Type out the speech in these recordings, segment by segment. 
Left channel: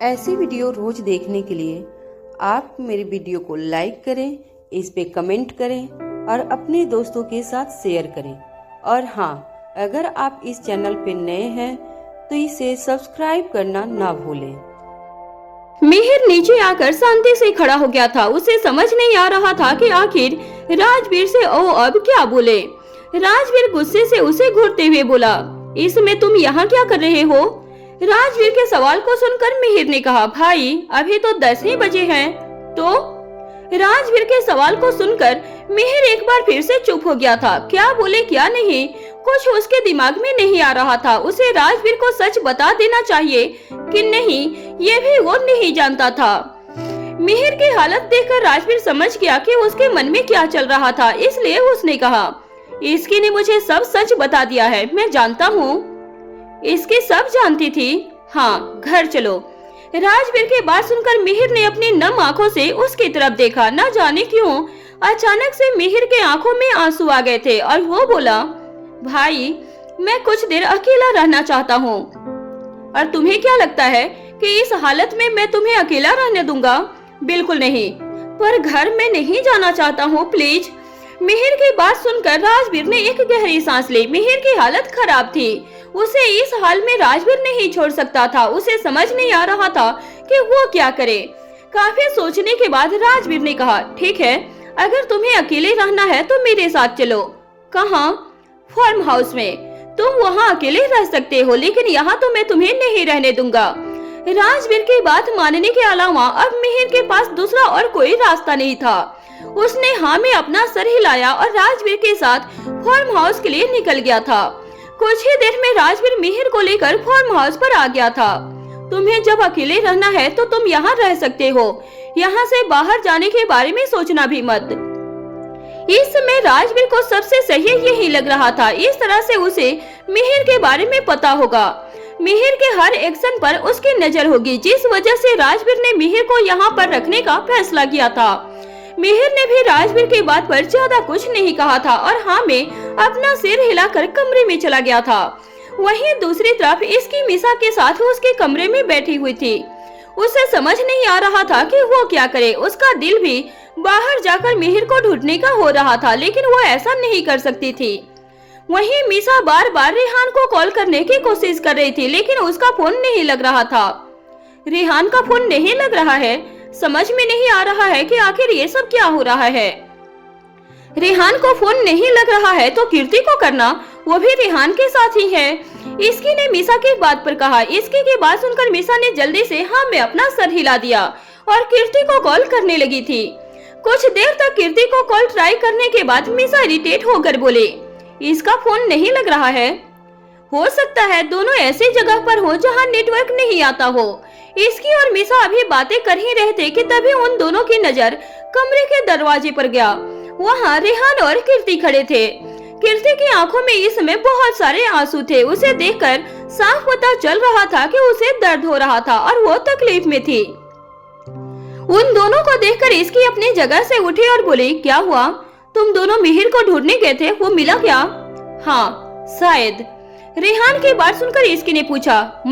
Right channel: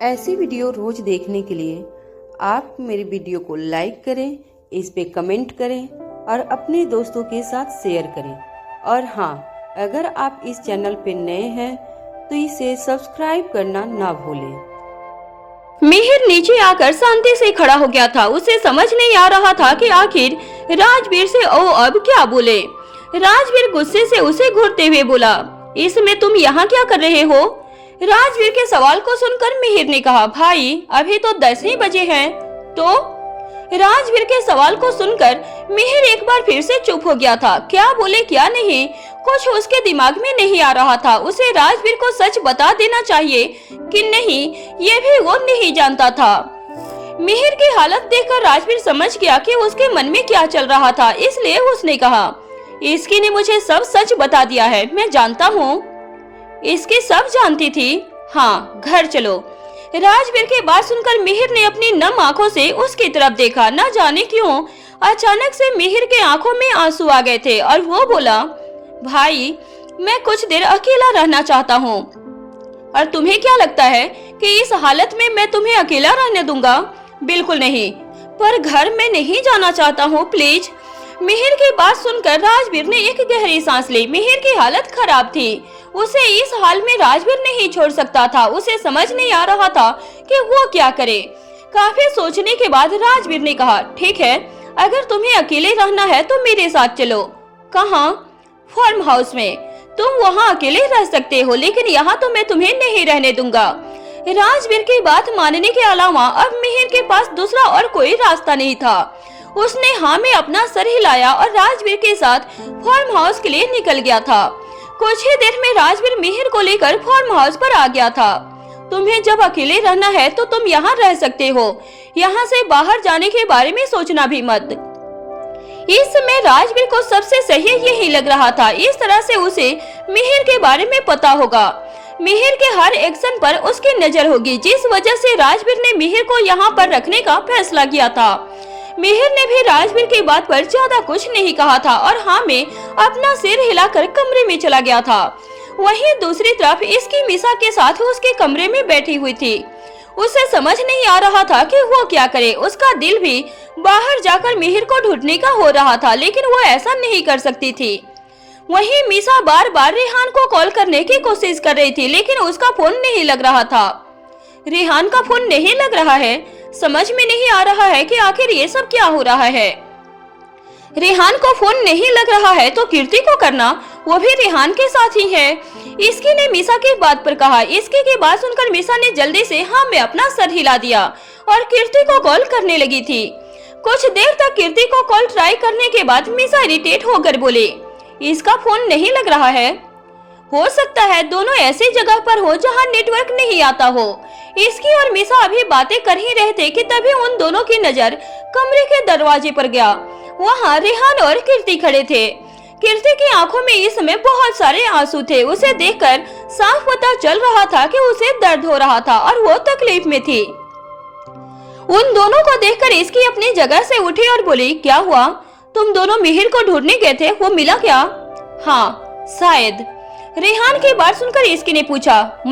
ऐसी वीडियो रोज देखने के लिए आप मेरे वीडियो को लाइक करें, इस पे कमेंट करें और अपने दोस्तों के साथ शेयर करें। और हाँ, अगर आप इस चैनल पे नए हैं तो इसे सब्सक्राइब करना ना भूलें। मिहिर नीचे आकर शांति से खड़ा हो गया था। उसे समझ नहीं आ रहा था कि आखिर राजवीर से ओ अब क्या बोले। राजवीर गुस्से से उसे घूरते हुए बोला, इसमें तुम यहाँ क्या कर रहे हो? राजवीर के सवाल को सुनकर मिहिर ने कहा, भाई अभी तो 10 ही बजे हैं। तो राजवीर के सवाल को सुनकर मिहिर एक बार फिर से चुप हो गया था। क्या बोले क्या नहीं, कुछ उसके दिमाग में नहीं आ रहा था। उसे राजवीर को सच बता देना चाहिए कि नहीं, ये भी वो नहीं जानता था। मिहिर की हालत देखकर राजवीर समझ गया कि उसके मन में क्या चल रहा था, इसलिए उसने कहा, इसकी ने मुझे सब सच बता दिया है, मैं जानता हूँ। इसकी सब जानती थी। हाँ, घर चलो। राजवीर की बात सुनकर मिहिर ने अपनी नम आंखों से उसकी तरफ देखा। न जाने क्यों अचानक से मिहिर के आंखों में आंसू आ गए थे और वो बोला, भाई मैं कुछ देर अकेला रहना चाहता हूँ। और तुम्हें क्या लगता है कि इस हालत में मैं तुम्हें अकेला रहने दूंगा? बिल्कुल नहीं, पर घर में नहीं जाना चाहता हूँ, प्लीज। मिहिर की बात सुनकर राजवीर ने एक गहरी सांस ली। मिहिर की हालत खराब थी, उसे इस हाल में राजवीर नहीं छोड़ सकता था। उसे समझ नहीं आ रहा था कि वो क्या करे। काफी सोचने के बाद राजवीर ने कहा, ठीक है, अगर तुम्हें अकेले रहना है तो मेरे साथ चलो। कहाँ? फार्म हाउस में। तुम वहाँ अकेले रह सकते हो, लेकिन यहाँ तो मैं तुम्हें नहीं रहने दूंगा। राजवीर की बात मानने के अलावा अब मिहिर के पास दूसरा और कोई रास्ता नहीं था। उसने हाँ में अपना सर हिलाया और राजवीर के साथ फार्म हाउस के लिए निकल गया था। कुछ ही देर में राजवीर मिहिर को लेकर फार्म हाउस पर आ गया था। तुम्हें जब अकेले रहना है तो तुम यहाँ रह सकते हो, यहाँ से बाहर जाने के बारे में सोचना भी मत। इस समय राजवीर को सबसे सही यही लग रहा था। इस तरह से उसे मिहिर के बारे में पता होगा, मिहिर के हर एक्शन पर उसकी नजर होगी, जिस वजह से राजवीर ने मिहिर को यहाँ पर रखने का फैसला किया था। मिहिर ने भी राजवीर की बात पर ज्यादा कुछ नहीं कहा था और हाँ में अपना सिर हिलाकर कमरे में चला गया था। वहीं दूसरी तरफ इसकी मिसा के साथ उसके कमरे में बैठी हुई थी। उसे समझ नहीं आ रहा था कि वो क्या करे। उसका दिल भी बाहर जाकर मिहिर को ढूंढने का हो रहा था, लेकिन वो ऐसा नहीं कर सकती थी। वहीं मिसा बार बार रेहान को कॉल करने की कोशिश कर रही थी, लेकिन उसका फोन नहीं लग रहा था। रेहान का फोन नहीं लग रहा है, समझ में नहीं आ रहा है कि आखिर ये सब क्या हो रहा है। रेहान को फोन नहीं लग रहा है तो कीर्ति को करना, वो भी रेहान के साथ ही है। इसकी ने मिसा की बात पर कहा। इसकी की बात सुनकर मिसा ने जल्दी से हाँ में अपना सर हिला दिया और कीर्ति को कॉल करने लगी थी। कुछ देर तक कीर्ति को कॉल ट्राई करने के बाद मिसा इरिटेट होकर बोले, इसका फोन नहीं लग रहा है। हो सकता है दोनों ऐसी जगह पर हो जहां नेटवर्क नहीं आता हो। इसकी और मिसा अभी बातें कर ही रहे थे कि तभी उन दोनों की नजर कमरे के दरवाजे पर गया। वहां रेहान और कीर्ति खड़े थे। कीर्ति की आंखों में इस समय बहुत सारे आंसू थे। उसे देखकर साफ पता चल रहा था कि उसे दर्द हो रहा था और वो तकलीफ में थी। उन दोनों को देखकर इसकी अपनी जगह से उठी और बोली, क्या हुआ? तुम दोनों मिहिर को ढूंढने गए थे, वो मिला क्या? हाँ शायद। रेहान की बात सुनकर इसकी ने पूछा,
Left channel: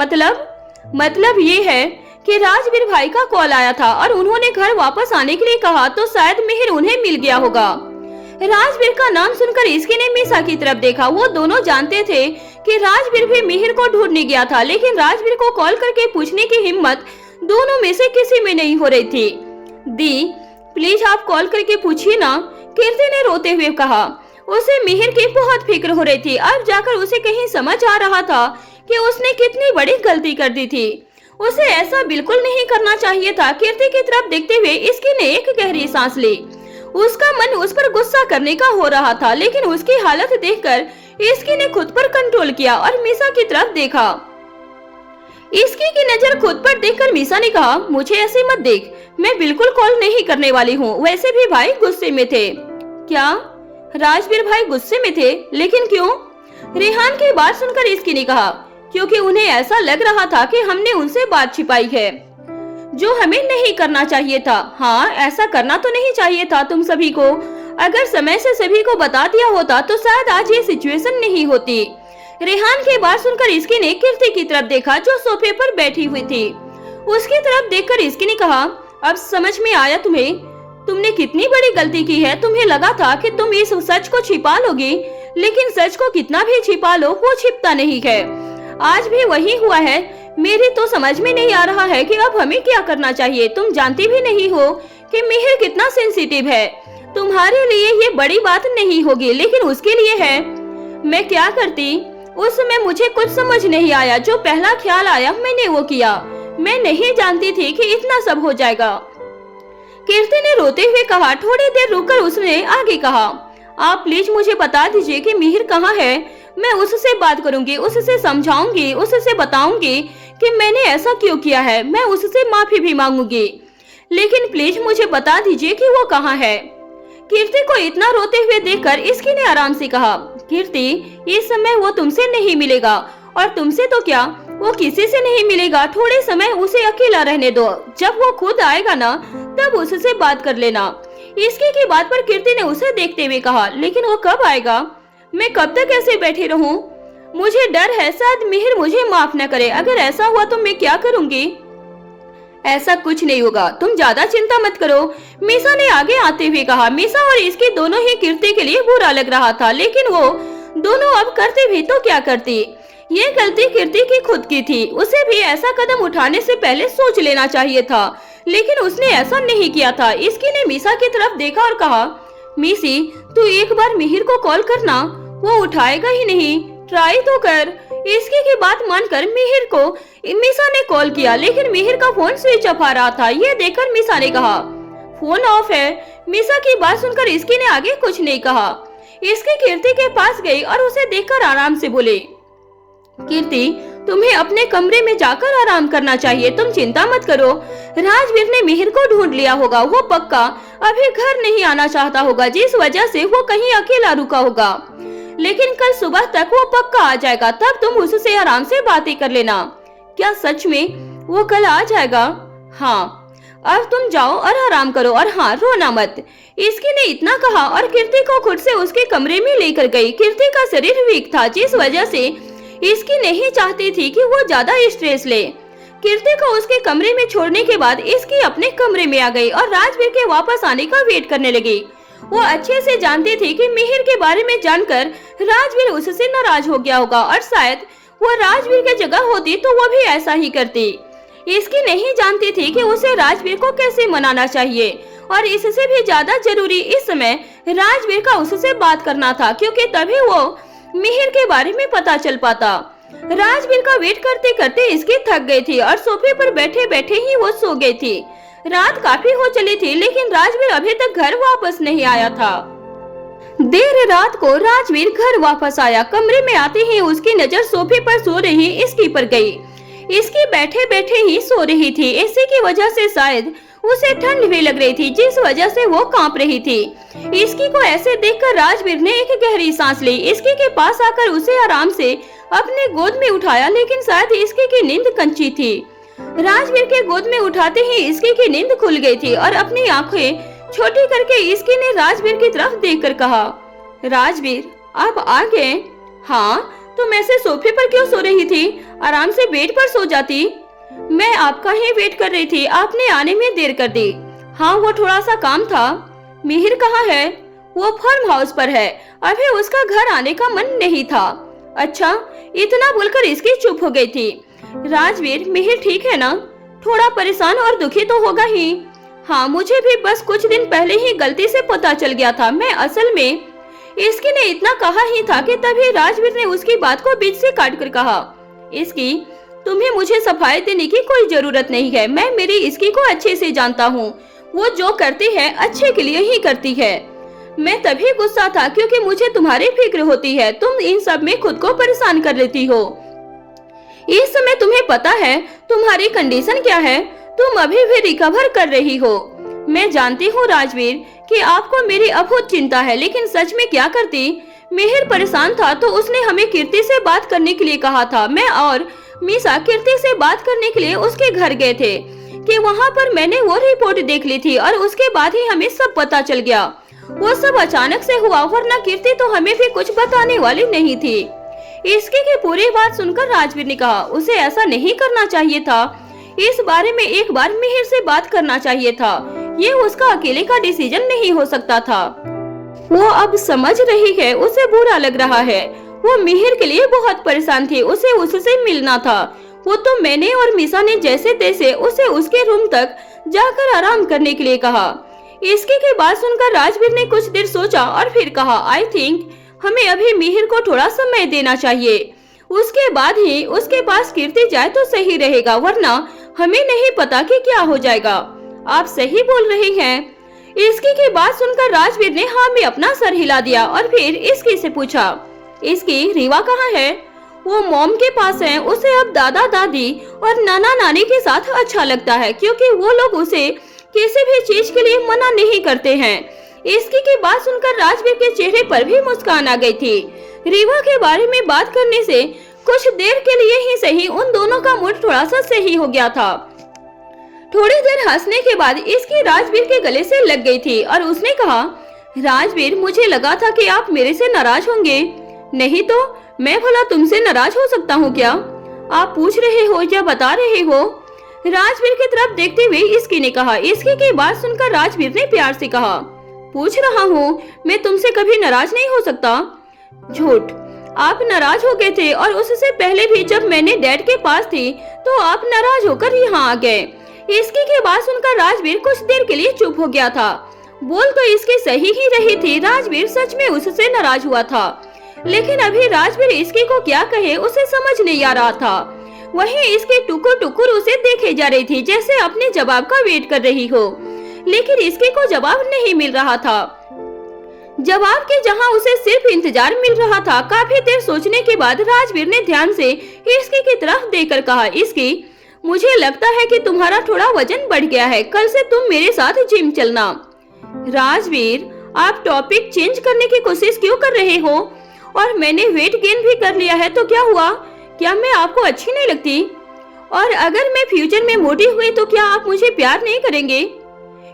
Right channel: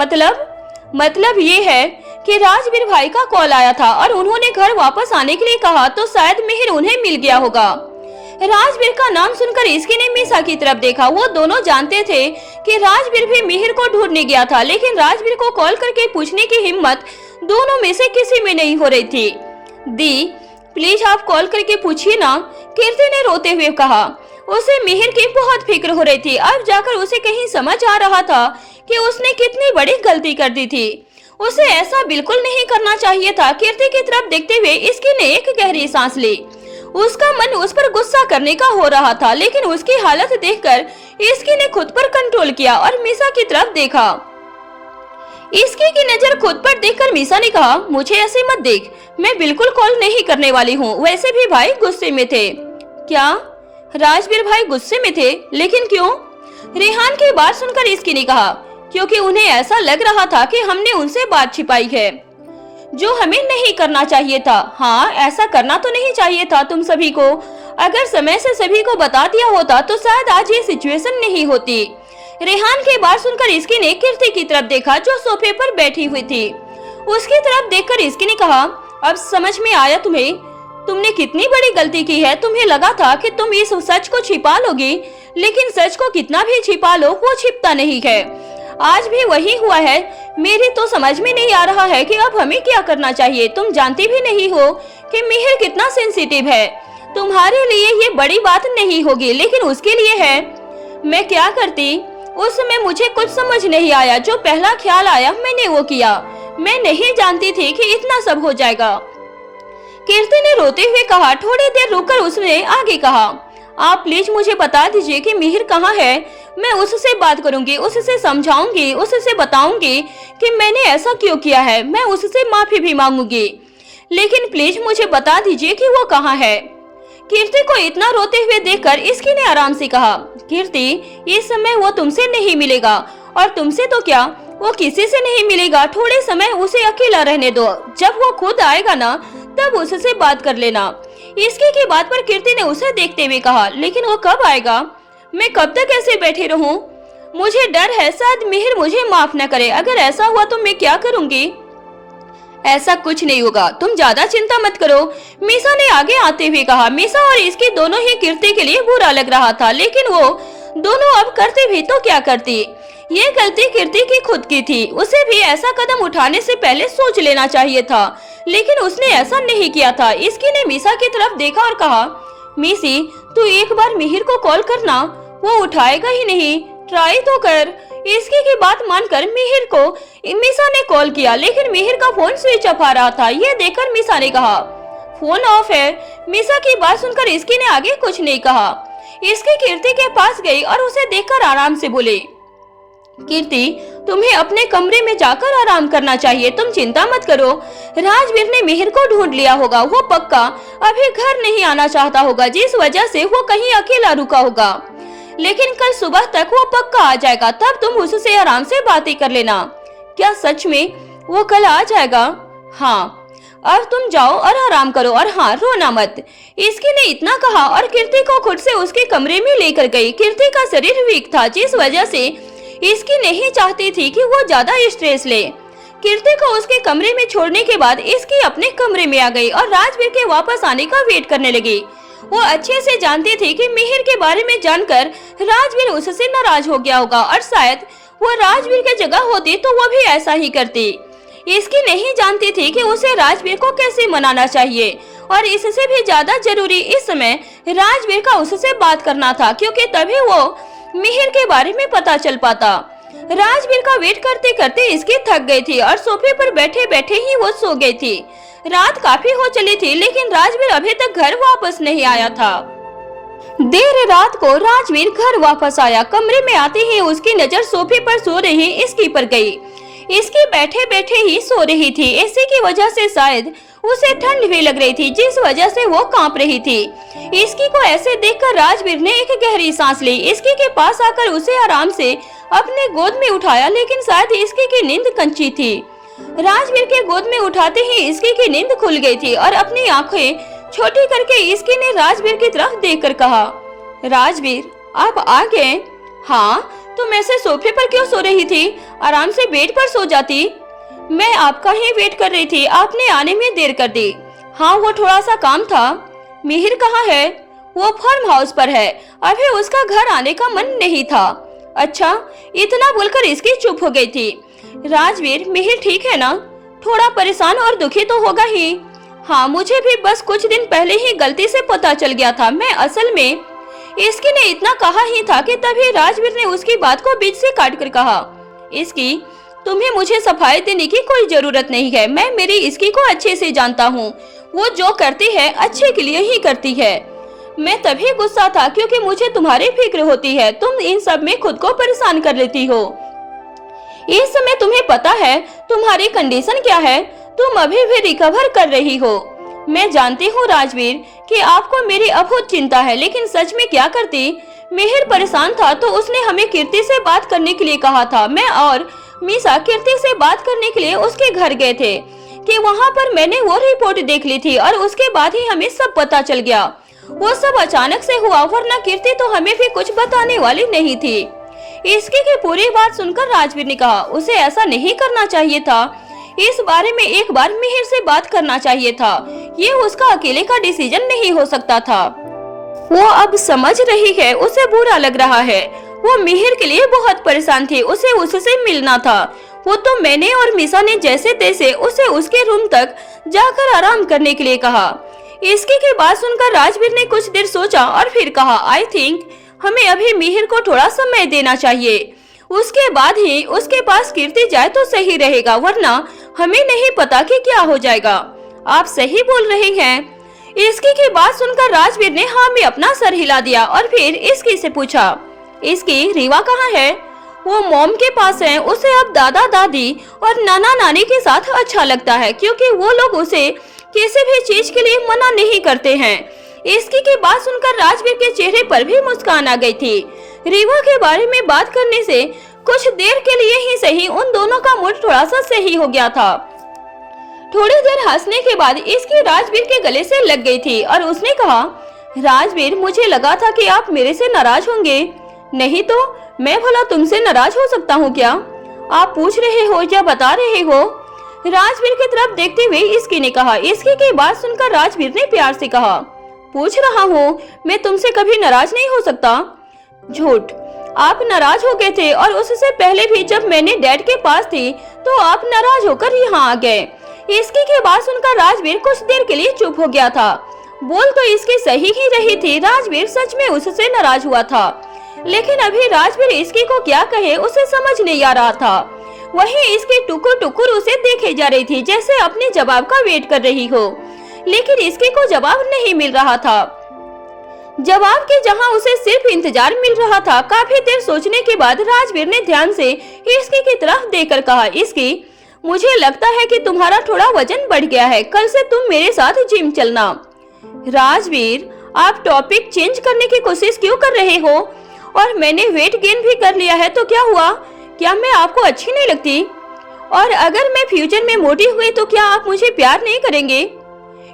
मतलब ये है कि राजवीर भाई का कॉल आया था और उन्होंने घर वापस आने के लिए कहा, तो शायद मिहिर उन्हें मिल गया होगा। राजवीर का नाम सुनकर इसकी ने मिसा की तरफ देखा। वो दोनों जानते थे कि राजवीर भी मिहिर को ढूंढने गया था, लेकिन राजवीर को कॉल करके पूछने की हिम्मत दोनों में से किसी में नहीं हो रही थी। दी प्लीज आप कॉल करके पूछिए ना, कीर्ति ने रोते हुए कहा। उसे मिहिर की बहुत फिक्र हो रही थी। अब जाकर उसे कहीं समझ आ रहा था कि उसने कितनी बड़ी गलती कर दी थी। उसे ऐसा बिल्कुल नहीं करना चाहिए था। कीर्ति की तरफ देखते हुए इसकी ने एक गहरी सांस ली। उसका मन उस पर गुस्सा करने का हो रहा था, लेकिन उसकी हालत देखकर इसकी ने खुद पर कंट्रोल किया और मिसा की तरफ देखा। इसकी की नजर खुद पर देखकर मिसा ने कहा, मुझे ऐसे मत देख, मैं बिल्कुल कॉल नहीं करने वाली हूँ। वैसे भी भाई गुस्से में थे। क्या? राजवीर भाई गुस्से में थे, लेकिन क्यों? रेहान की बात सुनकर इसकी ने कहा, क्योंकि उन्हें ऐसा लग रहा था कि हमने उनसे बात छिपाई है, जो हमें नहीं करना चाहिए था। हाँ, ऐसा करना तो नहीं चाहिए था तुम सभी को। अगर समय से सभी को बता दिया होता तो शायद आज ये सिचुएशन नहीं होती। रेहान की बात सुनकर इसकी ने कीर्ति की तरफ देखा, जो सोफे पर बैठी हुई थी। उसकी तरफ देखकर इसकी ने कहा, अब समझ में आया तुम्हें, तुमने कितनी बड़ी गलती की है। तुम्हें लगा था कि तुम इस सच को छिपा लोगी, लेकिन सच को कितना भी छिपा लो वो छिपता नहीं है। आज भी वही हुआ है। मेरी तो समझ में नहीं आ रहा है कि अब हमें क्या करना चाहिए। तुम जानती भी नहीं हो कि मिहिर कितना सेंसिटिव है। तुम्हारे लिए ये बड़ी बात नहीं होगी, लेकिन उसके लिए है। मैं क्या करती? उस समय मुझे कुछ समझ नहीं आया। जो पहला ख्याल आया मैंने वो किया। मैं नहीं जानती थी कि इतना सब हो जाएगा। कीर्ति ने रोते हुए कहा। थोड़ी देर रुककर उसने आगे कहा, आप प्लीज मुझे बता दीजिए कि मिहिर कहाँ है। मैं उससे बात करूंगी, उससे समझाऊंगी, उससे बताऊंगी कि मैंने ऐसा क्यों किया है। मैं उससे माफी भी मांगूंगी, लेकिन प्लीज मुझे बता दीजिए कि वो कहाँ है। कीर्ति को इतना रोते हुए देखकर इसकी ने आराम से कहा, कीर्ति इस समय वो तुमसे नहीं मिलेगा, और तुमसे तो क्या वो किसी से नहीं मिलेगा। थोड़े समय उसे अकेला रहने दो। जब वो खुद आएगा ना तब उससे बात कर लेना। इसकी की बात पर कीर्ति ने उसे देखते हुए कहा, लेकिन वो कब आएगा? मैं कब तक ऐसे बैठी रहूं? मुझे डर है शायद मिहिर मुझे माफ न करे। अगर ऐसा हुआ तो मैं क्या करूंगी? ऐसा कुछ नहीं होगा, तुम ज्यादा चिंता मत करो, मीसा ने आगे आते हुए कहा। मीसा और इसकी दोनों ही कीर्ति के लिए बुरा लग रहा था, लेकिन वो दोनों अब करती भी तो क्या करती। ये गलती कीर्ति की खुद की थी। उसे भी ऐसा कदम उठाने से पहले सोच लेना चाहिए था, लेकिन उसने ऐसा नहीं किया था। इसकी ने मीसा की तरफ देखा और कहा, मीसी तू एक बार मिहिर को कॉल करना, वो उठाएगा ही नहीं, ट्राई तो कर। इसकी की बात मानकर मिहिर को मीसा ने कॉल किया, लेकिन मिहिर का फोन स्विच ऑफ आ रहा था। ये देखकर मीसा ने कहा, फोन ऑफ है। मीसा की बात सुनकर इसकी ने आगे कुछ नहीं कहा। इसकी कीर्ति के पास गई और उसे देखकर आराम से बोले, कीर्ति तुम्हें अपने कमरे में जाकर आराम करना चाहिए, तुम चिंता मत करो। राजवीर ने मिहिर को ढूंढ लिया होगा। वो पक्का अभी घर नहीं आना चाहता होगा, जिस वजह से वो कहीं अकेला रुका होगा, लेकिन कल सुबह तक वो पक्का आ जाएगा। तब तुम उससे आराम से बातें कर लेना। क्या सच में वो कल आ जाएगा? हाँ, अब तुम जाओ और आराम करो, और हाँ रोना मत। इसकी ने इतना कहा और कीर्ति को खुद से उसके कमरे में लेकर गई। कीर्ति का शरीर वीक था, जिस वजह से इसकी नहीं चाहती थी कि वो ज्यादा स्ट्रेस ले। कीर्ति को उसके कमरे में छोड़ने के बाद इसकी अपने कमरे में आ गई और राजवीर के वापस आने का वेट करने लगी। वो अच्छे से जानती थी कि मिहिर के बारे में जानकर राजवीर उससे नाराज हो गया होगा, और शायद वो राजवीर की जगह होती तो वो भी ऐसा ही करती। इसकी नहीं जानती थी कि उसे राजवीर को कैसे मनाना चाहिए, और इससे भी ज्यादा जरूरी इस समय राजवीर का उससे बात करना था, क्योंकि तभी वो मिहिर के बारे में पता चल पाता। राजवीर का वेट करते करते इसकी थक गई थी और सोफे पर बैठे बैठे ही वो सो गई थी। रात काफी हो चली थी, लेकिन राजवीर अभी तक घर वापस नहीं आया था। देर रात को राजवीर घर वापस आया। कमरे में आते ही उसकी नजर सोफे पर सो रही इसकी पर गई। इसकी बैठे बैठे ही सो रही थी। एसी की वजह से शायद उसे ठंड भी लग रही थी, जिस वजह से वो कांप रही थी। इसकी को ऐसे देखकर राजवीर ने एक गहरी सांस ली। इसकी के पास आकर उसे आराम से अपने गोद में उठाया, लेकिन शायद इसकी की नींद कंची थी। राजवीर के गोद में उठाते ही इसकी की नींद खुल गई थी और अपनी आंखें छोटी करके इसकी ने राजवीर की तरफ देखकर कहा, राजवीर आप आ गए? हाँ, तुम ऐसे सोफे पर क्यों सो रही थी? आराम से बेड पर सो जाती। मैं आपका ही वेट कर रही थी, आपने आने में देर कर दी। हाँ, वो थोड़ा सा काम था। मिहिर कहाँ है? वो फार्म हाउस पर है, अभी उसका घर आने का मन नहीं था। अच्छा, इतना बोलकर इसकी चुप हो गई थी। राजवीर, मिहिर ठीक है ना? थोड़ा परेशान और दुखी तो होगा ही। हाँ, मुझे भी बस कुछ दिन पहले ही गलती से पता चल गया था। मैं असल में इसकी ने इतना कहा ही था कि तभी राजवीर ने उसकी बात को बीच से काट कर कहा, इसकी तुम्हें मुझे सफाई देने की कोई जरूरत नहीं है। मैं मेरी इसकी को अच्छे से जानता हूँ। वो जो करती है अच्छे के लिए ही करती है। मैं तभी गुस्सा था क्योंकि मुझे तुम्हारी फिक्र होती है। तुम इन सब में खुद को परेशान कर लेती हो। इस समय तुम्हें पता है तुम्हारी कंडीशन क्या है। तुम अभी भी रिकवर कर रही हो। मैं जानती हूँ राजवीर कि आपको मेरी अभूत चिंता है, लेकिन सच में क्या करती? मिहिर परेशान था तो उसने हमें कीर्ति से बात करने के लिए कहा था। मैं और मीसा कीर्ति से बात करने के लिए उसके घर गए थे कि वहाँ पर मैंने वो रिपोर्ट देख ली थी, और उसके बाद ही हमें सब पता चल गया। वो सब अचानक से हुआ, वरना कीर्ति तो हमें भी कुछ बताने वाली नहीं थी। इसकी की पूरी बात सुनकर राजवीर ने कहा, उसे ऐसा नहीं करना चाहिए था। इस बारे में एक बार मिहिर से बात करना चाहिए था। ये उसका अकेले का डिसीजन नहीं हो सकता था। वो अब समझ रही है, उसे बुरा लग रहा है। वो मिहिर के लिए बहुत परेशान थी, उसे उससे मिलना था। वो तो मैंने और मिसा ने जैसे तैसे उसे उसके रूम तक जाकर आराम करने के लिए कहा। इसके के बाद सुनकर राजवीर ने कुछ देर सोचा और फिर कहा, आई थिंक हमें अभी मिहिर को थोड़ा समय देना चाहिए। उसके बाद ही उसके पास कीर्ति जाए तो सही रहेगा, वरना हमें नहीं पता कि क्या हो जाएगा। आप सही बोल रही हैं। इसकी की बात सुनकर राजवीर ने हाँ में अपना सर हिला दिया और फिर इसकी से पूछा, इसकी रीवा कहाँ है? वो मॉम के पास है। उसे अब दादा दादी और नाना नानी के साथ अच्छा लगता है, क्योंकि वो लोग उसे किसी भी चीज के लिए मना नहीं करते हैं। इसकी की बात सुनकर राजवीर के चेहरे पर भी मुस्कान आ गई थी। रीवा के बारे में बात करने से कुछ देर के लिए ही सही उन दोनों का मूड थोड़ा सा सही हो गया था। थोड़ी देर हंसने के बाद इसकी राजवीर के गले से लग गई थी और उसने कहा, राजवीर, मुझे लगा था कि आप मेरे से नाराज होंगे। नहीं तो मैं भला तुमसे नाराज हो सकता हूँ क्या? आप पूछ रहे हो या बता रहे हो? राजवीर की तरफ देखते हुए इसकी ने कहा। इसकी की बात सुनकर राजवीर ने प्यार से कहा, पूछ रहा हूँ, मैं तुमसे कभी नाराज नहीं हो सकता। झूठ, आप नाराज हो गए थे और उससे पहले भी जब मैंने डैड के पास थी तो आप नाराज होकर यहाँ आ गए। इसकी की बात सुनकर राजवीर कुछ देर के लिए चुप हो गया था। बोल तो इसकी सही ही रही थी, राजवीर सच में उससे नाराज हुआ था, लेकिन अभी राजवीर इसकी को क्या कहे उसे समझ नहीं आ रहा था। वहीं इसकी टुकुर टुकुर उसे देखे जा रही थी, जैसे अपने जवाब का वेट कर रही हो, लेकिन इसकी को जवाब नहीं मिल रहा था। जवाब के जहां उसे सिर्फ इंतजार मिल रहा था। काफी देर सोचने के बाद राजवीर ने ध्यान से इसकी की तरफ देखकर कहा, इसकी, मुझे लगता है कि तुम्हारा थोड़ा वजन बढ़ गया है, कल से तुम मेरे साथ जिम चलना। राजवीर, आप टॉपिक चेंज करने की कोशिश क्यों कर रहे हो? और मैंने वेट गेन भी कर लिया है तो क्या हुआ? क्या मैं आपको अच्छी नहीं लगती? और अगर मैं फ्यूचर में मोटी हुई तो क्या आप मुझे प्यार नहीं करेंगे?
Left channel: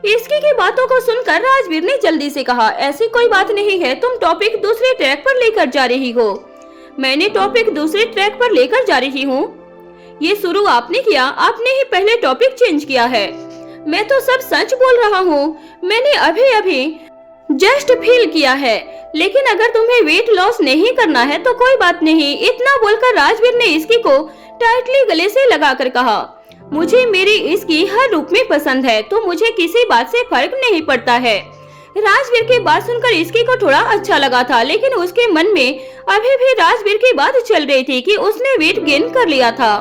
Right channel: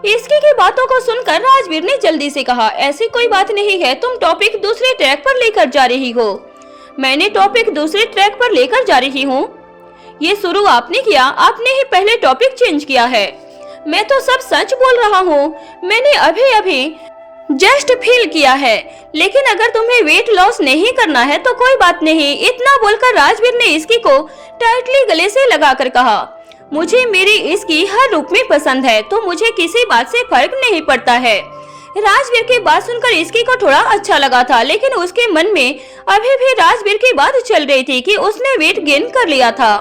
इसकी की बातों को सुनकर राजवीर ने जल्दी से कहा, ऐसी कोई बात नहीं है, तुम टॉपिक दूसरे ट्रैक पर लेकर जा रही हो। मैंने टॉपिक दूसरे ट्रैक पर लेकर जा रही हूँ? ये शुरू आपने किया, आपने ही पहले टॉपिक चेंज किया है। मैं तो सब सच बोल रहा हूँ, मैंने अभी अभी जस्ट फील किया है। लेकिन अगर तुम्हें वेट लॉस नहीं करना है तो कोई बात नहीं। इतना बोलकर राजवीर ने इसकी को टाइटली गले से लगाकर कहा, मुझे मेरी इसकी हर रूप में पसंद है, तो मुझे किसी बात से फर्क नहीं पड़ता है। राजवीर की बात सुनकर इसकी को थोड़ा अच्छा लगा था, लेकिन उसके मन में अभी भी राजवीर की बात चल रही थी कि उसने वेट गेन कर लिया था।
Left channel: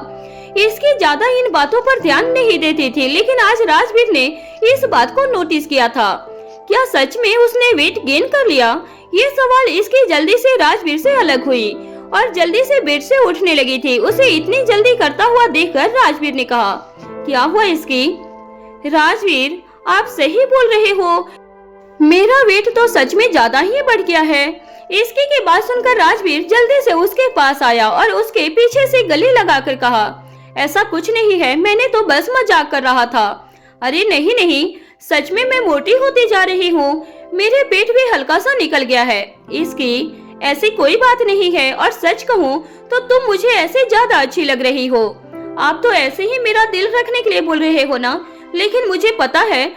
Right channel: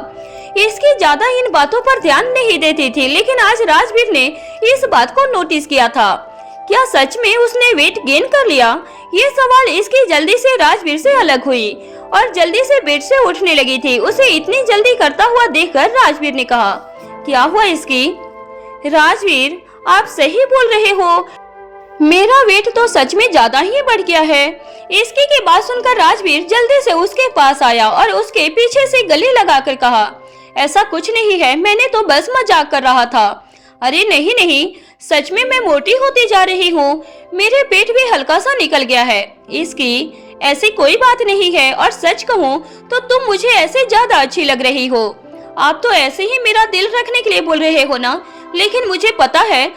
इसकी ज्यादा इन बातों पर ध्यान नहीं देती थी, लेकिन आज राजवीर ने इस बात को नोटिस किया था। क्या सच में उसने वेट गेन कर लिया? ये सवाल इसकी जल्दी से राजवीर से अलग हुई और जल्दी से बेड से उठने लगी थी। उसे इतनी जल्दी करता हुआ देखकर राजवीर ने कहा, क्या हुआ इसकी? राजवीर, आप सही बोल रहे हो, मेरा वेट तो सच में ज्यादा ही बढ़ गया है। इसकी की बात सुनकर राजवीर जल्दी से उसके पास आया और उसके पीछे से गले लगाकर कहा, ऐसा कुछ नहीं है, मैंने तो बस मजाक कर रहा था। अरे नहीं नहीं, सच में मैं मोटी होती जा रही हूँ, मेरे पेट भी हल्का सा निकल गया है। इसकी, ऐसी कोई बात नहीं है, और सच कहूँ तो तुम मुझे ऐसे ज्यादा अच्छी लग रही हो। आप तो ऐसे ही मेरा दिल रखने के लिए बोल रहे हो ना, लेकिन मुझे पता है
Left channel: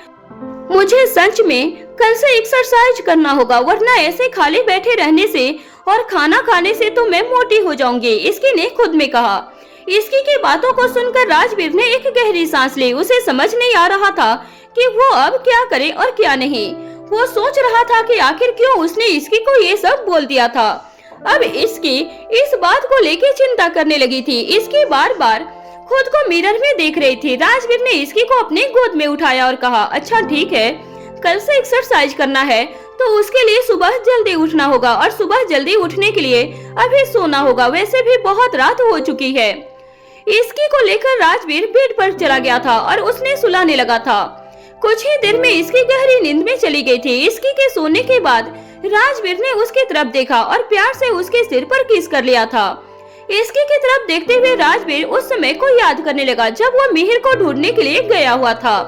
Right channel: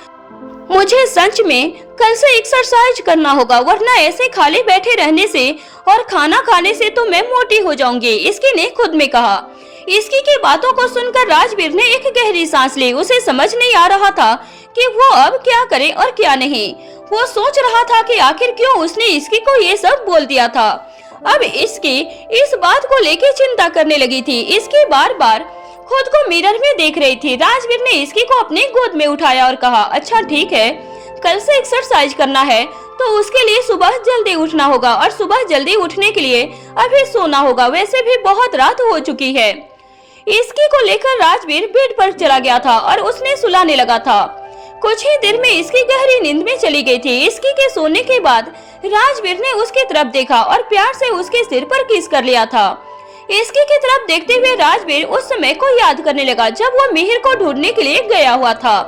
मुझे सच में कल से एक्सरसाइज करना होगा, वरना ऐसे खाली बैठे रहने से और खाना खाने से तो मैं मोटी हो जाऊंगी। इसकी ने खुद में कहा। इसकी की बातों को सुनकर राजवीर ने एक गहरी सांस ली। उसे समझ नहीं आ रहा था कि वो अब क्या करे और क्या नहीं। वो सोच रहा था कि आखिर क्यों उसने इसकी को ये सब बोल दिया था। अब इसकी इस बात को लेकर चिंता करने लगी थी। इसकी बार बार खुद को मिरर में देख रही थी। राजवीर ने इसकी को अपने गोद में उठाया और कहा, अच्छा ठीक है, कल से एक्सरसाइज करना है तो उसके लिए सुबह जल्दी उठना होगा, और सुबह जल्दी उठने के लिए अभी सोना होगा, वैसे भी बहुत रात हो चुकी है। इसकी को लेकर राजवीर बेड पर चला गया था और उसने सुलाने लगा था। कुछ ही देर में इसकी गहरी नींद में चली गई थी। इसकी के सोने के बाद राजवीर ने उसकी तरफ देखा और प्यार से उसके सिर पर किस कर लिया था। इसकी की तरफ देखते हुए राजवीर उस समय को याद करने लगा जब वो मिहिर को ढूंढने के लिए गया हुआ था।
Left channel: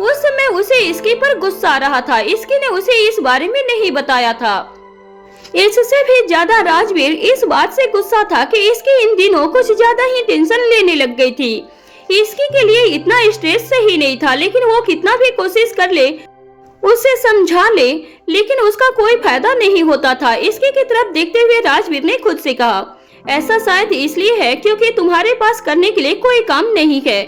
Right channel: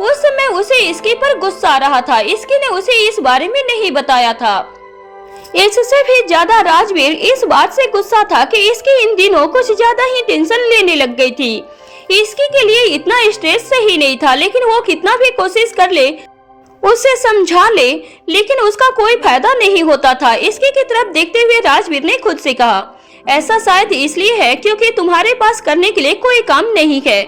उस समय उसे इसकी पर गुस्सा आ रहा था। इसकी ने उसे इस बारे में नहीं बताया था। इससे भी ज्यादा राजवीर इस बात से गुस्सा था कि इसकी इन दिनों कुछ ज्यादा ही टेंशन लेने लग गई थी। इसकी के लिए इतना स्ट्रेस सही नहीं था, लेकिन वो कितना भी कोशिश कर ले, उसे समझा ले, लेकिन उसका कोई फायदा नहीं होता था। इसकी की तरफ देखते हुए राजवीर ने खुद से कहा, ऐसा शायद इसलिए है क्योंकि तुम्हारे पास करने के लिए कोई काम नहीं है।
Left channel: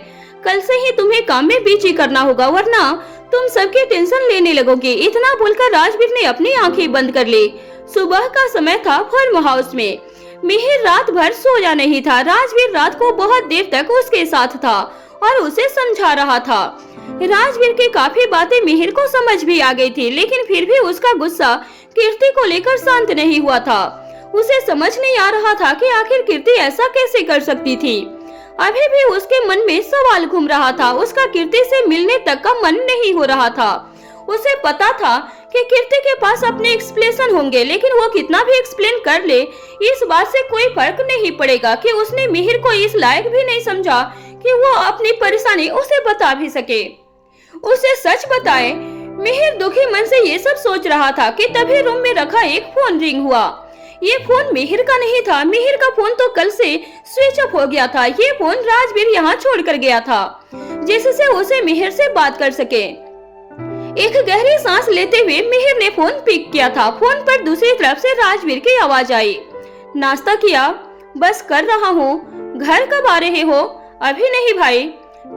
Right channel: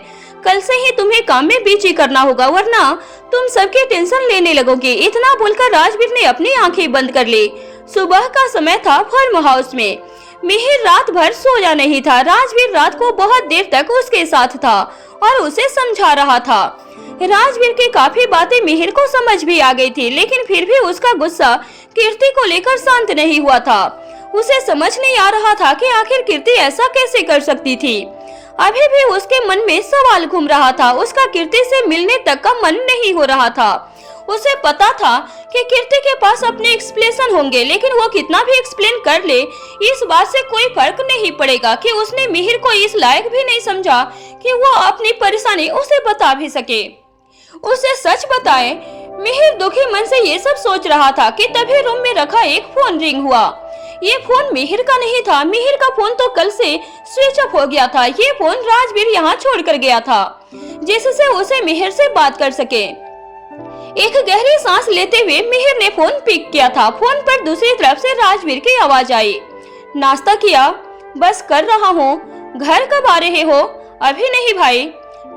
कल से ही तुम्हें काम में बिजी करना होगा, वरना तुम सबकी टेंशन लेने लगोगे। इतना बोलकर राजवीर ने अपनी आंखें बंद कर ली। सुबह का समय था। फार्म हाउस में मिहिर रात भर सोया नहीं था। राजवीर रात को बहुत देर तक उसके साथ था और उसे समझा रहा था। राजवीर की काफी बातें मिहिर को समझ भी आ गई थी, लेकिन फिर भी उसका गुस्सा कीर्ति को लेकर शांत नहीं हुआ था। उसे समझ नहीं आ रहा था कि आखिर कीर्ति ऐसा कैसे कर सकती थी। अभी भी उसके मन में सवाल घूम रहा था। उसका कीर्ति से मिलने तक का मन नहीं हो रहा था। उसे पता था कि कीर्ति के पास अपने एक्सप्लेनेशन होंगे, लेकिन वो कितना भी एक्सप्लेन कर ले, इस बात से कोई फर्क नहीं पड़ेगा कि उसने मिहिर को इस लायक भी नहीं समझा कि वो अपनी परेशानी उसे बता भी सके, उसे सच बताए। मिहिर दुखी मन से ये सब सोच रहा था कि तभी रूम में रखा एक फोन रिंग हुआ। ये फोन मिहिर का नहीं था। मिहिर का फोन तो कल से स्विच ऑफ हो गया था। ये फोन राजवीर यहाँ छोड़कर गया था, जिससे उसे मिहिर से बात कर सके। एक गहरी सांस लेते हुए मिहिर ने फोन पिक किया था। फोन पर दूसरी तरफ से राजवीर की आवाज आई, नाश्ता किया? बस कर रहा हूँ। घर कब आ रहे हो? अभी नहीं भाई।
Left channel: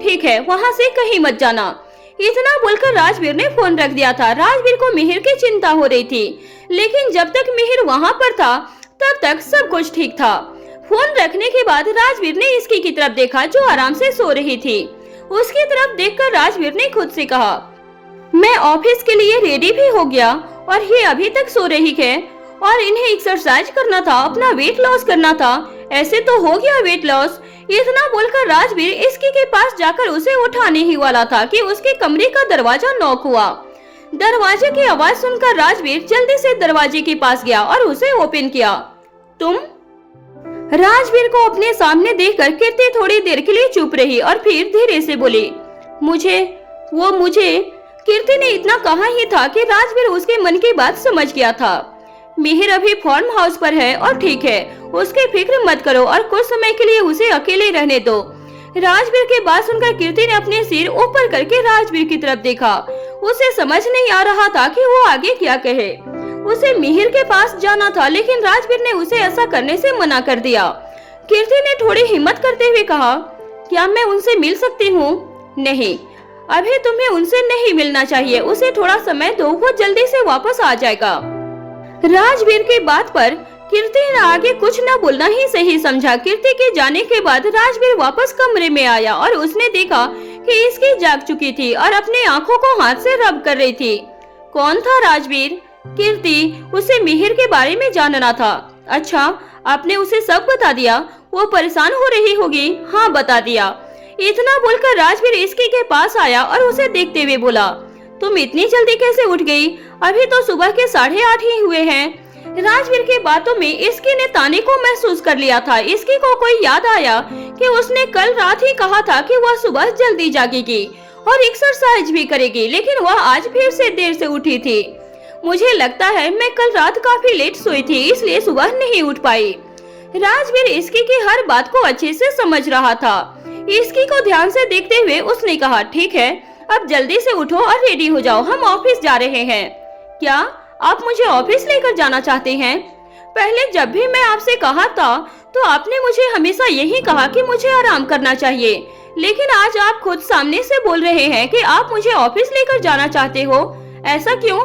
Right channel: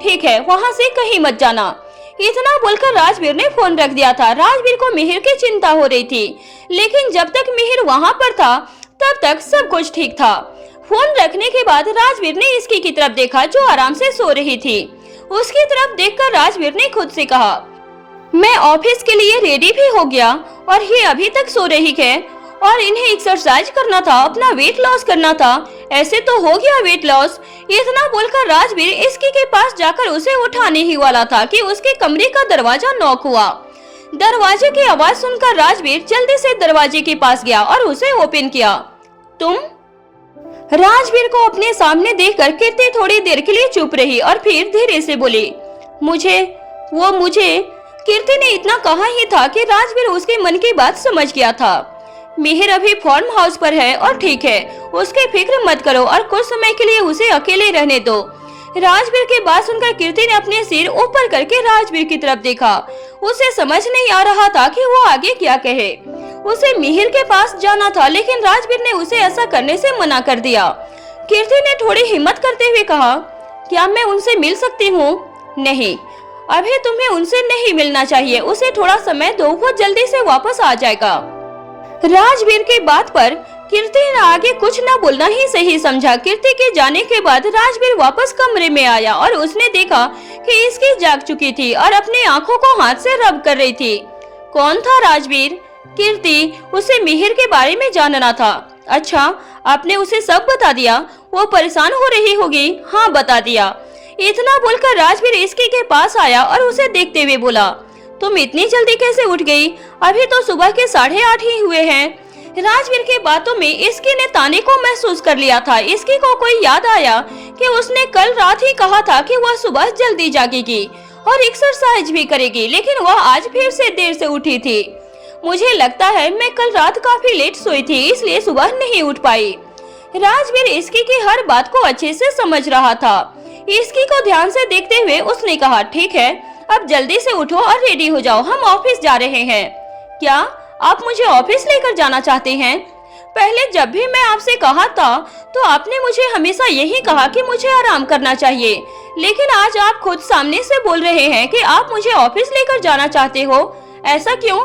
ठीक है, वहाँ से कहीं मत जाना। इतना बोलकर राजवीर ने फोन रख दिया था। राजवीर को मिहिर की चिंता हो रही थी, लेकिन जब तक मिहिर वहाँ पर था तब तक सब कुछ ठीक था। फोन रखने के बाद राजवीर ने इसकी की तरफ देखा, जो आराम से सो रही थी। उसकी तरफ देखकर राजवीर ने खुद से कहा, मैं ऑफिस के लिए रेडी भी हो गया और ये अभी तक सो रही है, और इन्हें एक्सरसाइज करना था, अपना वेट लॉस करना था। ऐसे तो हो गया वेट लॉस। इतना बोलकर राजवीर इसकी के पास जाकर उसे उठाने ही वाला था कि उसके कमरे का दरवाजा नॉक हुआ। दरवाजे की आवाज सुनकर राजवीर जल्दी से दरवाजे के पास गया और उसे ओपन किया। तुम? राजवीर को अपने सामने देखकर कीर्ति थोड़ी देर के लिए चुप रही और फिर धीरे से बोली, मुझे कीर्ति ने इतना कहा ही था कि राजवीर उसके मन की बात समझ गया था। मिहिर अभी फार्म हाउस पर है और ठीक है, उसकी फिक्र मत करो और कुछ समय के लिए उसे अकेले रहने दो। राजवीर की बात सुनकर कीर्ति ने अपने सिर ऊपर करके राजवीर की तरफ देखा। उसे समझ नहीं आ रहा था कि वो आगे क्या कहे। उसे मिहिर के पास जाना था, लेकिन राजवीर ने उसे ऐसा करने से मना कर दिया। कीर्ति ने थोड़ी हिम्मत करते हुए कहा, क्या मैं उनसे मिल सकती हूँ? नहीं, अभी तुम्हें उनसे नहीं मिलना चाहिए। उसे थोड़ा समय दो, वो जल्दी से वापस आ जाएगा। राजवीर की बात पर कीर्ति ने आगे कुछ न बोलना ही सही समझा। कीर्ति के जाने के बाद राजवीर वापस कमरे में आया और उसने देखा कि इसकी जाग चुकी थी और अपनी आंखों को हाथ से रब कर रही थी। कौन था राजवीर? कीर्ति, उसे मिहिर के बारे में जानना था। अच्छा, आपने उसे सब बता दिया? वो परेशान हो रही होगी। हाँ, बता दिया। इतना बोलकर राजवीर इसकी के पास आया और उसे देखते हुए बोला, तुम इतनी जल्दी कैसे उठ गई? अभी तो सुबह के 8:30 ही हुए हैं। राजवीर की बातों में इसकी ने ताने को महसूस कर लिया था। इसकी को कोई याद आया कि उसने कल रात ही कहा था कि वह सुबह जल्दी जागेगी और एक्सरसाइज भी करेगी, लेकिन वह आज फिर से देर से उठी थी। मुझे लगता है मैं कल रात काफी लेट सोई थी, इसलिए सुबह नहीं उठ पाई। राजवीर इसकी की हर बात को अच्छे से समझ रहा था। इसकी को ध्यान से देखते हुए उसने कहा, ठीक है, अब जल्दी से उठो और रेडी हो जाओ, हम ऑफिस जा रहे हैं। क्या आप मुझे ऑफिस लेकर जाना चाहते हैं? पहले जब भी मैं आपसे कहा था तो आपने मुझे हमेशा यही कहा कि मुझे आराम करना चाहिए, लेकिन आज आप खुद सामने से बोल रहे हैं कि आप मुझे ऑफिस लेकर जाना चाहते हो। ऐसा क्यों?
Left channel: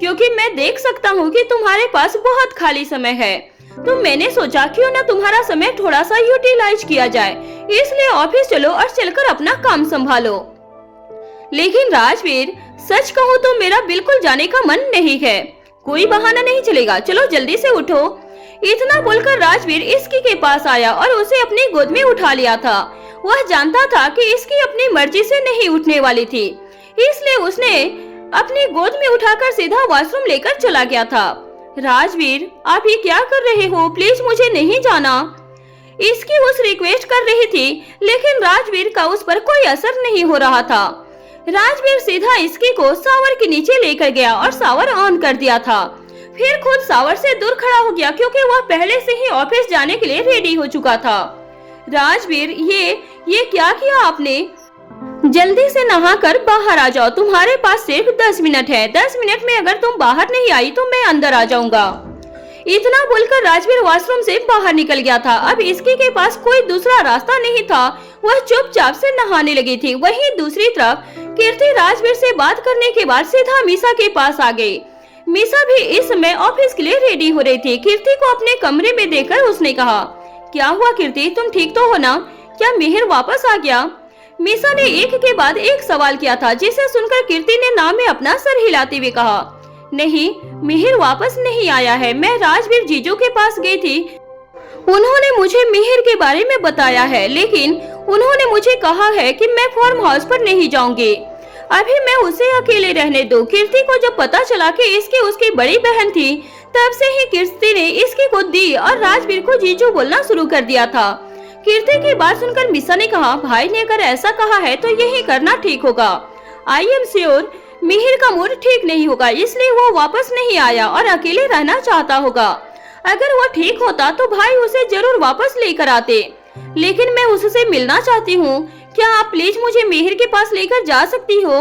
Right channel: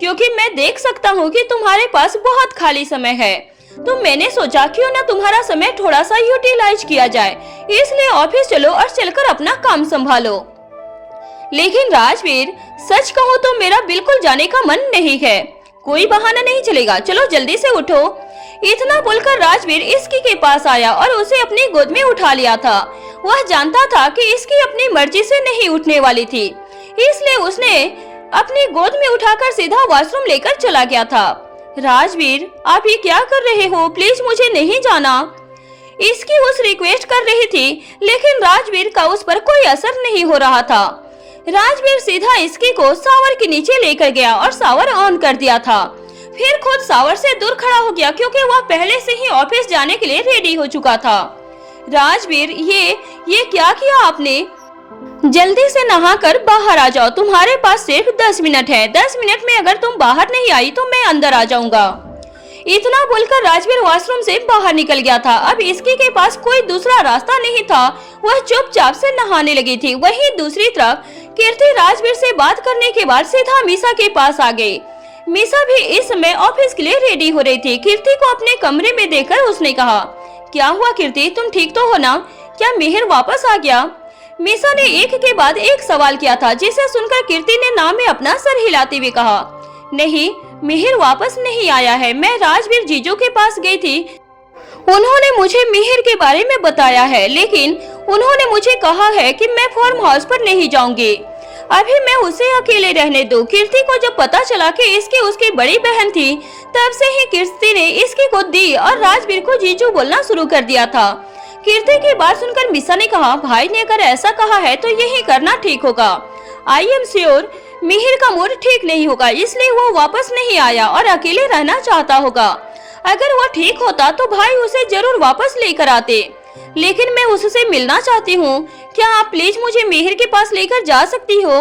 क्योंकि मैं देख सकता हूँ कि तुम्हारे पास बहुत खाली समय है, तो मैंने सोचा क्यों न तुम्हारा समय थोड़ा सा यूटिलाइज किया जाए, इसलिए ऑफिस चलो और चलकर अपना काम संभालो। लेकिन राजवीर, सच कहूँ तो मेरा बिल्कुल जाने का मन नहीं है। कोई बहाना नहीं चलेगा, चलो जल्दी से उठो। इतना बोलकर राजवीर इसकी के पास आया और उसे अपनी गोद में उठा लिया था। वह जानता था कि इसकी अपनी मर्जी से नहीं उठने वाली थी, इसलिए उसने अपनी गोद में उठाकर सीधा वॉशरूम लेकर चला गया था। राजवीर, आप ये क्या कर रहे हो? प्लीज मुझे नहीं जाना। इसकी उस रिक्वेस्ट कर रही थी, लेकिन राजवीर का उस पर कोई असर नहीं हो रहा था। राजवीर सीधा इसकी को शावर के नीचे लेकर गया और शावर ऑन कर दिया था। फिर खुद शावर से दूर खड़ा हो गया, क्योंकि वह पहले से ही ऑफिस जाने के लिए रेडी हो चुका था। राजवीर, ये क्या किया आपने? जल्दी से नहाकर बाहर आ जाओ, तुम्हारे पास सिर्फ 10 मिनट है। 10 मिनट में अगर तुम बाहर नहीं आई तो मैं अंदर आ जाऊंगा। इतना बोलकर राजवीर वॉशरूम से बाहर निकल गया था। अब इसकी के पास कोई दूसरा रास्ता नहीं था, वह चुपचाप से नहाने लगी थी। वहीं दूसरी तरफ कीर्ति राजवीर से बात करने के बाद सीधा मीसा के पास आ गई। मीसा भी इस समय ऑफिस के लिए रेडी हो रही थी। कीर्ति को अपने कमरे में देखकर उसने कहा, क्या हुआ कीर्ति, तुम ठीक तो हो ना? क्या मिहिर वापस आ गया? मीसा ने एक के बाद एक सवाल किया था, जिसे सुनकर कीर्ति ने नाम में अपना सर हिलाते हुए कहा, नहीं, मिहिर वापस नहीं आया है। मैं राजवीर जीजू के पास गई थी, उन्होंने मुझे मिहिर के बारे में बताया है, लेकिन उन्होंने मुझे कहा है कि मैं फार्म हाउस पर नहीं जाऊंगी। अभी मैं उसे अकेले रहने दो। कीर्ति को जब पता चला कि इसकी उसकी बड़ी बहन थी, तब से ही कीर्ति ने इसकी को दी और राजवीर को जीजू बोलना शुरू कर दिया था। कीर्ति की बात सुनकर मीसा ने कहा, भाई ने अगर ऐसा कहा है तो यही करना ठीक होगा। आई एम श्योर मिहिर का मूड ठीक नहीं होगा, इसलिए वो वापस नहीं आया और अकेले रहना चाहता होगा। अगर वो ठीक होता तो भाई उसे जरूर वापस लेकर आते, लेकिन मैं उससे मिलना चाहती हूँ। क्या आप प्लीज मुझे मिहिर के पास लेकर जा सकती हो?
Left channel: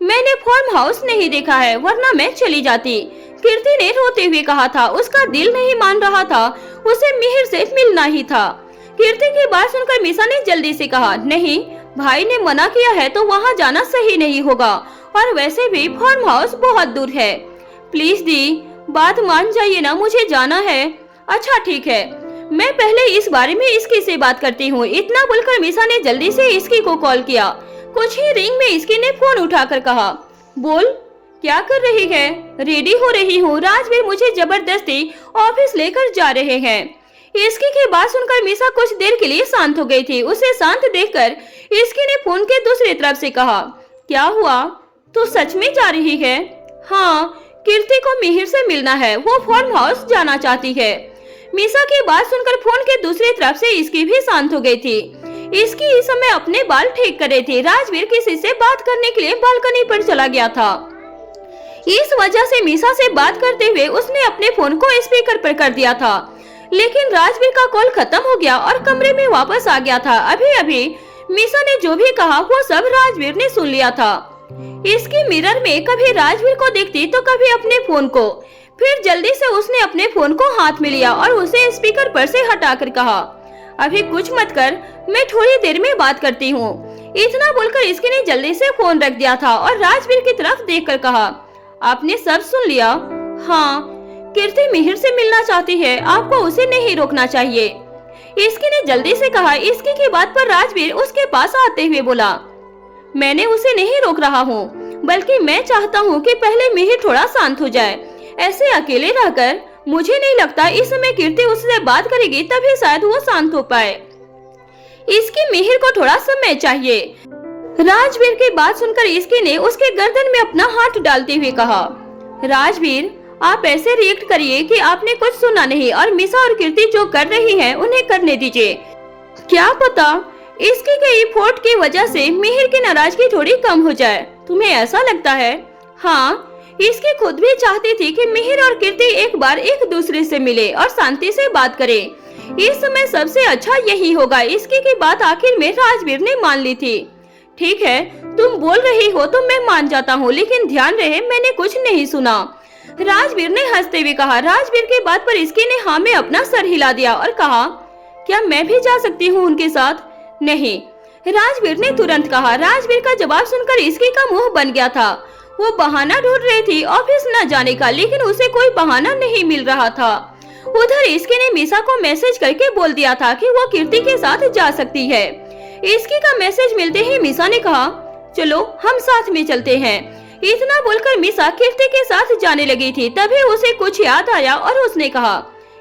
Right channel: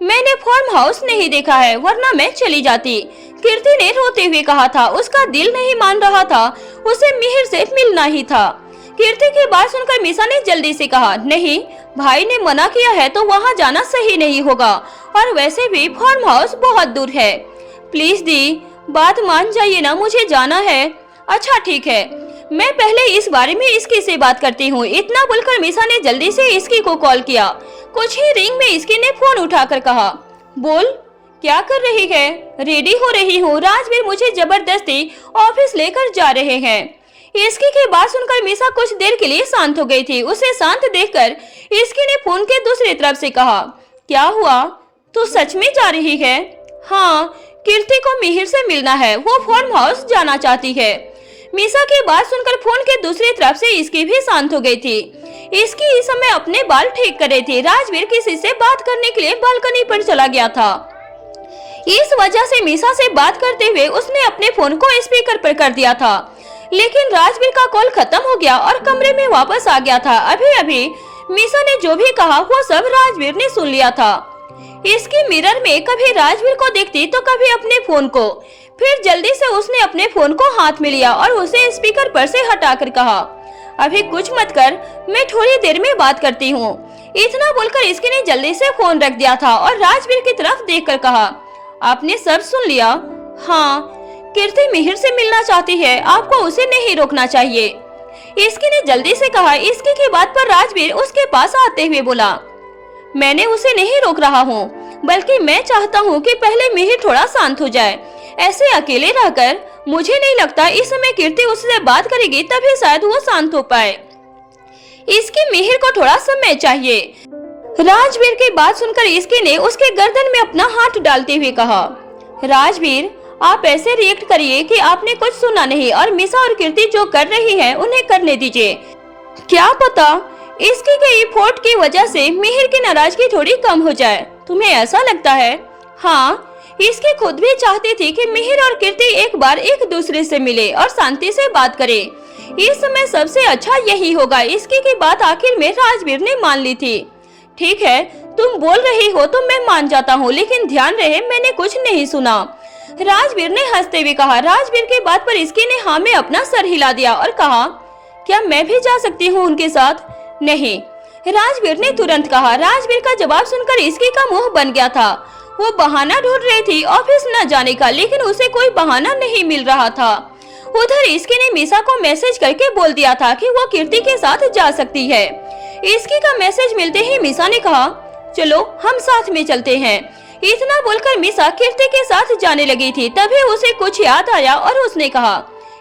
मैंने फार्म हाउस नहीं देखा है, वरना मैं चली जाती। कीर्ति ने रोते हुए कहा था। उसका दिल नहीं मान रहा था, उसे मिहिर से मिलना ही था। कीर्ति की बात सुनकर मीसा ने जल्दी से कहा, नहीं, भाई ने मना किया है तो वहाँ जाना सही नहीं होगा, और वैसे भी फार्म हाउस बहुत दूर है। प्लीज दी, बात मान जाइए ना, मुझे जाना है। अच्छा ठीक है, मैं पहले इस बारे में इसकी से बात करती हूँ। इतना बोलकर मीसा ने जल्दी से इसकी को कॉल किया। कुछ ही रिंग में इसकी ने फोन उठाकर कहा, बोल, क्या कर रही है? रेडी हो रही हूँ, राजवीर मुझे जबरदस्ती ऑफिस लेकर जा रहे हैं। इसकी की बात सुनकर मीसा कुछ देर के लिए शांत हो गई थी। उसे शांत देखकर इसकी ने फोन के दूसरी तरफ से कहा, क्या हुआ, तू सच में जा रही है? हाँ, कीर्ति को मिहिर से मिलना है, वो फार्म हाउस जाना चाहती है। मीसा की बात सुनकर फोन के दूसरी तरफ से इसकी भी शांत हो गई थी। इसकी इस समय अपने बाल ठीक कर रही थी। राजवीर किसी से बात करने के लिए बालकनी पर चला गया था। इस वजह से मीसा से बात करते हुए उसने अपने फोन को स्पीकर पर कर दिया था, लेकिन राजवीर का कॉल खत्म हो गया और कमरे में वापस आ गया था। अभी अभी मीसा ने जो भी कहा वो सब राजवीर ने सुन लिया था। इसकी मिरर में कभी राजवीर को देखती तो कभी अपने फोन को। फिर जल्दी से उसने अपने फोन को हाथ में लिया और उसे स्पीकर पर से हटाकर कहा, अभी कुछ मत कर, मैं थोड़ी देर में बात करती हूँ। इतना बोलकर इसकी ने जल्दी से फोन रख दिया था और राजवीर की तरफ देखकर कहा, आपने सब सुन लिया? हाँ, कीर्ति मिहिर से मिलना चाहती है, आपको उसे नहीं रोकना चाहिए। इसकी ने जल्दी से कहा। इसकी की बात पर राजवीर उसके पास आते हुए बोला, मैंने उसे नहीं रोक रहा हूँ, बल्कि मैं चाहता हूँ कि पहले मिहिर थोड़ा शांत हो जाए। ऐसे अकेले रहकर मुझे नहीं लगता इस समय कीर्ति उससे बात करेगी, तभी शायद वो शांत हो पाए। इसकी मिहिर को थोड़ा समय चाहिए। राजवीर की बात सुनकर इसकी ने उसके गर्दन में अपना हाथ डालते हुए कहा, राजवीर, आप ऐसे रिएक्ट करिए कि आपने कुछ सुना नहीं और मीसा और कीर्ति जो कर रही है उन्हें करने दीजिए। क्या पता इसकी गई फोट की वजह से मिहिर की नाराजगी थोड़ी कम हो जाए। तुम्हें ऐसा लगता है? हाँ, इसकी खुद भी चाहती थी कि मिहिर और कीर्ति एक बार एक दूसरे से मिले और शांति से बात करे। इस समय सबसे अच्छा यही होगा। इसकी की बात आखिर में राजवीर ने मान ली थी। ठीक है, तुम बोल रही हो तो मैं मान जाता हूँ, लेकिन ध्यान रहे मैंने कुछ नहीं सुना। राजवीर ने हंसते हुए कहा। राजवीर की बात पर इसकी ने हाँ में अपना सर हिला दिया और कहा, क्या मैं भी जा सकती हूँ उनके साथ? नहीं, राजवीर ने तुरंत कहा। राजवीर का जवाब सुनकर इसकी का मुंह बन गया था। वो बहाना ढूंढ रही थी ऑफिस न जाने का, लेकिन उसे कोई बहाना नहीं मिल रहा था। उधर इसकी ने मीसा को मैसेज करके बोल दिया था कि वो कीर्ति के साथ जा सकती है। इसकी का मैसेज मिलते ही मीसा ने कहा, चलो हम साथ में चलते हैं। इतना बोलकर मीसा कीर्ति के साथ जाने लगी थी। तभी उसे कुछ याद आया और उसने कहा,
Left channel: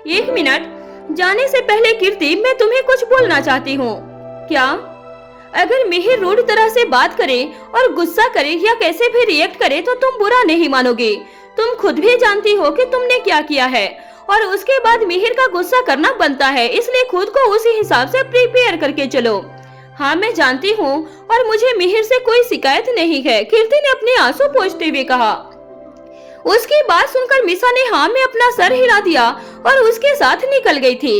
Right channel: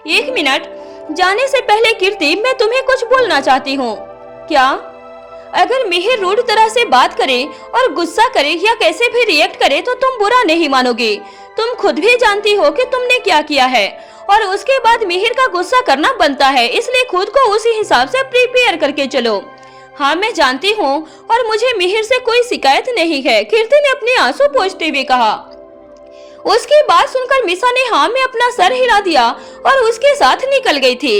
एक मिनट, जाने से पहले कीर्ति, मैं तुम्हें कुछ बोलना चाहती हूँ। क्या? अगर मिहिर रूड तरह से बात करे और गुस्सा करे या कैसे भी रिएक्ट करे तो तुम बुरा नहीं मानोगे। तुम खुद भी जानती हो कि तुमने क्या किया है, और उसके बाद मिहिर का गुस्सा करना बनता है, इसलिए खुद को उसी हिसाब से प्रिपेयर करके चलो। हाँ, मैं जानती हूँ और मुझे मिहिर से कोई शिकायत नहीं है, कीर्ति ने अपने आंसू पोंछते हुए कहा। उसकी बात सुनकर मीसा ने हाँ में अपना सर हिला दिया और उसके साथ निकल गई थी।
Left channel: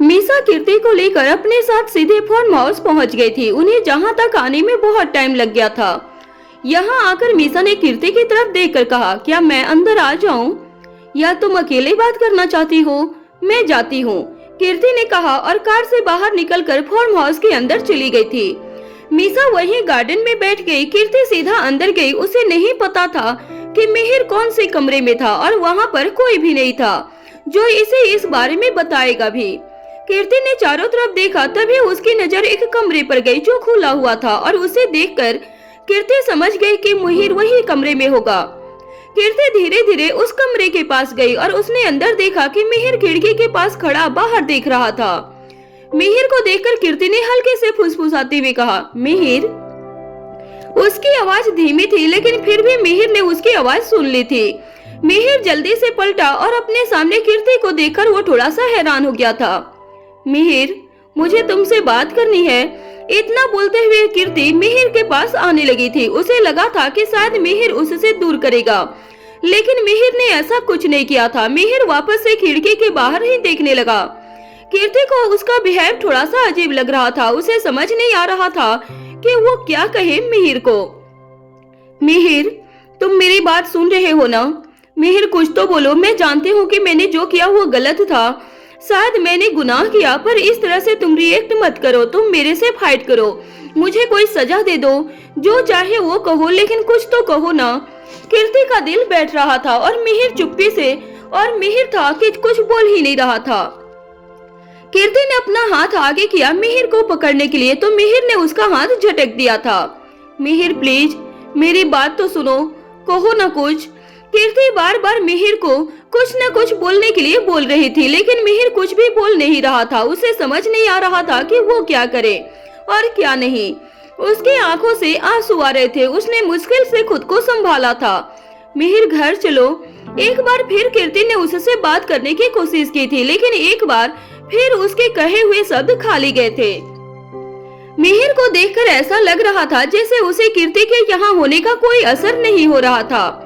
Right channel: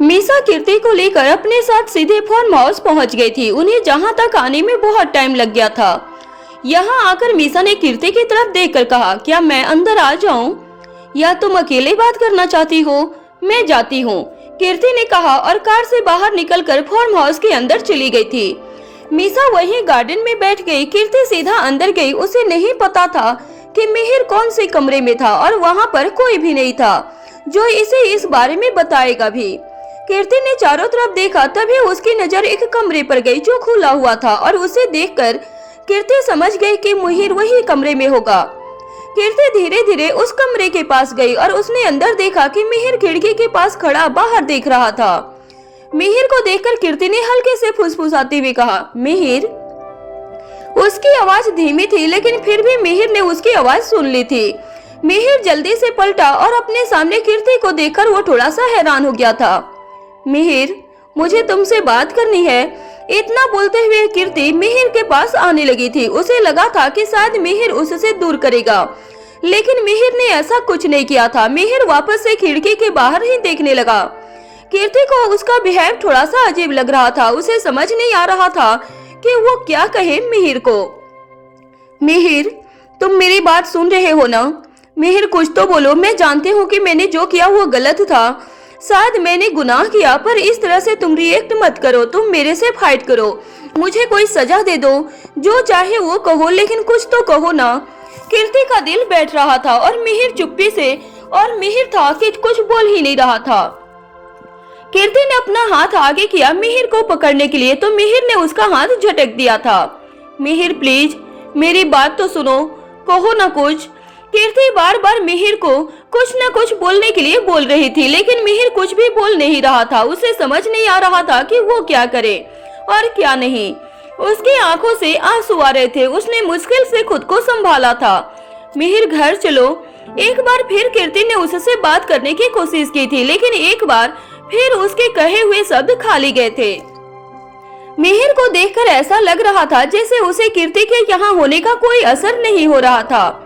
मीसा कीर्ति को लेकर अपने साथ सीधे फार्म हाउस पहुंच गई थी। उन्हें जहां तक आने में बहुत टाइम लग गया था। यहाँ आकर मीसा ने कीर्ति की तरफ देखकर कहा, क्या मैं अंदर आ जाऊं या तुम अकेले बात करना चाहती हो? मैं जाती हूँ, कीर्ति ने कहा और कार से बाहर निकलकर फार्म हाउस के अंदर चली गई थी। मीसा वहीं गार्डन में बैठ गई। कीर्ति सीधा अंदर गई। उसे नहीं पता था कि मिहिर कौन से कमरे में था और वहाँ पर कोई भी नहीं था जो इसे इस बारे में बताएगा भी। कीर्ति ने चारों तरफ देखा, तभी उसकी नजर एक कमरे पर गई जो खुला हुआ था और उसे देखकर कीर्ति समझ गई कि मिहिर वही कमरे में होगा। कीर्ति धीरे धीरे उस कमरे के पास गई और उसने अंदर देखा कि मिहिर खिड़की के पास खड़ा बाहर देख रहा था। मिहिर को देखकर कीर्ति ने हल्के से फुसफुसाते हुए कहा, मिहिर। उसकी आवाज धीमी थी, लेकिन फिर भी मिहिर ने उसकी आवाज सुन ली थी। मिहिर जल्दी से पलटा और अपने सामने कीर्ति को देखकर वो थोड़ा सा हैरान हो गया था। मिहिर, मुझे तुमसे बात करनी है। इतना बोलते हुए कीर्ति मिहिर के पास आने लगी थी। उसे लगा था कि शायद मिहिर उससे दूर करेगा, लेकिन मिहिर ने ऐसा कुछ नहीं किया था। मिहिर वापस से खिड़की के बाहर ही देखने लगा। कीर्ति को उसका बिहेव थोड़ा सा अजीब लग रहा था। उसे समझ नहीं आ रहा था कि वो क्या कहे मिहिर को। मिहिर, तुम मेरी बात सुन रहे हो ना? मिहिर, कुछ तो बोलो। मैं जानती हूँ कि मैंने जो किया वो गलत था। शायद मैंने गुनाह किया, पर इस तरह से तुम रिएक्ट मत करो। तुम मेरे से फाइट करो, मुझे कोई सजा दे दो, जो चाहे वो कहो, लेकिन कुछ तो कहो ना। कीर्ति का दिल बैठ रहा था और मिहिर चुप्पी से, और मिहिर था कि कुछ बोल ही नहीं रहा था। कीर्ति ने अपना हाथ आगे किया मिहिर को पकड़ने के लिए, तो मिहिर ने उसका हाथ झटक दिया था। मिहिर, प्लीज मेरी बात तो सुनो, कहो ना कुछ। कीर्ति बार बार मिहिर को कुछ न कुछ बोलने के लिए बोल रही थी, लेकिन मिहिर कुछ भी बोल नहीं रहा था। उसे समझ नहीं आ रहा था कि वो क्या करे और क्या नहीं। उसकी आंखों से आंसू आ रहे थे। उसने मुश्किल से खुद को संभाला था। मिहिर, घर चलो। एक बार फिर कीर्ति ने उससे बात करने की कोशिश की थी, लेकिन एक बार फिर उसके कहे हुए शब्द खाली गए थे। मिहिर को देखकर ऐसा लग रहा था जैसे उसे कीर्ति के यहाँ होने का कोई असर नहीं हो रहा था।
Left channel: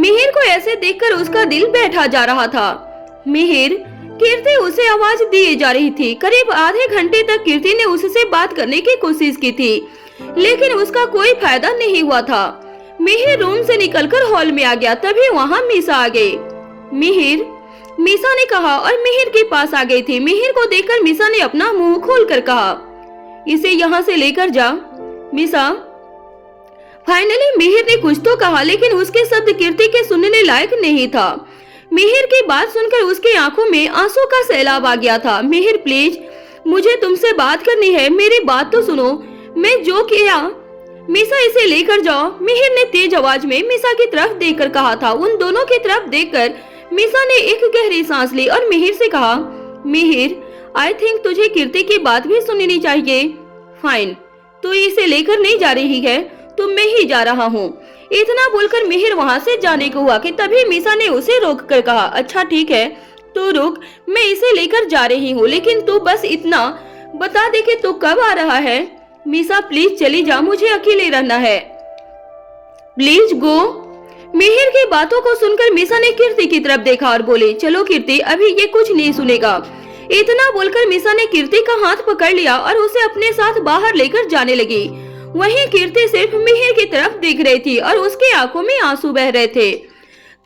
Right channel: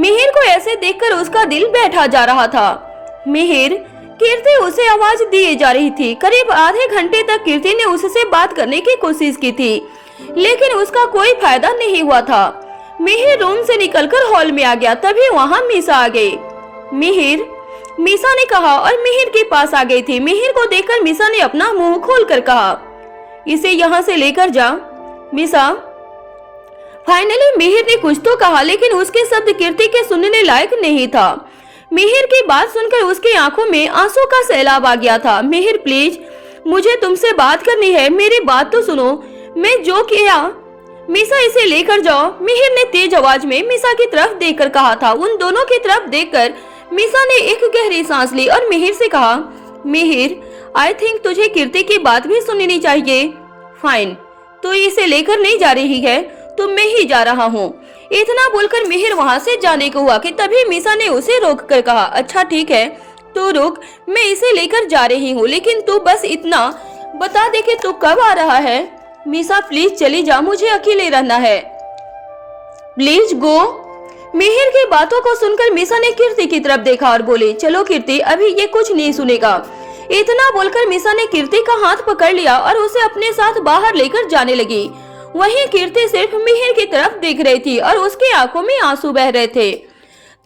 मिहिर को ऐसे देखकर उसका दिल बैठा जा रहा था। मिहिर, कीर्ति उसे आवाज दिए जा रही थी। करीब आधे घंटे तक कीर्ति ने उससे बात करने की कोशिश की थी, लेकिन उसका कोई फायदा नहीं हुआ था। मिहिर रूम से निकलकर हॉल में आ गया। तभी वहाँ मीसा आ गई। मिहिर, मीसा ने कहा और मिहिर के पास आ गई थी। मिहिर को देखकर मीसा ने अपना मुंह खोलकर कहा, इसे यहाँ से लेकर जा। मीसा। फाइनली मिहिर ने कुछ तो कहा, लेकिन उसके शब्द कीर्ति के सुनने लायक नहीं था। मिहिर की बात सुनकर उसकी आंखों में आंसू का सैलाब आ गया था। मिहिर, प्लीज मुझे तुमसे बात करनी है, मेरी बात तो सुनो। मैं जो किया, मीसा इसे लेकर जाओ। मिहिर ने तेज आवाज में मीसा की तरफ देखकर कहा था। उन दोनों की तरफ देखकर मीसा ने एक गहरी सांस ली और मिहिर से कहा, मिहिर, आई थिंक तुझे कीर्ति की बात भी सुननी चाहिए। फाइन, तो इसे लेकर नहीं जा रही है तो मैं ही जा रहा हूँ। इतना बोलकर मिहिर वहाँ से जाने को हुआ कि तभी मीसा ने उसे रोक कर कहा, अच्छा ठीक है, तो रुक, मैं इसे लेकर जा रही हूँ, लेकिन तू बस इतना बता दे कि तू कब आ रहा है। मीसा, प्लीज चली जा, मुझे अकेले रहना है, प्लीज गो। मिहिर की बातों को सुनकर मीसा ने कीर्ति की तरफ देखा और बोली, चलो कीर्ति, अभी ये कुछ नहीं सुनेगा। इतना बोलकर मीसा ने कीर्ति का हाथ पकड़ लिया और उसे अपने साथ बाहर लेकर जाने लगी। वहीं कीर्ति सिर्फ मिहिर की तरफ देख रही थी और उसकी आंखों में आंसू बह रहे थे।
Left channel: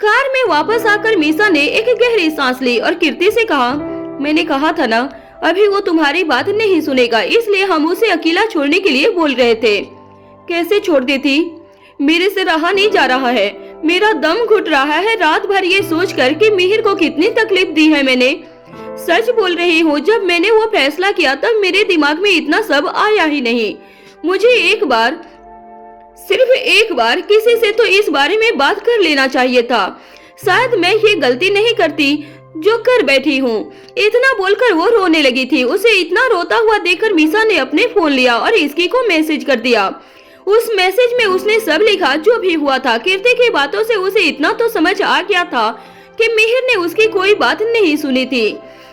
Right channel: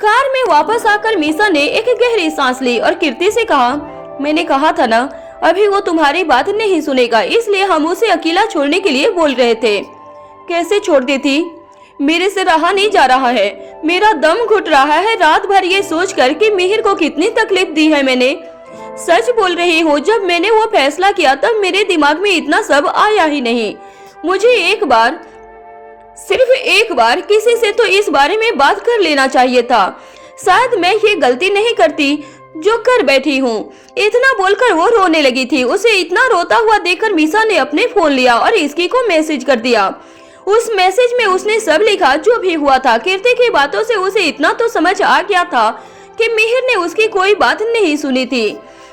कार में वापस आकर मीसा ने एक गहरी सांस ली और कीर्ति से कहा, मैंने कहा था ना, अभी वो तुम्हारी बात नहीं सुनेगा, इसलिए हम उसे अकेला छोड़ने के लिए बोल रहे थे। कैसे छोड़ देती? मेरे से रहा नहीं जा रहा है, मेरा दम घुट रहा है रात भर ये सोचकर कि मिहिर को कितनी तकलीफ दी है मैंने। सच बोल रही हूँ, जब मैंने वो फैसला किया तब मेरे दिमाग में इतना सब आया ही नहीं। मुझे एक बार, सिर्फ एक बार किसी से तो इस बारे में बात कर लेना चाहिए था। शायद मैं ये गलती नहीं करती जो कर बैठी हूँ। इतना बोलकर वो रोने लगी थी। उसे इतना रोता हुआ देखकर मीसा ने अपने फोन लिया और इसकी को मैसेज कर दिया। उस मैसेज में उसने सब लिखा जो भी हुआ था। कीर्ति की बातों से उसे इतना तो समझ आ गया था कि मिहिर ने उसकी कोई बात नहीं सुनी थी।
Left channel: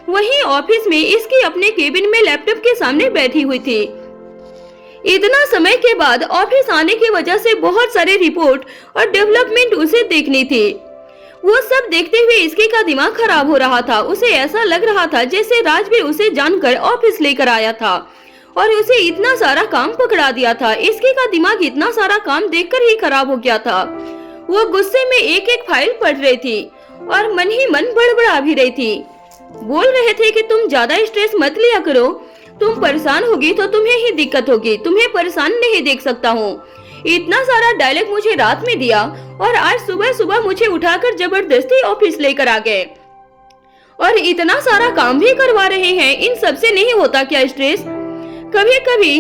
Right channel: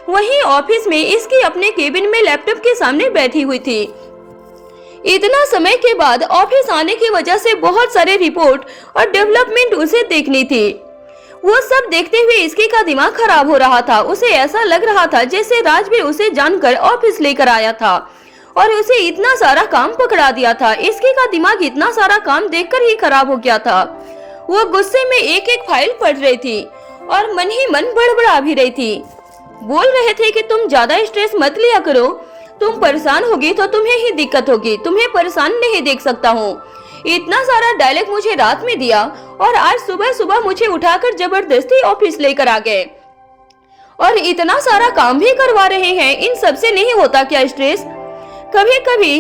वहीं ऑफिस में इसकी अपने केबिन में लैपटॉप के सामने बैठी हुई थी। इतना समय के बाद ऑफिस आने की वजह से बहुत सारे रिपोर्ट और डेवलपमेंट उसे देखनी थी। वो सब देखते हुए इसकी का दिमाग खराब हो रहा था। उसे ऐसा लग रहा था जैसे राजवीर उसे जानकर ऑफिस लेकर आया था और उसे इतना सारा काम पकड़ा दिया था। इसकी का दिमाग इतना सारा काम देखकर ही खराब हो गया था। वो गुस्से में एक एक फाइल पढ़ रही थी और मन ही मन बड़बड़ा भी रही थी। बोल रहे थे कि तुम ज्यादा स्ट्रेस मत लिया करो, तुम परेशान होगी तो तुम्हें ही दिक्कत होगी, तुम्हें परेशान नहीं देख सकता हूँ। इतना सारा डायलॉग मुझे रात में दिया और आज सुबह सुबह मुझे उठाकर जबरदस्ती ऑफिस लेकर आ गए और इतना सारा काम भी करवा रहे हैं। इन सब से नहीं होता क्या स्ट्रेस? कभी कभी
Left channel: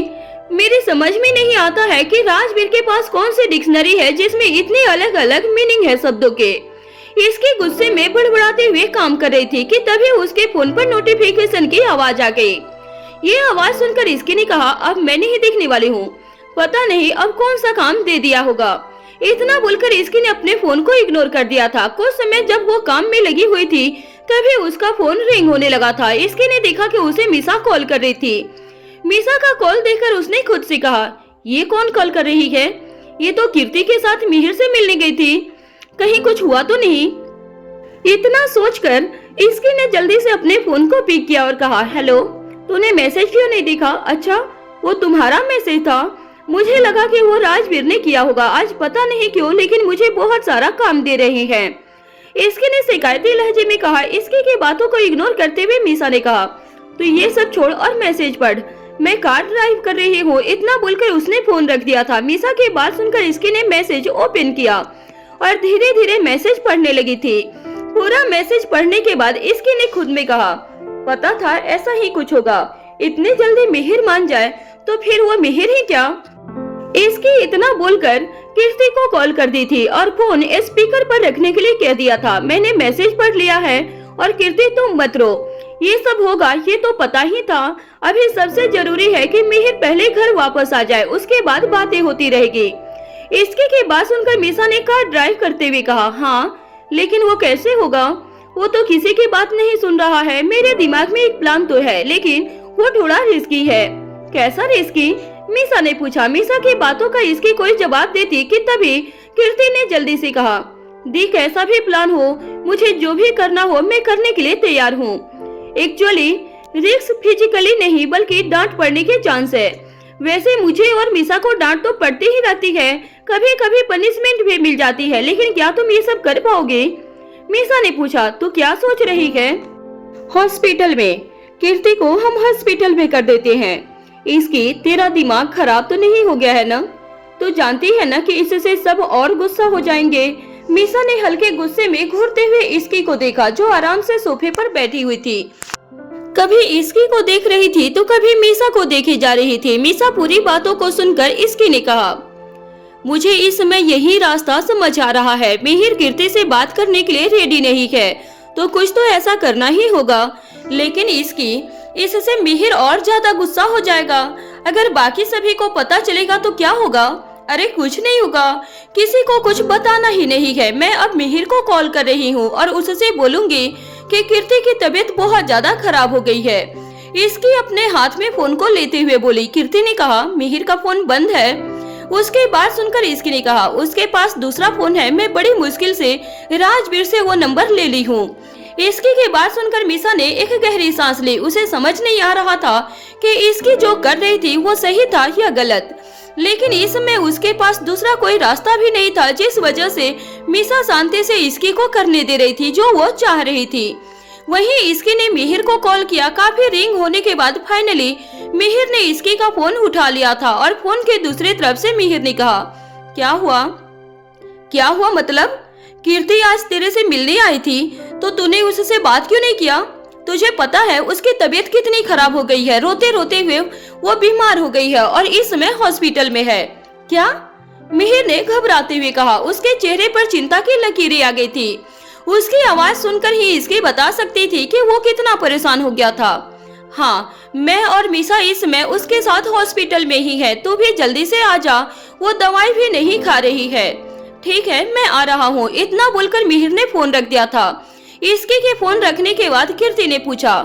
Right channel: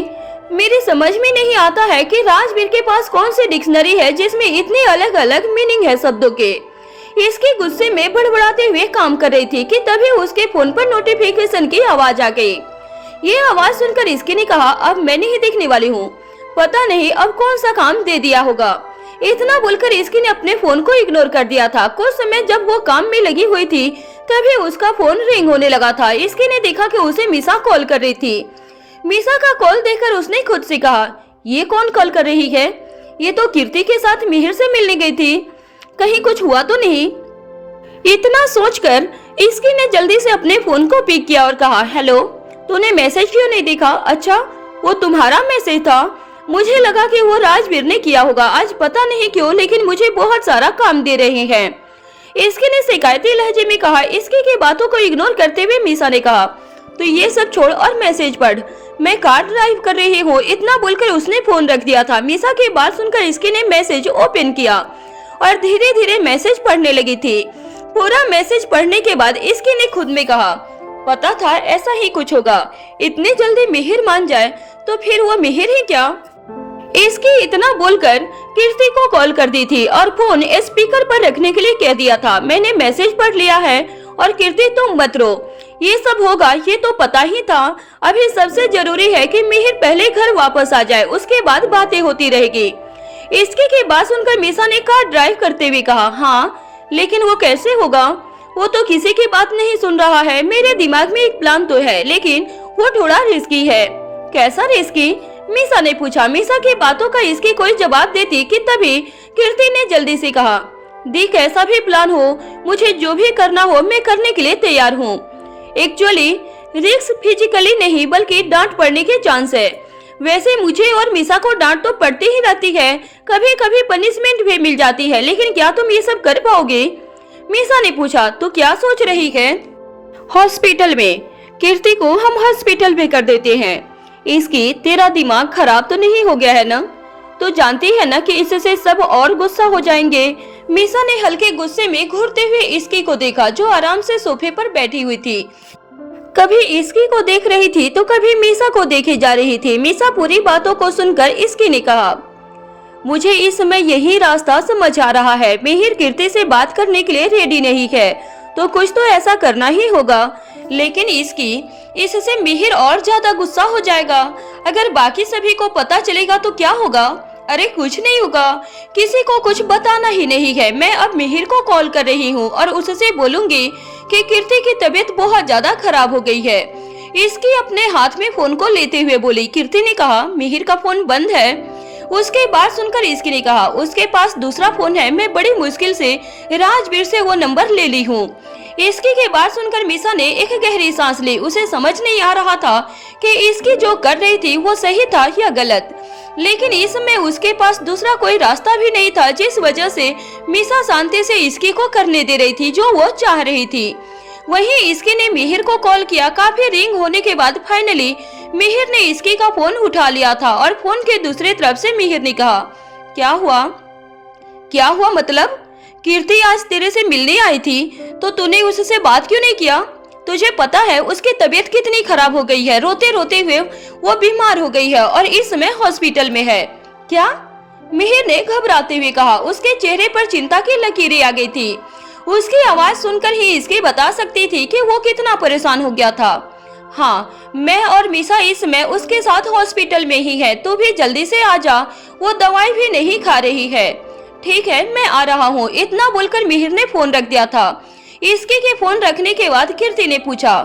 मेरी समझ में नहीं आता है कि राजवीर के पास कौन सी डिक्शनरी है जिसमें इतने अलग अलग मीनिंग है शब्दों के। इसके गुस्से में बड़बड़ाते हुए काम कर रही थी कि तभी उसके फोन पर नोटिफिकेशन की आवाज आ गई। ये आवाज सुनकर इसकी ने कहा, अब मैं नहीं देखने वाली हूँ, पता नहीं अब कौन सा काम दे दिया होगा। इतना बोलकर इसकी ने अपने फोन को इग्नोर कर दिया था। कुछ समय जब वो काम में लगी हुई थी तभी उसका फोन रिंग होने लगा था। इसकी ने देखा कि उसे मीसा कॉल कर रही थी। मीसा का कॉल देखकर उसने खुद से कहा, ये कौन कॉल कर रही है? ये तो कीर्ति के साथ मिहिर से मिलने गई थी, कहीं कुछ हुआ तो नहीं? इतना सोचकर इसकी ने जल्दी से अपने फोन को पिक किया और कहा, हेलो, तूने मैसेज क्यों नहीं देखा? अच्छा, वो तुम्हारा मैसेज था, मुझे लगा कि वो राजवीर ने किया होगा। आज पता नहीं क्यों लेकिन मुझे बहुत सारा काम दे रहे हैं। इसकी ने शिकायती लहजे में कहा। इसकी की बातों को इग्नोर करते हुए मीसा ने कहा, तो ये सब छोड़ और मैसेज पढ़, मैं कार ड्राइव कर रही हूँ। इतना बोलकर उसने फोन रख दिया था। मीसा की बात सुनकर इसकी ने मैसेज ओपन किया और धीरे धीरे मैसेज पढ़ने लगी थी। पूरा मैसेज पढ़ने के बाद इसकी ने खुद में कहा, पता था ऐसा ही कुछ होगा, इतने जल्दी मिहिर मान जाए तो फिर वो मिहिर ही क्या? इसकी इतना बोलकर कीर्ति को कॉल कर दी थी और फोन स्पीकर पर रखने के लिए कह दिया था। मैंने मैसेज पढ़ लिया है और कीर्ति तुम मत रो, ये सब होगा ये तो पता ही था। अभी सबसे जरूरी है कि मिहिर पहले घर वापस आ जाए, उसके बाद बातें होती रहेगी। इसकी की बात सुनकर मीसा ने कार ड्राइव करते हुए कहा, हाँ लेकिन वो कैसे होगा? वो तो किसी की बात नहीं सुन रहा है। मेरे दिमाग में एक प्लान तो है लेकिन वो थोड़ा रिस्की है। कैसा रिस्की? मीसा ने पूछा। मीसा की बातों का इसकी कोई जवाब देती कि तभी कीर्ति ने जल्दी से कहा, दी कैसा भी प्लान हो, मुझे जो भी करना हो मैं करने के लिए तैयार हूँ। एक्चुअली रिस्क फिजिकली नहीं बल्कि डांट पड़ने के चांस है। वैसे मुझे और मीसा को डांट तो पड़ती ही रहती है, कभी कभी पनिशमेंट भी मिल जाती है, लेकिन क्या तुम ये सब कर पाओगे? मीसा ने पूछा। तो क्या सोच रही है? हॉस्पिटल में, कीर्ति को हम हॉस्पिटल में कर देते हैं। इसकी तेरा दिमाग खराब तो नहीं हो गया है ना? तो जानती है ना कि इससे सब और गुस्सा हो जाएंगे। मीसा ने हल्के गुस्से में घूरते हुए इसकी को देखा जो आराम से सोफे पर बैठी हुई थी। कभी इसकी को देख रही थी तो कभी मीसा को देखे जा रही थी। मीसा पूरी बातों को सुनकर इसकी ने कहा, मुझे इस समय यही रास्ता समझ आ रहा है। मिहिर कीर्ति से बात करने के लिए रेडी नहीं है तो कुछ तो ऐसा करना ही होगा। लेकिन इससे मिहिर और ज्यादा गुस्सा हो जाएगा। अगर बाकी सभी को पता चलेगा तो क्या होगा? अरे कुछ नहीं होगा, किसी को कुछ बताना ही नहीं है। मैं अब मिहिर को कॉल कर रही हूँ और उससे बोलूंगी कि कीर्ति की तबीयत बहुत ज्यादा खराब हो गई है। इसकी अपने हाथ में फोन को लेते हुए बोली। कीर्ति ने कहा, मिहिर का फोन बंद है। उसके बाद सुनकर इसकी ने कहा, उसके पास दूसरा फोन है, मैं बड़ी मुश्किल से राजवीर से वो नंबर ले ली हूँ। इसकी के बात सुनकर मीसा ने एक गहरी सांस ली। उसे समझ नहीं आ रहा था कि इसकी जो कर रही थी वो सही था या गलत, लेकिन इस समय उसके पास दूसरा कोई रास्ता भी नहीं था जिस वजह से मीसा शांति से इसकी को करने दे रही थी जो वो चाह रही थी। वहीं इसकी ने मिहिर को कॉल किया। काफी रिंग होने के बाद फाइनली मिहिर ने इसकी का फोन उठा लिया था और फोन के दूसरी तरफ से मिहिर ने कहा, क्या हुआ? क्या हुआ मतलब? कीर्ति आज तेरे से मिलने आई थी तो तूने उससे बात क्यों नहीं किया? तुझे पता है उसकी तबीयत कितनी खराब हो गई है, रोते रोते हुए वो बीमार हो गई है और इस समय हॉस्पिटल में है। क्या? मिहिर ने घबराते हुए कहा। उसके चेहरे पर चिंता की लकीरें आ गई थी। उसकी आवाज सुनकर ही इसकी बता सकती थी कि वो कितना परेशान हो गया था। हाँ, मैं और मीसा इस समय उसके साथ हॉस्पिटल में ही है, तू भी जल्दी से आ जा, वो दवाई भी नहीं खा रही है। ठीक है, मैं आ रहा हूँ। इतना बोलकर मिहिर ने फोन रख दिया था। इसकी के फोन रखने के बाद कीर्ति ने पूछा,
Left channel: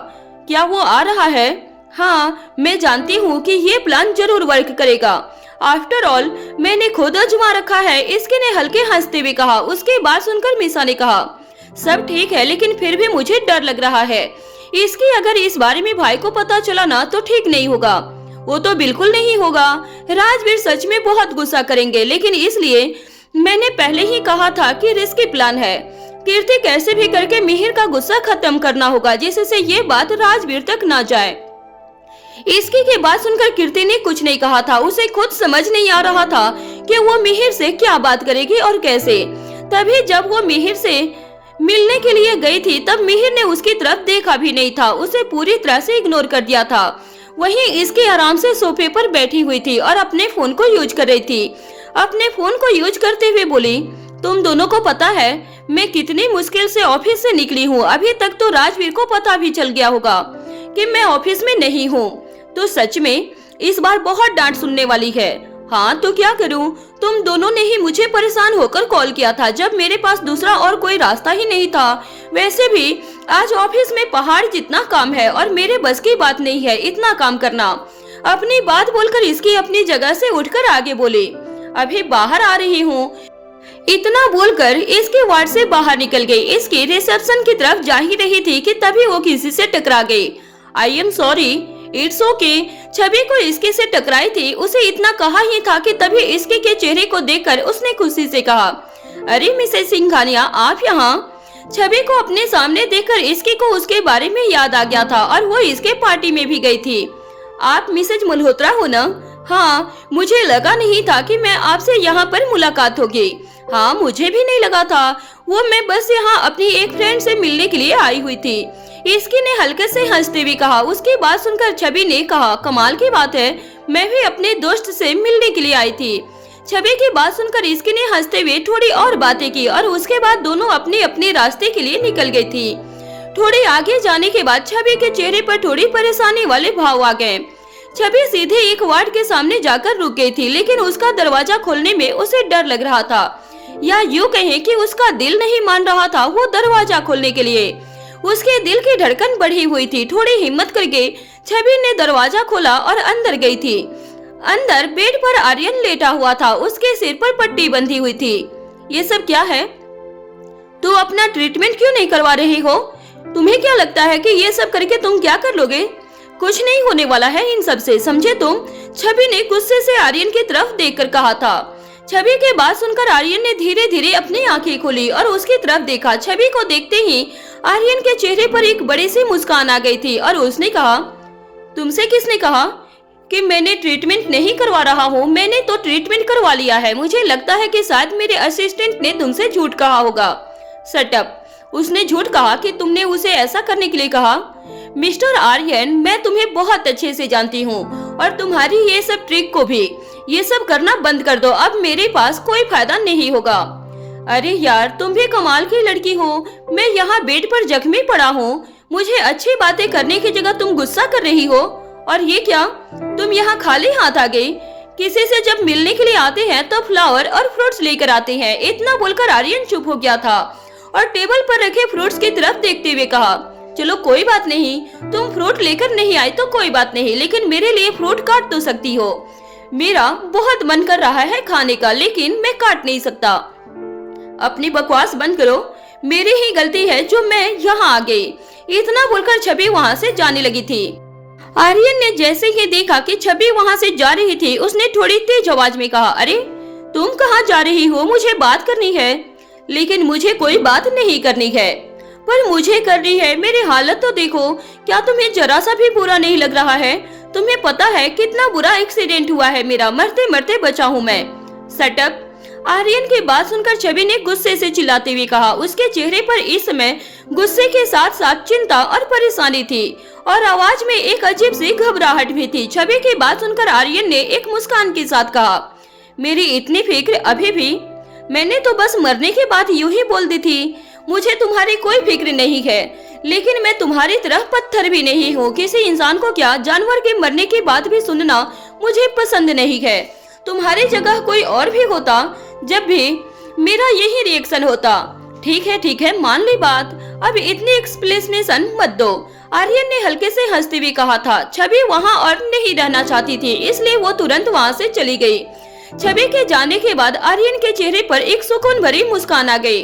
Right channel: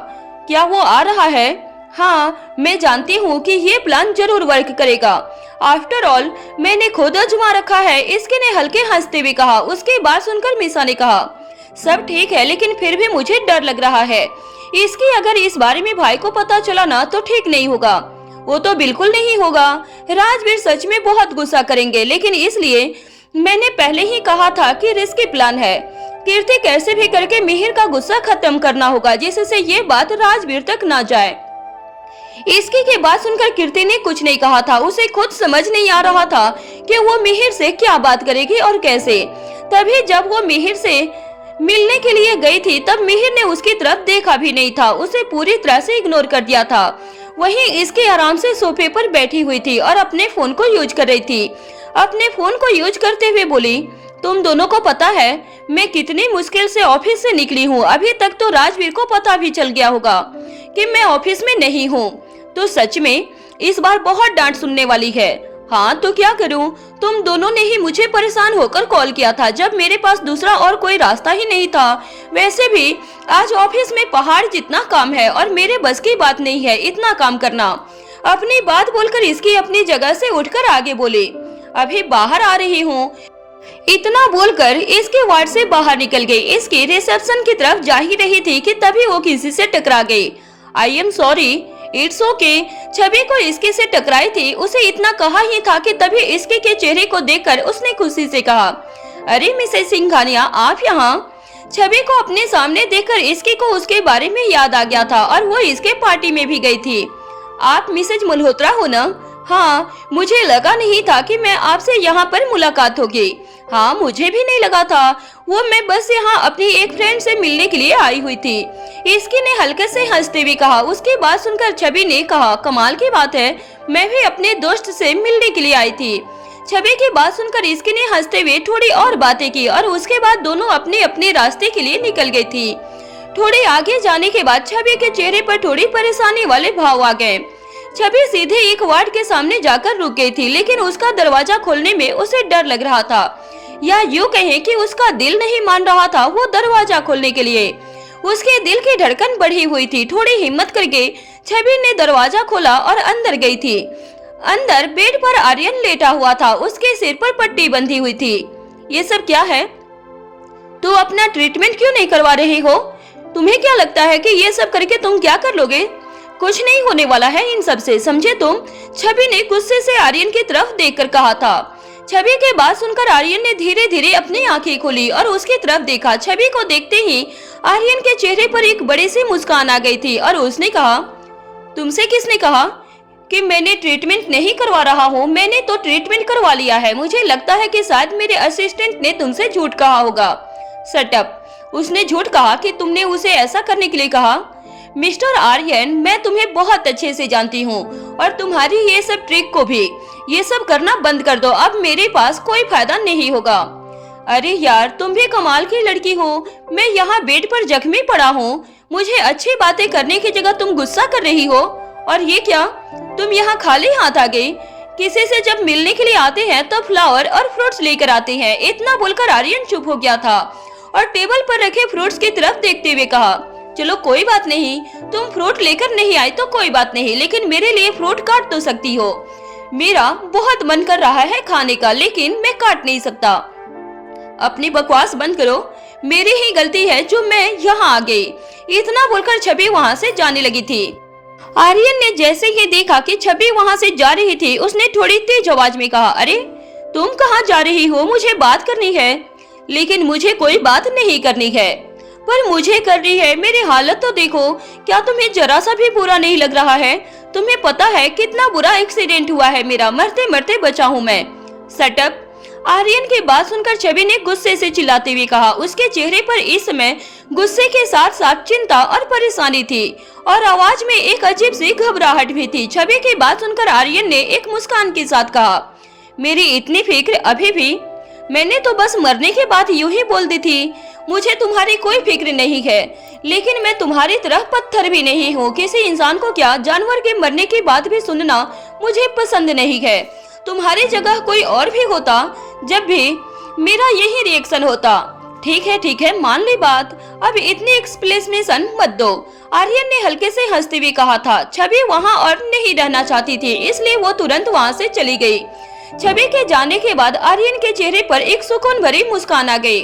क्या वो आ रहा है? हाँ, मैं जानती हूँ कि ये प्लान जरूर वर्क करेगा। आफ्टर ऑल मैंने खुद आजमा रखा है। इसके ने हल्के हंसते हुए कहा। उसके बाद सुनकर मीसा ने कहा, सब ठीक है, लेकिन फिर भी मुझे डर लग रहा है। इसकी अगर इस बारे में भाई को पता चला ना तो ठीक नहीं होगा। वो तो बिल्कुल नहीं होगा। राजवीर सच में बहुत गुस्सा करेंगे, लेकिन इसलिए मैंने पहले ही कहा था कि रिस्की प्लान है। कीर्ति कैसे भी करके मिहिर का गुस्सा खत्म करना होगा, जिससे ये बात राजवीर तक ना जाए। इसकी के बात सुनकर कीर्ति ने कुछ नहीं कहा था। उसे खुद समझ नहीं आ रहा था कि वो मिहिर से क्या बात करेगी और कैसे। तभी जब वो मिहिर से मिलने के लिए गई थी तब मिहिर ने उसकी तरफ देखा भी नहीं था, उसे पूरी तरह से इग्नोर कर दिया था। वहीं इसके आराम से सोफे पर बैठी हुई थी और अपने फोन को यूज कर रही थी। अपने फोन को यूज करते हुए बोली, तुम दोनों को पता है मैं कितनी मुश्किल से ऑफिस से निकली हूँ। अभी तक तो राजवीर को पता भी चल गया होगा कि मैं ऑफिस में नहीं हूँ, तो सच में इस बार बहुत डांट सुनने वाली है। हाँ तो क्या करूँ, तुम दोनों ने ही मुझे परेशान होकर कॉल किया था जब मेरे पास दूसरा और कोई रास्ता ही नहीं था। वैसे भी आज ऑफिस में पहाड़ जितना काम है और मेरे बस की बात नहीं है इतना काम करना। अपनी बात बोलकर इसकी अपनी जगह से उठकर आगे बोली, अभी बाहर आ रही हूँ। इतना बोलकर इसके वार्ड से बाहर निकल गई। इसकी रिसेप्शन की तरफ जा ही रही थी कि तभी वो किसी से टकरा गई। I am sorry, it's okay. छवि को इसके से टकराई थी, उसे इतना कहा ही था कि तभी इसके के चेहरे को देखकर उसने खुशी से कहा, अरे मिसेस सिंघानिया आप यहाँ। छवि को अपने सामने देखकर इसके को उसके बारे में याद आ गया था और वो इसके पार्टी में भी गई थी। आप मिसेज मल्होत्रा हो ना? हाँ, मुझे लगा नहीं था कि मैं आपसे यहाँ पर मुलाकात होगी। हाँ मुझे भी नहीं लगा था, वो मैं बस यहाँ अपनी एक फ्रेंड से मिलने के लिए आई हुई थी। इसकी ने हल्के से हंसते हुए कहा। उसकी बात सुनकर छवि ने कहा, कमाल की बात है, मैं भी अपने दोस्त से मिलने के लिए आई थी। छवि की बात सुनकर इसकी ने हंसते हुए थोड़ी और बातें की और उसके बाद दोनों अपने अपने रास्ते के लिए निकल गई थी। थोड़ी आगे जाने के बाद छवि के चेहरे पर थोड़ी परेशानी वाले भाव आ गए। छवि सीधे एक वार्ड के सामने जाकर रुक गई थी, लेकिन उसका दरवाजा खोलने में उसे डर लग रहा था, या यूँ कहें कि उसका दिल नहीं मान रहा था वो दरवाजा खोलने के लिए। उसके दिल की धड़कन बढ़ी हुई थी। थोड़ी हिम्मत करके छवि ने दरवाजा खोला और अंदर गई थी। अंदर बेड पर आर्यन लेटा हुआ था, उसके सिर पर पट्टी बंधी हुई थी। ये सब क्या है? तू अपना ट्रीटमेंट क्यों नहीं करवा रही हो? तुम्हें क्या लगता है कि ये सब करके तुम क्या कर लोगे? कुछ नहीं होने वाला है इन सब से, समझे तुम? छवि ने गुस्से से आर्यन की तरफ देखकर कहा था। छवि के बात सुनकर आर्यन ने धीरे धीरे अपनी आंखें खोली और उसकी तरफ देखा। छवि को देखते ही आर्यन के चेहरे पर एक बड़ी सी मुस्कान आ गई थी और उसने कहा, तुमसे किसने कहा कि मैंने ट्रीटमेंट नहीं करवा रहा हूँ? मैंने तो ट्रीटमेंट करवा लिया है। मुझे लगता है कि शायद मेरे असिस्टेंट ने तुमसे झूठ कहा होगा। सटअप, उसने झूठ कहा कि तुमने उसे ऐसा करने के लिए कहा? मिस्टर आर्यन, मैं तुम्हें बहुत अच्छे से जानती हूँ और तुम्हारी ये सब ट्रिक को भी। ये सब करना बंद कर दो, अब मेरे पास कोई फायदा नहीं होगा। अरे यार, तुम भी कमाल की लड़की हो। मैं यहाँ बेड पर जख्मी पड़ा हूँ, मुझे अच्छी बातें करने की जगह तुम गुस्सा कर रही हो। और ये क्या, तुम यहाँ खाली हाथ आ गई? किसी से जब मिलने के लिए आते हैं तो फ्लावर और फ्रूट्स लेकर आते हैं। इतना बोलकर आर्यन चुप हो गया था और टेबल पर रखे फ्रूट्स की तरफ देखते हुए कहा, चलो कोई बात नहीं, तुम फ्रूट लेकर नहीं आई तो कोई बात नहीं, लेकिन मेरे लिए फ्रूट काट तो सकती हो। मेरा बहुत मन कर रहा है खाने का, लेकिन मैं काट नहीं सकता। अपनी बकवास बंद करो, मेरी ही गलती है जो मैं यहाँ आ गई। इतना बोलकर छवि वहाँ से जाने लगी थी। आर्यन ने जैसे ही देखा कि छवि वहाँ से जा रही थी, उसने थोड़ी तेज आवाज में कहा, अरे तुम कहाँ जा रही हो? मुझे बात करनी है। लेकिन मुझे कोई बात नहीं करनी है, पर मुझे करनी है। मेरी हालत तो देखो, क्या तुम्हें जरा सा भी बुरा नहीं लग रहा है? तुम्हें पता है कितना बुरा एक्सीडेंट हुआ है मेरा, मरते मरते बचा हूँ मैं। सटअप। आर्यन की बात सुनकर छवि ने गुस्से से चिल्लाते हुए कहा। उसके चेहरे पर इस समय गुस्से के साथ साथ चिंता और परेशानी थी और आवाज में एक अजीब सी घबराहट भी थी। छवि की बात सुनकर आर्यन ने एक मुस्कान के साथ कहा, मेरी इतनी फिक्र अभी भी? मैंने तो बस मरने के बाद यूं ही बोल दी थी। मुझे तुम्हारी कोई फिक्र नहीं है, लेकिन मैं तुम्हारी तरह पत्थर भी नहीं हूँ। किसी इंसान को क्या, जानवर के मरने की बात भी सुनना मुझे पसंद नहीं है। तुम्हारी जगह कोई और भी होता, जब भी मेरा यही रिएक्शन होता। ठीक है, मान ली बात, अब इतनी एक्सप्लेनेशन मत दो। आर्यन ने हल्के से हंसते हुए कहा था। छवि वहाँ और नहीं रहना चाहती थी, इसलिए वो तुरंत वहाँ से चली गई। छवि के जाने के बाद आर्यन के चेहरे पर एक सुकून भरी मुस्कान आ गई।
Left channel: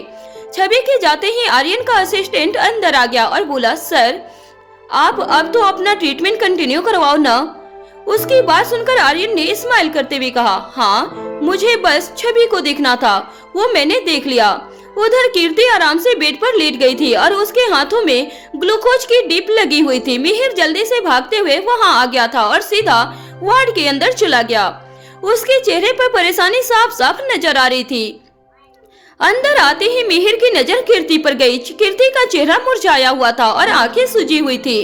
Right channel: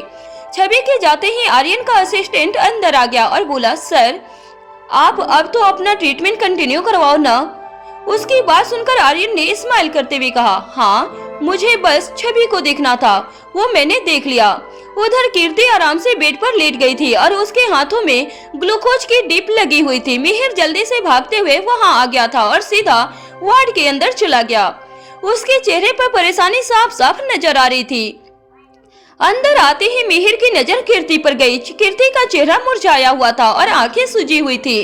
छवि के जाते ही आर्यन का असिस्टेंट अंदर आ गया और बोला, सर आप अब तो अपना ट्रीटमेंट कंटिन्यू करवाओ ना। उसकी बात सुनकर आर्यन ने स्माइल करते हुए कहा, हाँ मुझे बस छवि को देखना था, वो मैंने देख लिया। उधर कीर्ति आराम से बेड पर लेट गई थी और उसके हाथों में ग्लूकोज की डिप लगी हुई थी। मिहिर जल्दी से भागते हुए वहां आ गया था और सीधा वार्ड के अंदर चला गया। उसके चेहरे पर परेशानी साफ साफ नजर आ रही थी। अंदर आते ही मिहिर की नजर कीर्ति पर गई। कीर्ति का चेहरा मुरझाया हुआ था और आंखें सूजी हुई थी।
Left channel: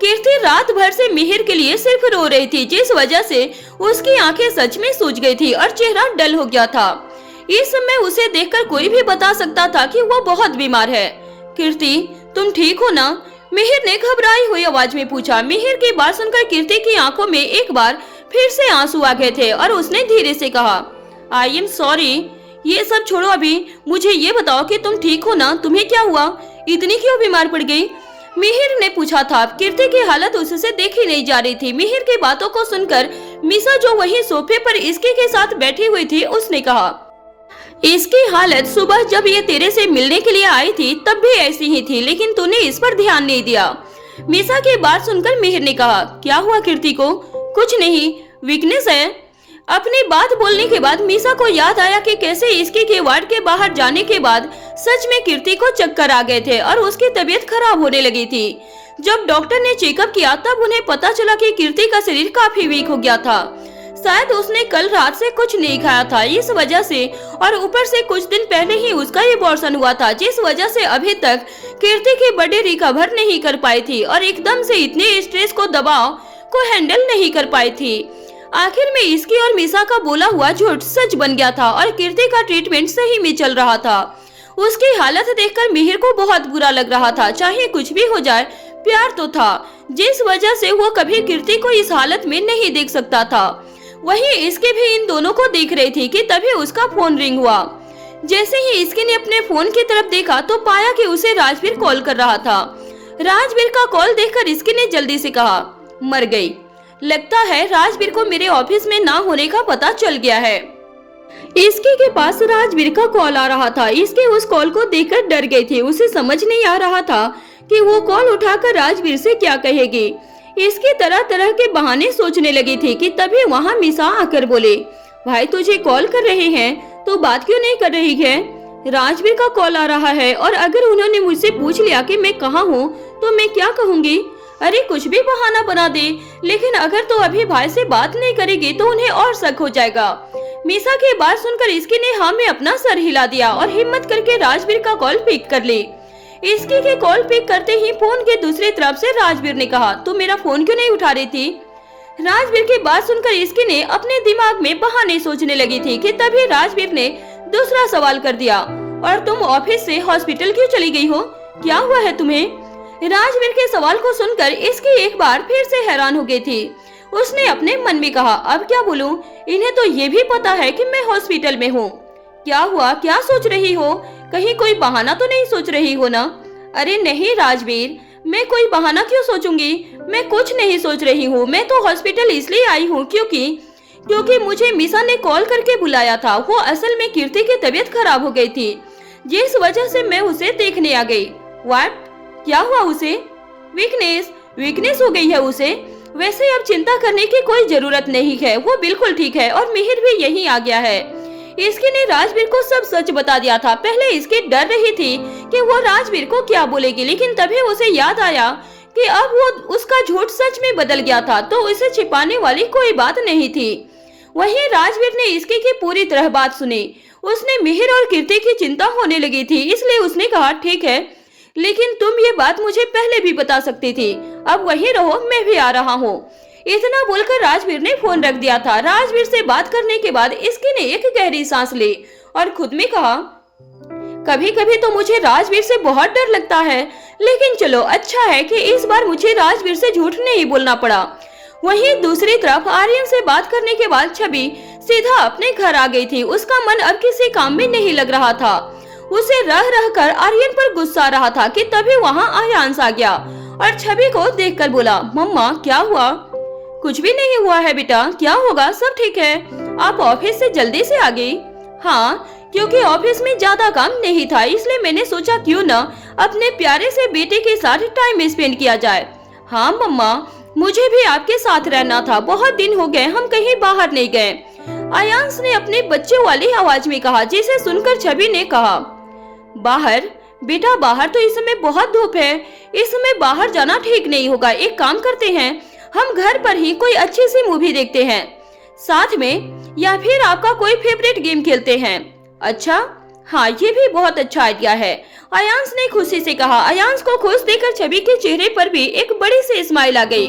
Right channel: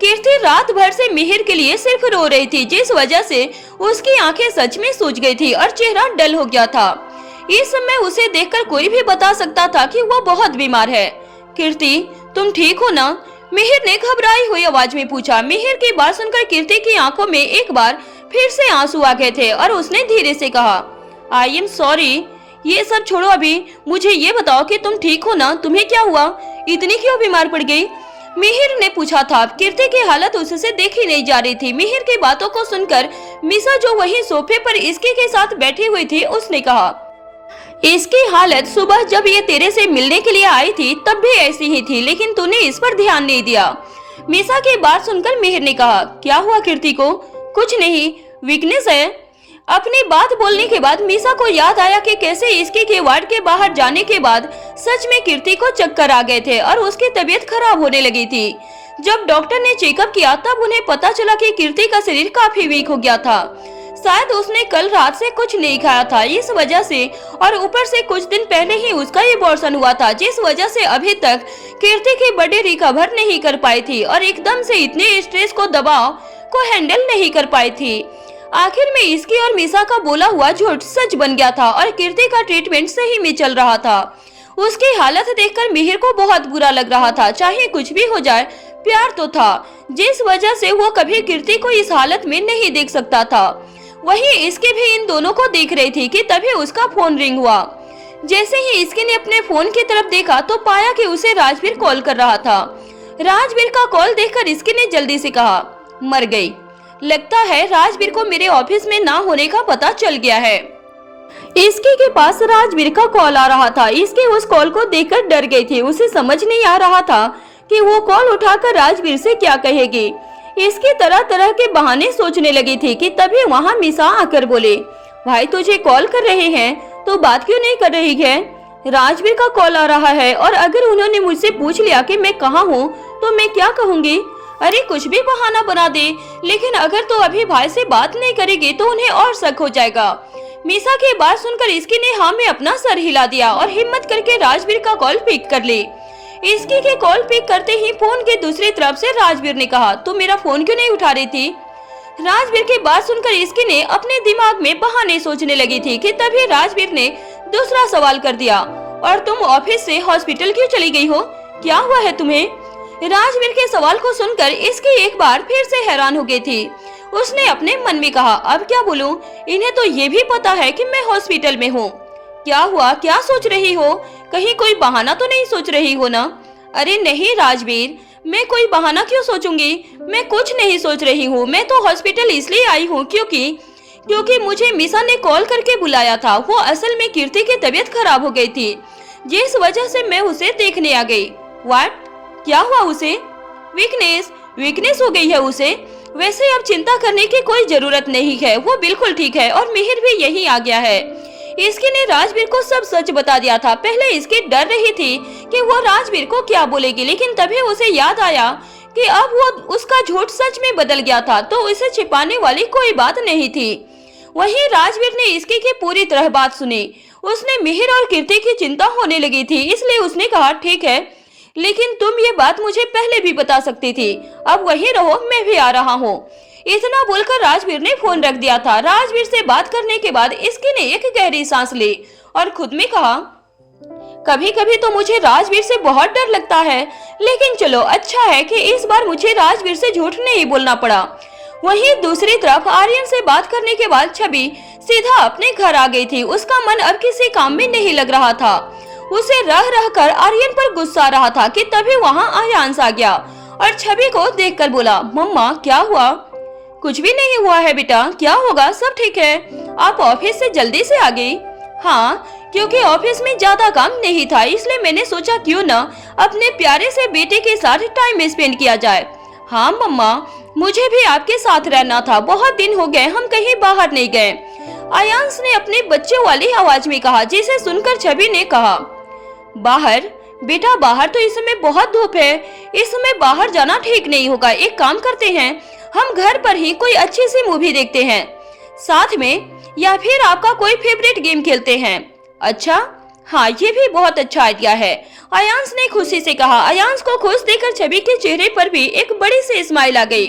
कीर्ति रात भर से मिहिर के लिए सिर्फ रो रही थी, जिस वजह से उसकी आंखें सच में सूज गई थी और चेहरा डल हो गया था। इस समय उसे देखकर कोई भी बता सकता था कि वो बहुत बीमार है। कीर्ति तुम ठीक हो ना? मिहिर ने घबराई हुई आवाज में पूछा। मिहिर की बात सुनकर कीर्ति की आंखों में एक बार फिर से आंसू आ गए थे और उसने धीरे से कहा, आई एम सॉरी। ये सब छोड़ो, अभी मुझे ये बताओ कि तुम ठीक हो ना? तुम्हें क्या हुआ? इतनी क्यों बीमार पड़ गई? मिहिर ने पूछा था। कीर्ति की हालत उससे देखी नहीं जा रही थी। मिहिर की बातों को सुनकर मिसा जो वही सोफे पर इसके के साथ बैठी हुई थी, उसने कहा, इसकी हालत सुबह जब ये तेरे से मिलने के लिए आई थी तब भी ऐसी ही थी, लेकिन तूने इस पर ध्यान नहीं दिया। मिसा की बात सुनकर मिहिर ने कहा, क्या हुआ कीर्ति को? कुछ नहीं, वीकनेस है। अपनी बात बोलने के बाद मिसा को याद आया कि कैसे इसके के वार्ड के बाहर जाने के बाद सच में कीर्ति को चक्कर आ गए थे और उसकी तबीयत खराब होने लगी थी। जब डॉक्टर ने चेकअप किया तब उन्हें पता चला कि कीर्ति का शरीर काफी वीक हो गया था। शायद उसने कल रात से कुछ नहीं खाया था, इस वजह से, और ऊपर से कुछ दिन पहले ही उसका एबॉर्शन हुआ था, जिस वजह से अभी तक कीर्ति की बॉडी रिकवर नहीं कर पाई थी और एकदम से इतने स्ट्रेस को दबाव को हैंडल नहीं कर पाई थी। आखिर में इसकी और मिसा का बोला हुआ झूठ सच बन गया था और कीर्ति का ट्रीटमेंट सही में चल रहा था। उसकी हालत देखकर मिहिर को बहुत बुरा लग रहा था। चाहे कुछ भी हो जाए, प्यार तो था, जिस वजह से वो कभी कीर्ति को इस हालत में नहीं देख सकता था। वहीं इसके भी इन दोनों को देख रही थी कि तभी उसका फोन रिंग हुआ। जैसे ही इसके ने अपने फोन की तरफ देखा तो पाया कि उसे राजवीर कॉल कर रहा था। राजवीर का कॉल देखकर इसके ने जल्दी से कहा, मर गई। लगता है राजवीर को मेरे ऑफिस में ना होने का पता चल गया है। इसके के पास राजवीर का कॉल आ रहा था। इसके उस कॉल को देखकर डर गई थी। उसे समझ नहीं आ रहा था कि वो कॉल उठाकर राजवीर से क्या कहेगी। इसकी तरह तरह के बहाने सोचने लगी थी कि तभी वहाँ मिसा आकर बोले, भाई तुझे कॉल कर रहे हैं तो बात क्यों नहीं कर रही है? राजवीर का कॉल आ रहा है और अगर उन्होंने मुझसे पूछ लिया कि मैं कहाँ हूँ तो मैं क्या कहूँगी? अरे कुछ भी बहाना बना दे, लेकिन अगर तो अभी भाई से बात नहीं करेगी तो उन्हें और शक हो जाएगा। मिसा की बात सुनकर इसकी ने हाँ में अपना सर हिला दिया और हिम्मत करके राजवीर का कॉल पिक कर ली। इसकी के कॉल पिक करते ही फोन के दूसरी तरफ से राजवीर ने कहा, तू मेरा फोन क्यों नहीं उठा रही थी? राजवीर की बात सुनकर इसकी ने अपने दिमाग में बहाने सोचने लगी थी कि तभी राजवीर ने दूसरा सवाल कर दिया, और तुम ऑफिस से हॉस्पिटल क्यों चली गई हो? क्या हुआ है तुम्हें? राजवीर के सवाल को सुनकर इसकी एक बार फिर से हैरान हो गई थी। उसने अपने मन में कहा, अब क्या बोलूं? इन्हें तो ये भी पता है कि मैं हॉस्पिटल में हूँ। क्या हुआ? क्या सोच रही हो? कहीं कोई बहाना तो नहीं सोच रही हो ना? अरे नहीं राजवीर, मैं कोई बहाना क्यों सोचूंगी? मैं कुछ नहीं सोच रही हूँ। मैं तो हॉस्पिटल इसलिए आई हूँ क्योंकि मुझे मिसा ने कॉल करके बुलाया था। वो असल में कीर्ति की तबीयत खराब हो गई थी, जिस वजह से मैं उसे देखने आ गई। व्हाट? क्या हुआ उसे? वीकनेस हो गई है उसे। वैसे अब चिंता करने की कोई जरूरत नहीं है, वो बिल्कुल ठीक है और मिहिर भी यहीं आ गया है। इसकी ने राजवीर को सब सच बता दिया था। पहले इसकी डर रही थी कि वो राजवीर को क्या बोलेगी, लेकिन तभी उसे याद आया कि अब वो उसका झूठ सच में बदल गया था, तो उसे छिपाने वाली कोई बात नहीं थी। वहीं राजवीर ने इसकी की पूरी तरह बात सुनी। उसने मिहिर और कीर्ति की चिंता होने लगी थी, इसलिए उसने कहा, ठीक है, लेकिन तुम ये बात मुझे पहले भी बता सकती थी। अब वहीं रहो, मैं भी आ रहा हूँ। इतना बोलकर राजवीर ने फोन रख दिया था। राजवीर से बात करने के बाद इसकी ने एक गहरी सांस ली और खुद में कहा, कभी कभी तो मुझे राजवीर से बहुत डर लगता है, लेकिन चलो अच्छा है कि इस बार मुझे राजवीर से झूठ नहीं बोलना पड़ा। वहीं दूसरी तरफ आर्यन से बात करने के बाद छवि सीधा अपने घर आ गई थी। उसका मन अब किसी काम में नहीं लग रहा था। उसे रह रह कर आर्यन पर गुस्सा आ रहा था कि तभी वहाँ आर्यांश आ गया और छवि को देखकर बोला, मम्मा क्या हुआ? कुछ भी नहीं हुआ है बेटा, क्या होगा? सब ठीक है। आप ऑफिस से जल्दी से आ गई? हाँ, क्योंकि ऑफिस में ज्यादा काम नहीं था, इसलिए मैंने सोचा क्यों न अपने प्यारे से बेटे के साथ टाइम स्पेंड किया जाए। हाँ मम्मा, मुझे भी आपके साथ रहना था, बहुत दिन हो गए हम कहीं बाहर नहीं गए, आयांश ने अपने बच्चे वाली आवाज में कहा, जिसे सुनकर छवि ने कहा, बाहर? बेटा बाहर तो इस समय बहुत धूप है, इस समय बाहर जाना ठीक नहीं होगा। एक काम करते हैं, हम घर पर ही कोई अच्छी सी मूवी देखते हैं साथ में, या फिर आपका कोई फेवरेट गेम खेलते हैं। अच्छा हाँ, ये भी बहुत अच्छा आइडिया है, आयांश ने खुशी से कहा। आयांश को खुश देखकर छवि के चेहरे पर भी एक बड़ी सी स्माइल आ गई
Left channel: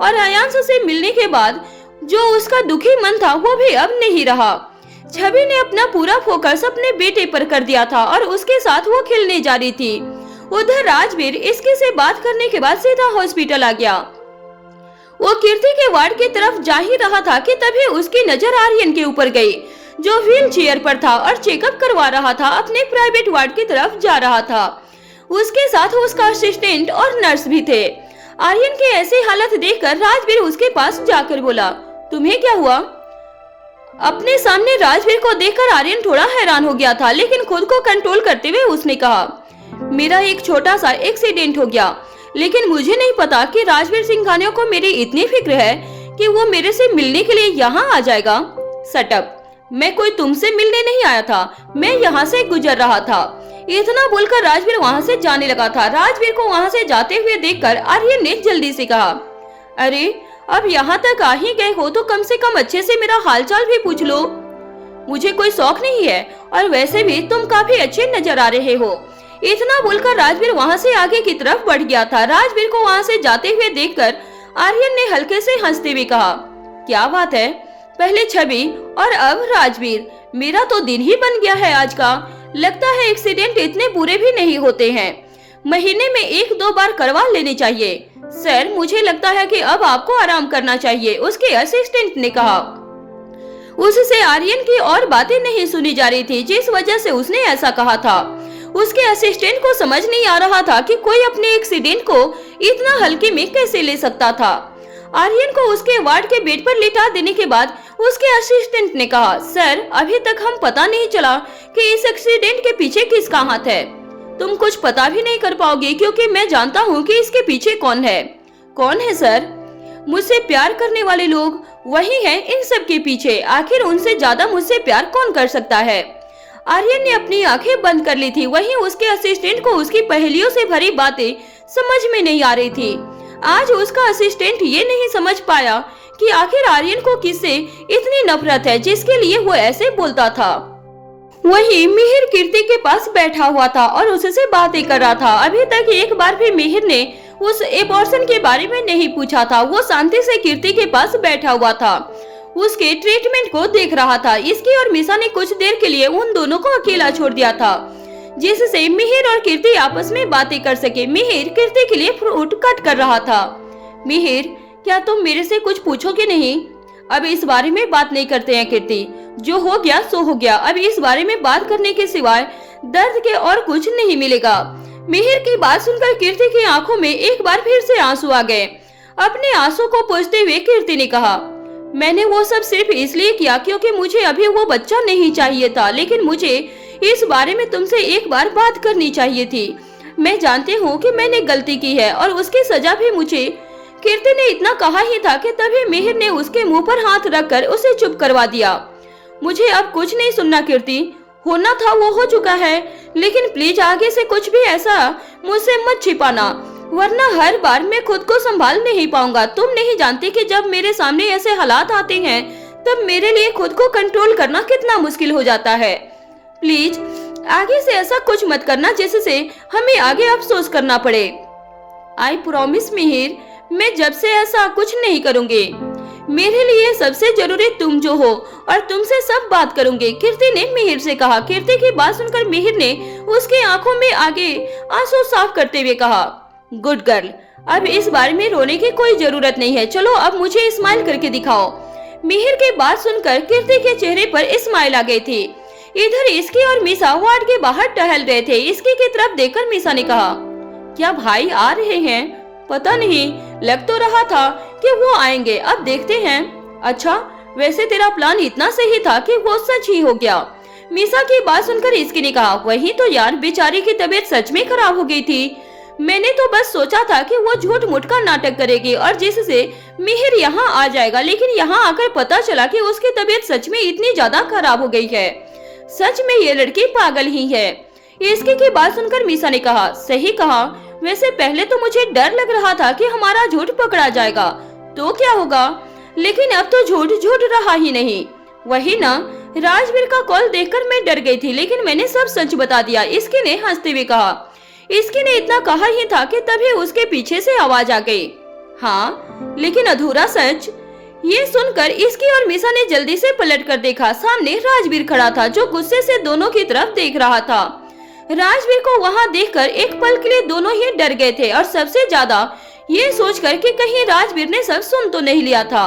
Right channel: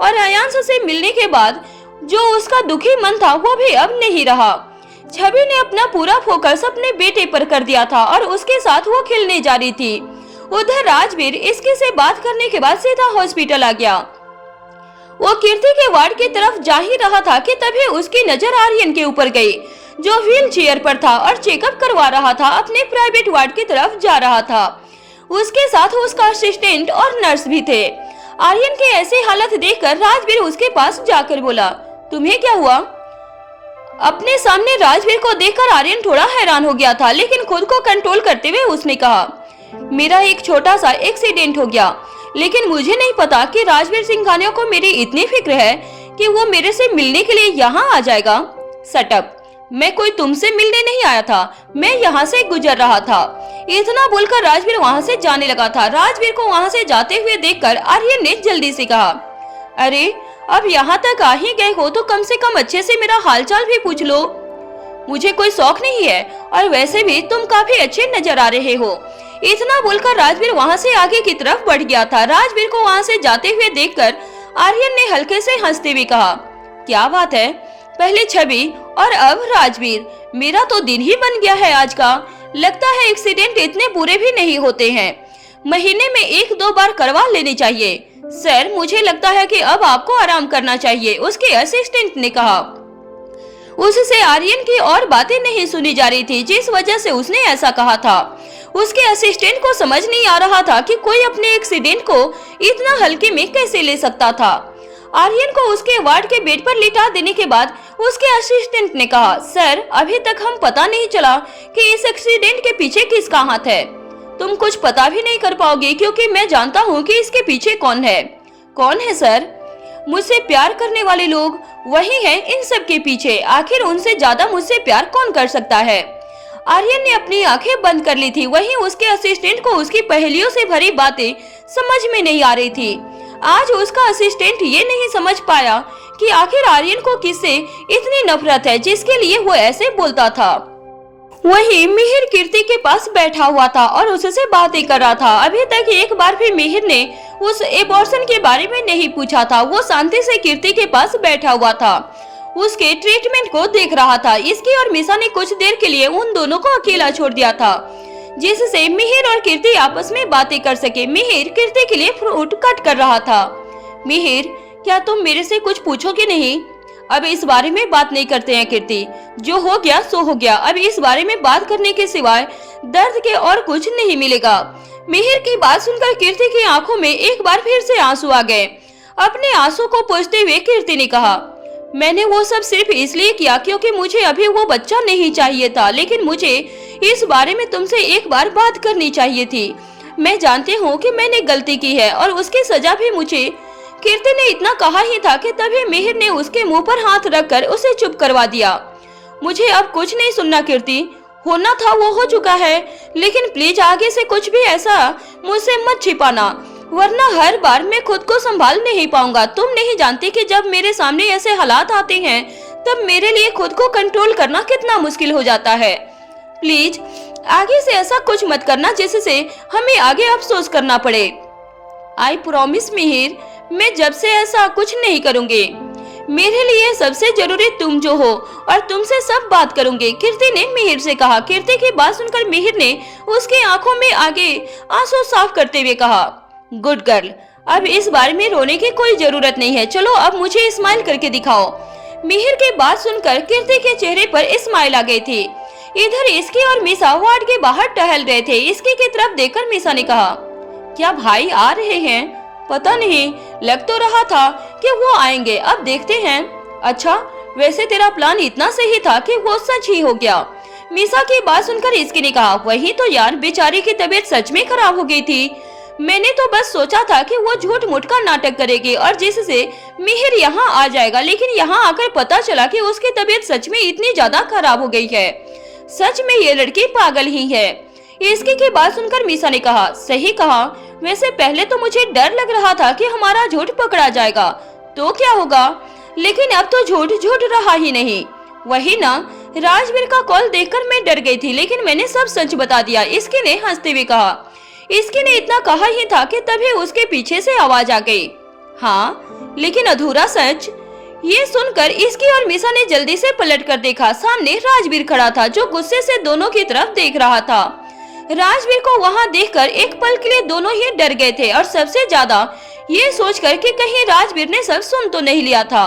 और आयांश से मिलने के बाद जो उसका दुखी मन था वो भी अब नहीं रहा। छवि ने अपना पूरा फोकस अपने बेटे पर कर दिया था और उसके साथ वो खेलने जा रही थी। उधर राजवीर इसके से बात करने के बाद सीधा हॉस्पिटल आ गया। वो कीर्ति के वार्ड की तरफ जा ही रहा था कि तभी उसकी नजर आर्यन के ऊपर गई, जो व्हील चेयर पर था और चेकअप करवा रहा था, अपने प्राइवेट वार्ड की तरफ जा रहा था। उसके साथ उसका असिस्टेंट और नर्स भी थे। आर्यन की ऐसी हालत देखकर राजवीर उसके पास जाकर बोला, तुम्हें क्या हुआ? अपने सामने राजवीर को देखकर आर्यन थोड़ा हैरान हो गया था, लेकिन खुद को कंट्रोल करते हुए उसने कहा, मेरा एक छोटा सा एक्सीडेंट हो गया, लेकिन मुझे नहीं पता कि राजवीर सिंघानिया को मेरी इतनी फिक्र है कि वो मेरे से मिलने के लिए यहाँ आ जाएगा। सटअप, मैं कोई तुमसे मिलने नहीं आया था, मैं यहाँ से गुजर रहा था। इतना बोलकर राजवीर वहाँ से जाने लगा था। राजवीर को वहाँ से जाते हुए देखकर आर्यन ने जल्दी से कहा, अरे अब यहाँ तक आ ही गए हो तो कम से कम अच्छे से मेरा हालचाल भी पूछ लो। मुझे कोई शौक नहीं है और वैसे भी तुम काफी अच्छे नजर आ रहे हो। इतना बोलकर राजवीर वहाँ से आगे की तरफ बढ़ गया था। राजवीर को वहाँ से जाते हुए देखकर आर्यन ने हल्के से हंसते हुए कहा, क्या बात है, पहले छवि और अब राजवीर, मेरा तो दिन ही बन गया है आज का। लगता है एक्सीडेंट इतने बुरे भी नहीं होते हैं, महीने में 1-2 बार करवा लेनी चाहिए। सर, मुझे लगता है कि अब आपको आराम करना चाहिए, उसके असिस्टेंट ने कहा। उससे आर्यन की और बातें नहीं सुनी जा रही थी, जिस वजह से उसने ऐसा कहा था। उसके असिस्टेंट को समझ नहीं आ रहा था कि कोई अपने एक्सीडेंट को इतना हल्के में कैसे ले सकता था। आर्यन को उसके वार्ड के बेड पर लिटा देने के बाद उसके असिस्टेंट ने कहा, सर, अभी तक हम पता नहीं चला कि इस एक्सीडेंट के पीछे किसका हाथ है। तुम कुछ पता भी नहीं कर पाओगे क्योंकि मैं जानता हूँ कि इसके पीछे कौन है। कौन है सर? मुझसे प्यार करने वाले लोग, वही हैं इन सब के पीछे। आखिर उनसे ज्यादा मुझसे प्यार कौन कर सकता है? आर्यन ने अपनी आंखें बंद कर ली थी। वहीं उसके असिस्टेंट को उसकी पहेलियों से भरी बातें समझ में नहीं आ रही थी। आज उसका असिस्टेंट ये नहीं समझ पाया कि आखिर आर्यन को किससे इतनी नफरत है जिसके लिए वो ऐसे बोलता था। वहीं मिहिर कीर्ति के पास बैठा हुआ था और उससे बातें कर रहा था। अभी तक एक बार भी मिहिर ने उस एबॉर्शन के बारे में नहीं पूछा था। वो शांति से कीर्ति के पास बैठा हुआ था, उसके ट्रीटमेंट को देख रहा था। इसकी और मिशा ने कुछ देर के लिए उन दोनों को अकेला छोड़ दिया था, जिससे मिहिर और कीर्ति आपस में बातें कर सके। मिहिर कीर्ति के लिए फ्रूट कट कर रहा था। मिहिर, क्या तुम मेरे से कुछ पूछोगे नहीं? अब इस बारे में बात नहीं करते हैं कीर्ति, जो हो गया सो हो गया। अब इस बारे में बात करने के सिवाय दर्द के और कुछ नहीं मिलेगा। मिहिर की बात सुनकर कीर्ति की आंखों में एक बार फिर से आंसू आ गए। अपने आंसू को पोंछते हुए कीर्ति ने कहा, मैंने वो सब सिर्फ इसलिए किया क्योंकि मुझे अभी वो बच्चा नहीं चाहिए था, लेकिन मुझे इस बारे में तुमसे एक बार बात करनी चाहिए थी। मैं जानती हूँ कि मैंने गलती की है और उसकी सजा भी मुझे। कीर्ति ने इतना कहा ही था कि तभी मिहिर ने उसके मुंह पर हाथ रखकर उसे चुप करवा दिया। मुझे अब कुछ नहीं सुनना कीर्ति, होना था वो हो चुका है, लेकिन प्लीज आगे से कुछ भी ऐसा मुझसे मत छिपाना, वरना हर बार मैं खुद को संभाल नहीं पाऊंगा। तुम नहीं जानती कि जब मेरे सामने ऐसे हालात आते हैं तब मेरे लिए खुद को कंट्रोल करना कितना मुश्किल हो जाता है। प्लीज आगे से ऐसा कुछ मत करना जिससे हमें आगे अफसोस करना पड़े। आई प्रॉमिस मिहिर, मैं जब से ऐसा कुछ नहीं करूंगी। मेरे लिए सबसे जरूरी तुम जो हो और तुमसे सब बात करूंगी, कीर्ति ने मिहिर से कहा। कीर्ति की बात सुनकर मिहिर ने उसकी आंखों में आगे आंसू साफ करते हुए कहा, गुड गर्ल, अब इस बारे में रोने की कोई जरूरत नहीं है, चलो अब मुझे स्माइल करके दिखाओ। मिहिर की बात सुनकर कीर्ति के चेहरे पर स्माइल आ गई थी। इधर इसकी और मिशा वार्ड के बाहर टहल रहे थे। इसकी की तरफ देखकर मिशा ने कहा, क्या भाई आ रहे हैं? पता नहीं, लग तो रहा था कि वो आएंगे, अब देखते हैं। अच्छा, वैसे तेरा प्लान इतना सही था कि वो सच ही हो गया। मीसा की बात सुनकर इसकी ने कहा, वही तो यार, बेचारी की तबीयत सच में खराब हो गई थी। मैंने तो बस सोचा था कि वो झूठ मूठ का नाटक करेगी और जिससे मिहिर यहाँ आ जाएगा, लेकिन यहाँ आकर पता चला कि उसकी तबीयत सच में इतनी ज्यादा खराब हो गई है। सच में ये लड़की पागल ही है। इसकी की बात सुनकर मीसा ने कहा, सही कहा, वैसे पहले तो मुझे डर लग रहा था कि हमारा झूठ पकड़ा जाएगा तो क्या होगा, लेकिन अब तो झूठ झूठ रहा ही नहीं। वही ना, राजवीर का कॉल देखकर मैं डर गई थी, लेकिन मैंने सब सच बता दिया, इसकी ने हंसते हुए कहा। इसकी ने इतना कहा ही था कि तभी उसके पीछे से आवाज आ गई, हाँ लेकिन अधूरा सच। ये सुनकर इसकी और मीसा ने जल्दी से पलट कर देखा। सामने राजवीर खड़ा था जो गुस्से से दोनों की तरफ देख रहा था। राजवीर को वहां देखकर एक पल के लिए दोनों ही डर गए थे और सबसे ज्यादा ये सोचकर कि कहीं राजवीर ने सब सुन तो नहीं लिया था।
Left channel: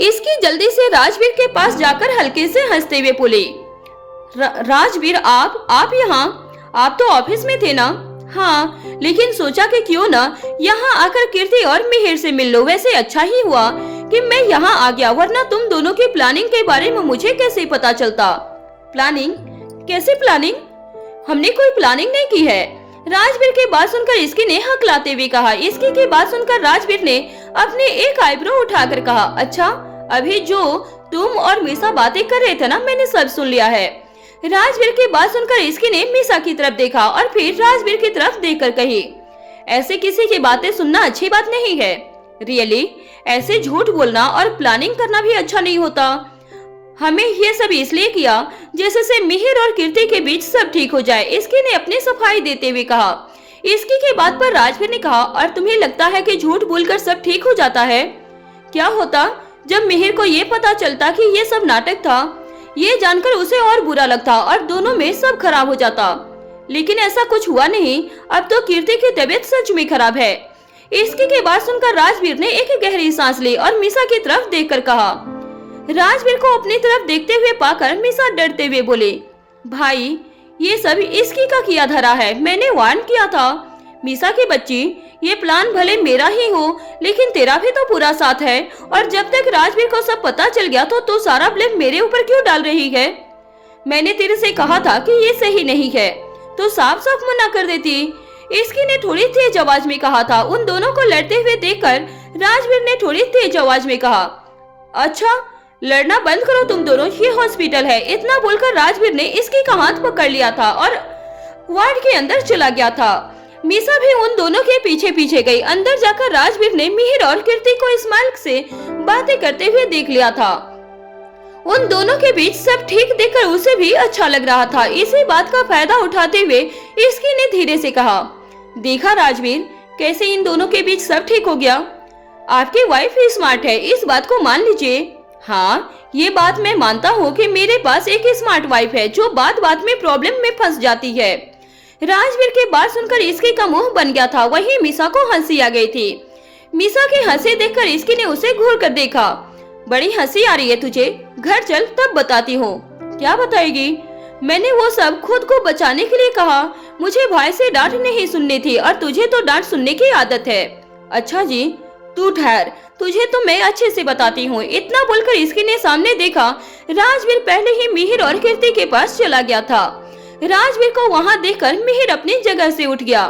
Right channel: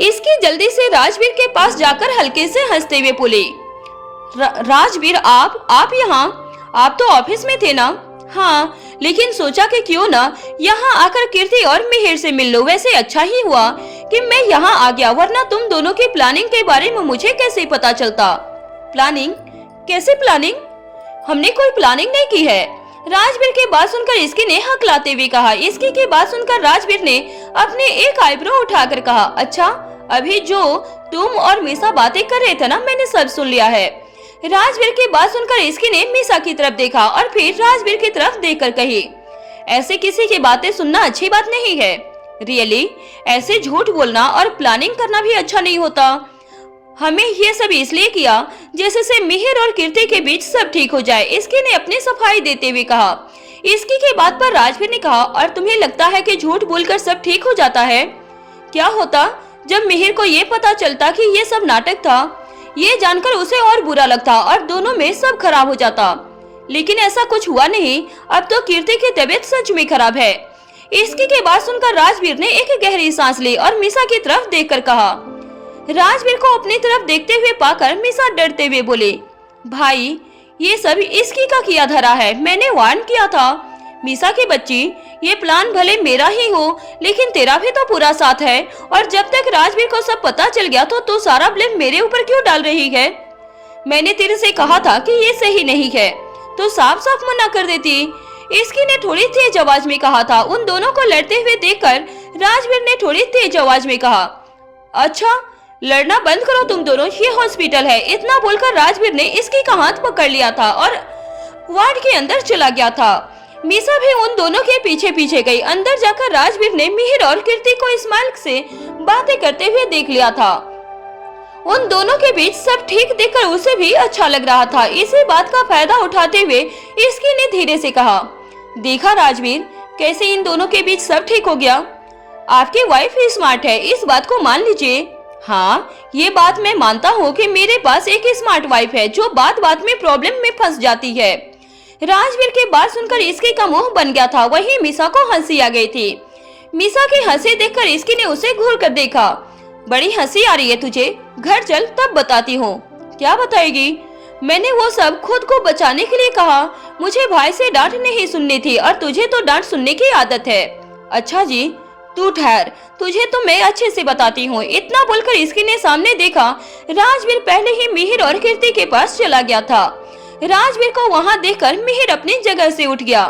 इसकी जल्दी से राजवीर के पास जाकर हल्के से हंसते हुए बोली, राजवीर आप यहाँ, आप तो ऑफिस में थे ना? हाँ, लेकिन सोचा कि क्यों ना यहाँ आकर कीर्ति और मिहिर से मिल लो। वैसे अच्छा ही हुआ कि मैं यहाँ आ गया, वरना तुम दोनों की प्लानिंग के बारे में मुझे कैसे पता चलता। प्लानिंग? कैसे प्लानिंग? हमने कोई प्लानिंग नहीं की है। राजवीर की बात सुनकर इसकी ने हकलाते हुए कहा। इसकी की बात सुनकर राजवीर ने अपने एक आईब्रो उठाकर कहा, अच्छा, अभी जो तुम और मीसा बातें कर रहे थे ना, मैंने सब सुन लिया है। राजवीर की बात सुनकर इसकी ने मीसा की तरफ देखा और फिर राजवीर की तरफ देखकर कही, ऐसे किसी की बातें सुनना अच्छी बात नहीं है। रियली, ऐसे झूठ बोलना और प्लानिंग करना भी अच्छा नहीं होता। हमें ये सब इसलिए किया जैसे मिहिर और कीर्ति के बीच सब ठीक हो जाए। इसकी ने अपनी सफाई देते हुए कहा। इसकी की बात पर राजवीर ने कहा, और तुम्हें लगता है कि झूठ बोलकर सब ठीक हो जाता है? क्या होता जब मिहिर को ये पता चलता कि ये सब नाटक था? ये जानकर उसे और बुरा लगता और दोनों में सब खराब हो जाता। लेकिन ऐसा कुछ हुआ नहीं। अब तो कीर्ति की तबीयत सच में खराब है। इसकी की बात सुनकर राजवीर ने एक गहरी सांस ली और मीसा की तरफ देखकर कहा। राजवीर को अपनी तरफ देखते हुए पाकर मीसा डरते हुए बोले, भाई ये सब इसकी का किया धरा है, मैंने वार्न किया था। मीसा की बच्ची, ये प्लान भले मेरा ही हो, लेकिन तेरा भी तो पूरा साथ है, और जब तक राजवीर को सब पता चल गया तो तू सारा ब्लेम मेरे ऊपर क्यों डाल रही है? मैंने तेरे से कहा था कि ये सही नहीं है, तो साफ साफ मना कर देती। इसकी ने थोड़ी तेज आवाज में कहा था। उन दोनों को लड़ते हुए देखकर राजवीर ने थोड़ी तेज आवाज में कहा, अच्छा, लड़ना बंद करो तुम दोनों, ये हॉस्पिटल है। इतना बोलकर राजवीर ने इसकी का हाथ पकड़ लिया था और वार्ड के अंदर चला गया था। मीसा भी उन दोनों के पीछे पीछे गई। अंदर जाकर राजवीर ने मिहिर और कीर्ति को स्माइल से बातें करते हुए देख लिया था। उन दोनों के बीच सब ठीक देखकर उसे भी अच्छा लग रहा था। इसी बात का फायदा उठाते हुए इसकी ने धीरे से कहा, देखा राजवीर, कैसे इन दोनों के बीच सब ठीक हो गया। आपकी वाइफ ही स्मार्ट है, इस बात को मान लीजिए। हाँ, ये बात मैं मानता हूँ कि मेरे पास एक स्मार्ट वाइफ है जो बात बात में प्रॉब्लम में फंस जाती है। राजवीर की बात सुनकर इसकी का मुंह बन गया था। वहीं मीसा को हंसी आ गई थी। मीसा की हंसी देखकर इसकी ने उसे घूर कर देखा। बड़ी हंसी आ रही है तुझे? घर चल तब बताती हूँ। क्या बताएगी? मैंने वो सब खुद को बचाने के लिए कहा। मुझे भाई से डांट नहीं सुननी थी और तुझे तो डांट सुनने की आदत है। अच्छा जी, तू ठहर, तुझे तो मैं अच्छे से बताती हूँ। इतना बोलकर इसकी ने सामने देखा। राजवीर पहले ही मिहिर और कीर्ति के पास चला गया था। राजवीर को वहाँ देखकर मिहिर अपनी जगह से उठ गया।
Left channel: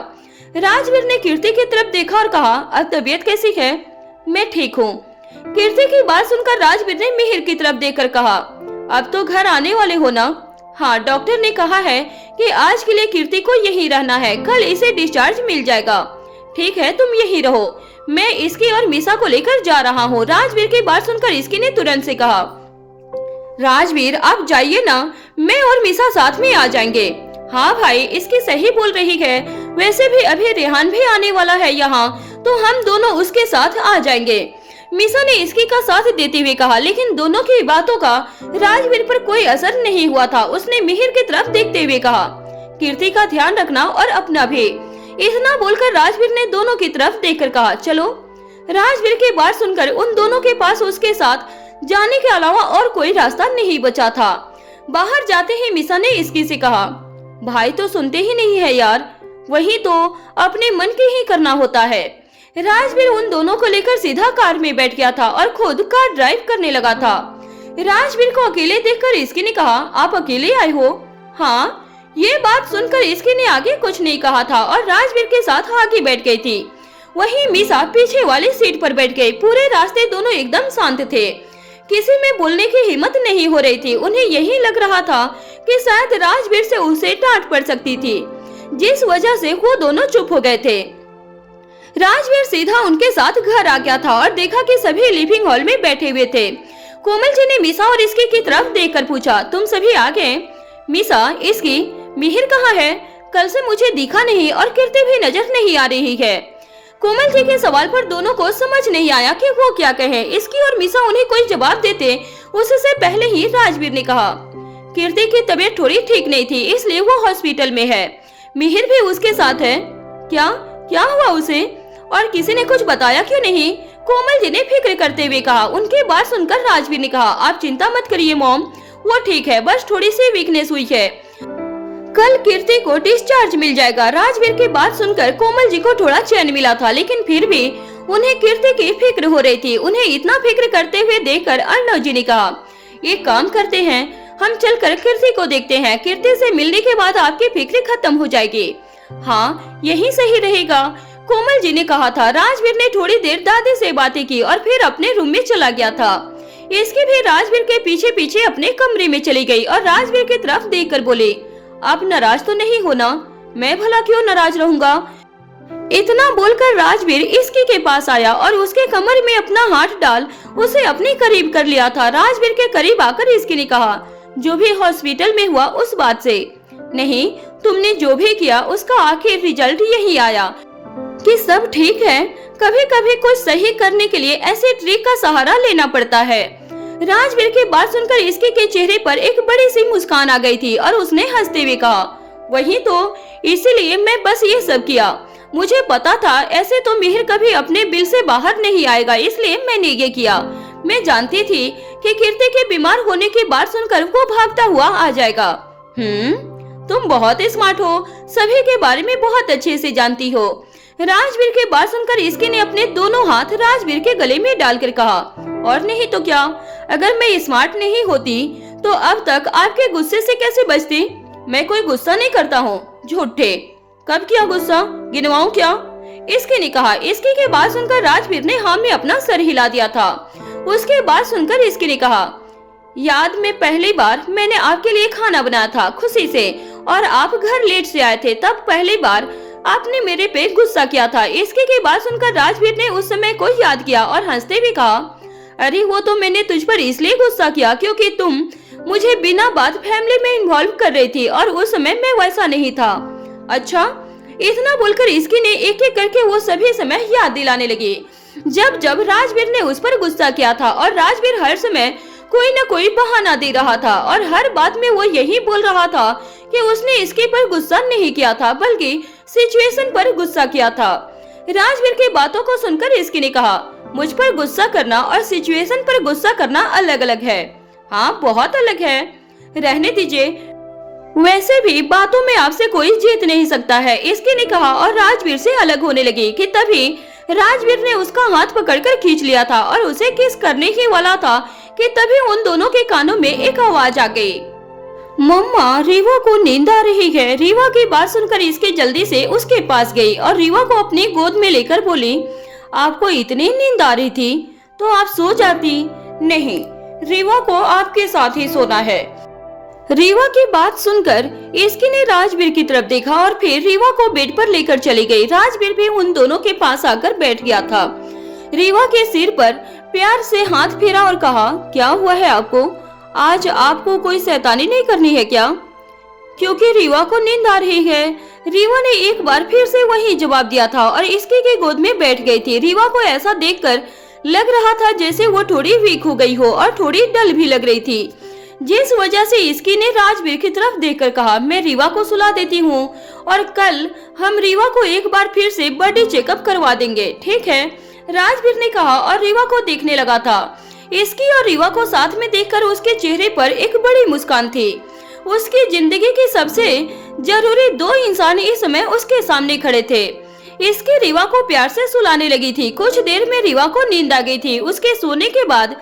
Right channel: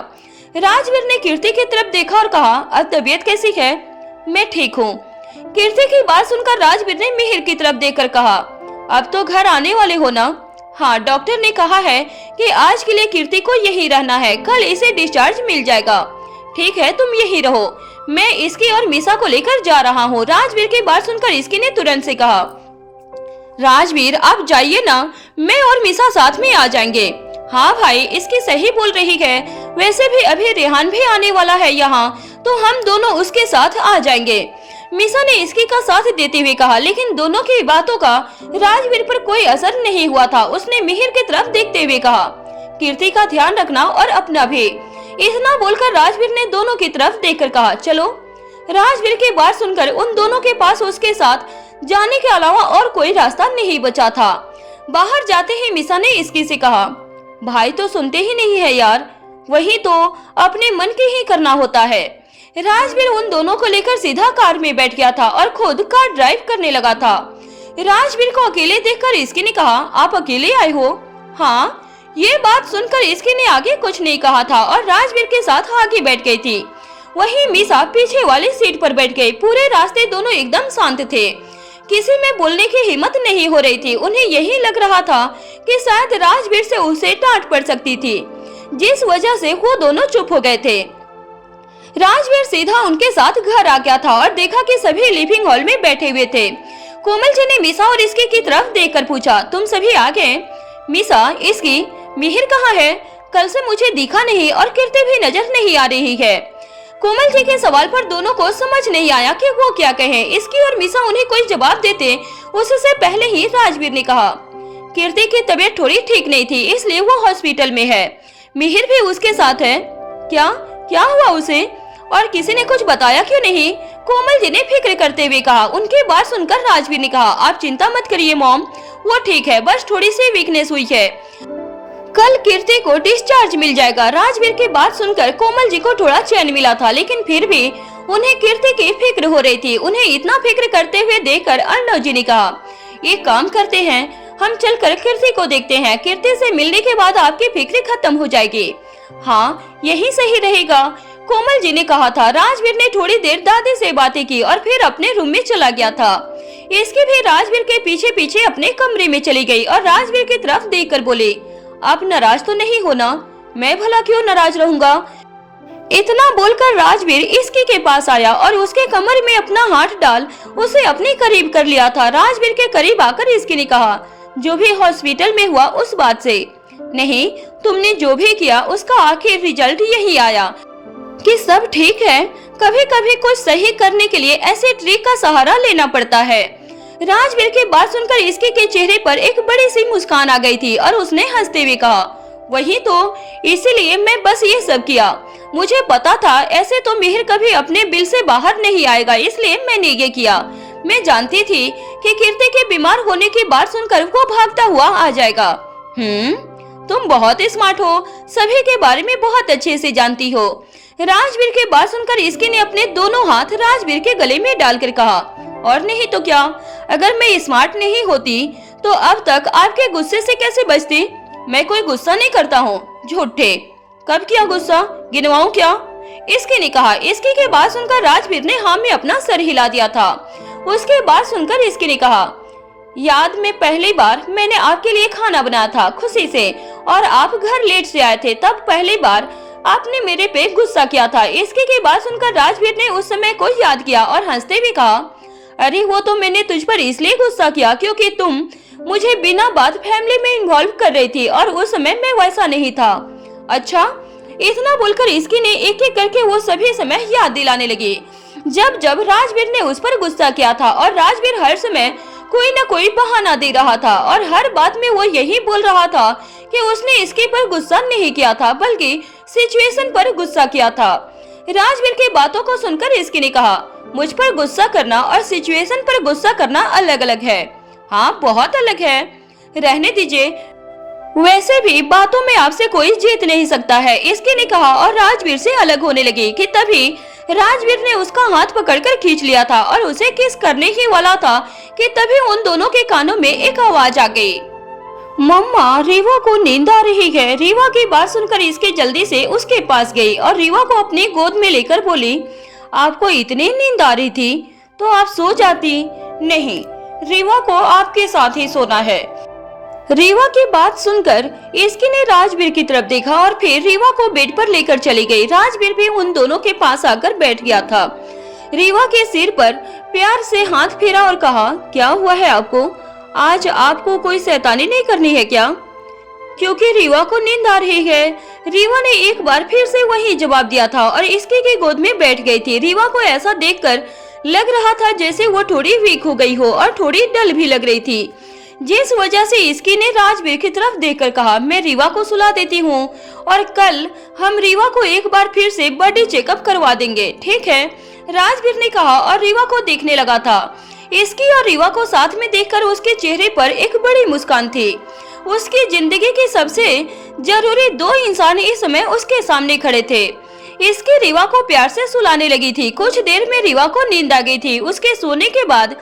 राजवीर ने कीर्ति की तरफ देखा और कहा, अब तबीयत कैसी है? मैं ठीक हूँ। कीर्ति की बात सुनकर राजवीर ने मिहिर की तरफ देखकर कहा, अब तो घर आने वाले हो ना? हाँ, डॉक्टर ने कहा है कि आज के लिए कीर्ति को यही रहना है, कल इसे डिस्चार्ज मिल जाएगा। ठीक है, तुम यही रहो, मैं इसकी और मीसा को लेकर जा रहा हूँ। राजवीर की बात सुनकर इसकी ने तुरंत से कहा, राजवीर आप जाइए ना, मैं और मीसा साथ में आ जाएंगे। हाँ भाई, इसकी सही बोल रही है। वैसे भी अभी रेहान भी आने वाला है यहाँ, तो हम दोनों उसके साथ आ जाएंगे। मीसा ने इसकी का साथ देते हुए कहा, लेकिन दोनों की बातों का राजवीर पर कोई असर नहीं हुआ था। उसने मिहिर की तरफ देखते हुए कहा, कीर्ति का ध्यान रखना और अपना भी। इतना बोलकर राजवीर ने दोनों की तरफ देखकर कहा, चलो। राजवीर की बात सुनकर उन दोनों के पास उसके साथ जाने के अलावा और कोई रास्ता नहीं बचा था। बाहर जाते ही मीसा ने इसकी से कहा, भाई तो सुनते ही नहीं है यार, वही तो अपने मन की ही करना होता है। राजवीर उन दोनों को लेकर सीधा कार में बैठ गया था और खुद कार ड्राइव करने लगा था। राजवीर को अकेले देखकर इसकी ने कहा, आप अकेले आए हो? हाँ। ये बात सुनकर इसकी ने आगे कुछ नहीं कहा था और राजवीर के साथ आगे बैठ गई थी। वहीं मीसा पीछे वाली सीट पर बैठ गई। पूरे रास्ते दोनों एकदम शांत थे, किसी में बोलने की हिम्मत नहीं हो रही थी। उन्हें यही लग रहा था कि शायद राजवीर से उसे डांट पड़ सकती थी, जिस वजह से वो दोनों चुप हो गए थे। राजवीर सीधा उनके साथ घर आ गया था और देखा कि सभी लिविंग हॉल में बैठे हुए थे। कोमल जी ने मीसा और इसकी की तरफ देखकर पूछा, तुम सभी आ गए? मीसा, इसकी, मिहिर कहाँ है? कल से मुझे दिखा नहीं और कीर्ति भी नजर नहीं आ रही है। कोमल जी के सवाल पर दोनों को समझ नहीं आया कि वो क्या कहे। इसकी और मीसा उन्हें कोई जवाब देते उससे पहले ही राजवीर ने कहा, कीर्ति की तबीयत थोड़ी ठीक नहीं थी, इसलिए वो हॉस्पिटल में है। मिहिर भी उसके साथ है। क्या क्या हुआ उसे? और किसी ने कुछ बताया क्यों नहीं? कोमल जी ने फिक्र करते हुए कहा। उनकी बात सुनकर राजवीर ने कहा, आप चिंता मत करिए मॉम, वो ठीक है, बस थोड़ी सी वीकनेस हुई है। कल कीर्ति को डिस्चार्ज मिल जाएगा। राजवीर की बात सुनकर कोमल जी को थोड़ा चैन मिला था, लेकिन फिर भी उन्हें कीर्ति की फिक्र हो रही थी। उन्हें इतना फिक्र करते हुए देखकर अर्णव जी ने कहा, एक काम करते हैं, हम चलकर कीर्ति को देखते हैं। कीर्ति से मिलने के बाद आपकी फिक्र खत्म हो जाएगी। हाँ, यही सही रहेगा, कोमल जी ने कहा था। राजवीर ने थोड़ी देर दादी से बातें की और फिर अपने रूम में चला गया था। इसकी भी राजवीर के पीछे पीछे अपने कमरे में चली गई और राजवीर की तरफ देखकर बोली, आप नाराज तो नहीं हो ना? मैं भला क्यों नाराज रहूंगा? इतना बोलकर राजवीर इसकी के पास आया और उसके कमर में अपना हाथ डाल उसे अपने करीब कर लिया था। राजवीर के करीब आकर इसकी ने कहा, जो भी हॉस्पिटल में हुआ उस बात से नहीं, तुमने जो भी किया उसका आखिर रिजल्ट यही आया कि सब ठीक है। कभी कभी कुछ सही करने के लिए ऐसे ट्रिक का सहारा लेना पड़ता है। राजवीर की बात सुनकर इसके के चेहरे पर एक बड़ी सी मुस्कान आ गई थी और उसने हंसते हुए कहा, वही तो, इसीलिए मैं बस ये सब किया। मुझे पता था ऐसे तो मिहिर कभी अपने बिल से बाहर नहीं आएगा, इसलिए मैंने ये किया। मैं जानती थी कि कीर्ति के बीमार होने की बात सुनकर वो भागता हुआ आ जाएगा। तुम बहुत स्मार्ट हो, सभी के बारे में बहुत अच्छे से जानती हो। राजवीर की बात सुनकर इसकी ने अपने दोनों हाथ राजवीर के गले में डालकर कहा, और नहीं तो क्या, अगर मैं स्मार्ट नहीं होती तो अब तक आपके गुस्से से कैसे बचती? मैं कोई गुस्सा नहीं करता हूँ, झूठे। कब किया गुस्सा? गिनवाऊं क्या? इसकी ने कहा। इसकी के बात सुनकर राजवीर ने हाँ में अपना सर हिला दिया था। उसके बाद सुनकर इसकी ने कहा, याद में पहली बार मैंने आपके लिए खाना बनाया था खुशी से, और आप घर लेट से आए थे, तब पहली बार आपने मेरे पे गुस्सा किया था। इसके की बात सुनकर राजवीर ने उस समय को याद किया और हंसते भी कहा, अरे वो तो मैंने तुझ पर इसलिए गुस्सा किया क्योंकि तुम मुझे बिना बात फैमिली में इन्वॉल्व कर रही थी और उस समय मैं वैसा नहीं था। अच्छा, इतना बोलकर इसकी ने एक एक करके वो सभी समय याद दिलाने लगी जब जब राजवीर ने उस पर गुस्सा किया था, और राजवीर हर समय कोई न कोई बहाना दे रहा था और हर बात में वो यही बोल रहा था कि उसने इसके पर गुस्सा नहीं किया था बल्कि सिचुएशन पर गुस्सा किया था। राजवीर की बातों को सुनकर इसकी ने कहा, मुझ पर गुस्सा करना और सिचुएशन पर गुस्सा करना अलग अलग है। हाँ, बहुत अलग है, रहने दीजिए, वैसे भी बातों में आपसे कोई जीत नहीं सकता है, इसकी ने कहा और राजवीर से अलग होने लगी कि तभी राजवीर ने उसका हाथ पकड़कर खींच लिया था और उसे किस करने ही वाला था कि तभी उन दोनों के कानों में एक आवाज आ गई, मम्मा, रीवा को नींद आ रही है। रीवा की बात सुनकर इसकी जल्दी से उसके पास गई और रीवा को अपनी गोद में लेकर बोली, आपको इतनी नींद आ रही थी तो आप सो जाती। नहीं, रीवा को आपके साथ ही सोना है। रीवा की बात सुनकर इसकी ने राजवीर की तरफ देखा और फिर रीवा को बेड पर लेकर चली गई। राजवीर भी उन दोनों के पास आकर बैठ गया था। रीवा के सिर पर प्यार से हाथ फेरा और कहा, क्या हुआ है आपको? आज आपको कोई शैतानी नहीं करनी है क्या? क्योंकि रीवा को नींद आ रही है। रीवा ने एक बार फिर से वही जवाब दिया था और इसकी की गोद में बैठ गई थी। रीवा को ऐसा देखकर लग रहा था जैसे वो थोड़ी वीक हो गई हो और थोड़ी डल भी लग रही थी, जिस वजह से इसकी ने राजवीर की तरफ देखकर कहा, मैं रीवा को सुला देती हूँ और कल हम रीवा को एक बार फिर से बॉडी चेकअप करवा देंगे, ठीक है? राजवीर ने कहा और रीवा को देखने लगा था। इसकी और रीवा को साथ में देखकर उसके चेहरे पर एक बड़ी मुस्कान थी। उसकी जिंदगी के सबसे जरूरी दो इंसान इस समय उसके सामने खड़े थे। इसकी रीवा को प्यार से सुलाने लगी थी। कुछ देर में रीवा को नींद आ गई थी। उसके सोने के बाद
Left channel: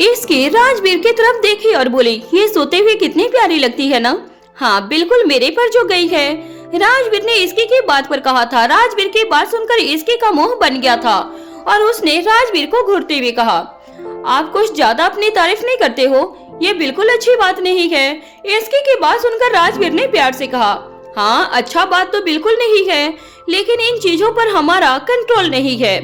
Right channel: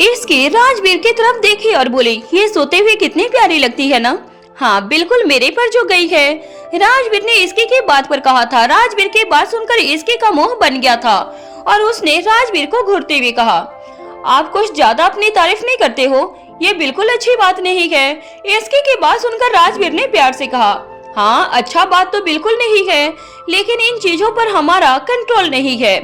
इसकी राजवीर की तरफ देखी और बोली, ये सोते हुए कितनी प्यारी लगती है ना। हाँ बिल्कुल मेरे पर जो गई है। राजवीर ने इसकी की बात पर कहा था। राजवीर की बात सुनकर इसकी का मोह बन गया था और उसने राजवीर को घूरते हुए कहा, आप कुछ ज्यादा अपनी तारीफ नहीं करते हो, ये बिल्कुल अच्छी बात नहीं है। इसकी की बात सुनकर राजवीर ने प्यार से कहा, हाँ अच्छा बात तो बिल्कुल नहीं है, लेकिन इन चीजों पर हमारा कंट्रोल नहीं है।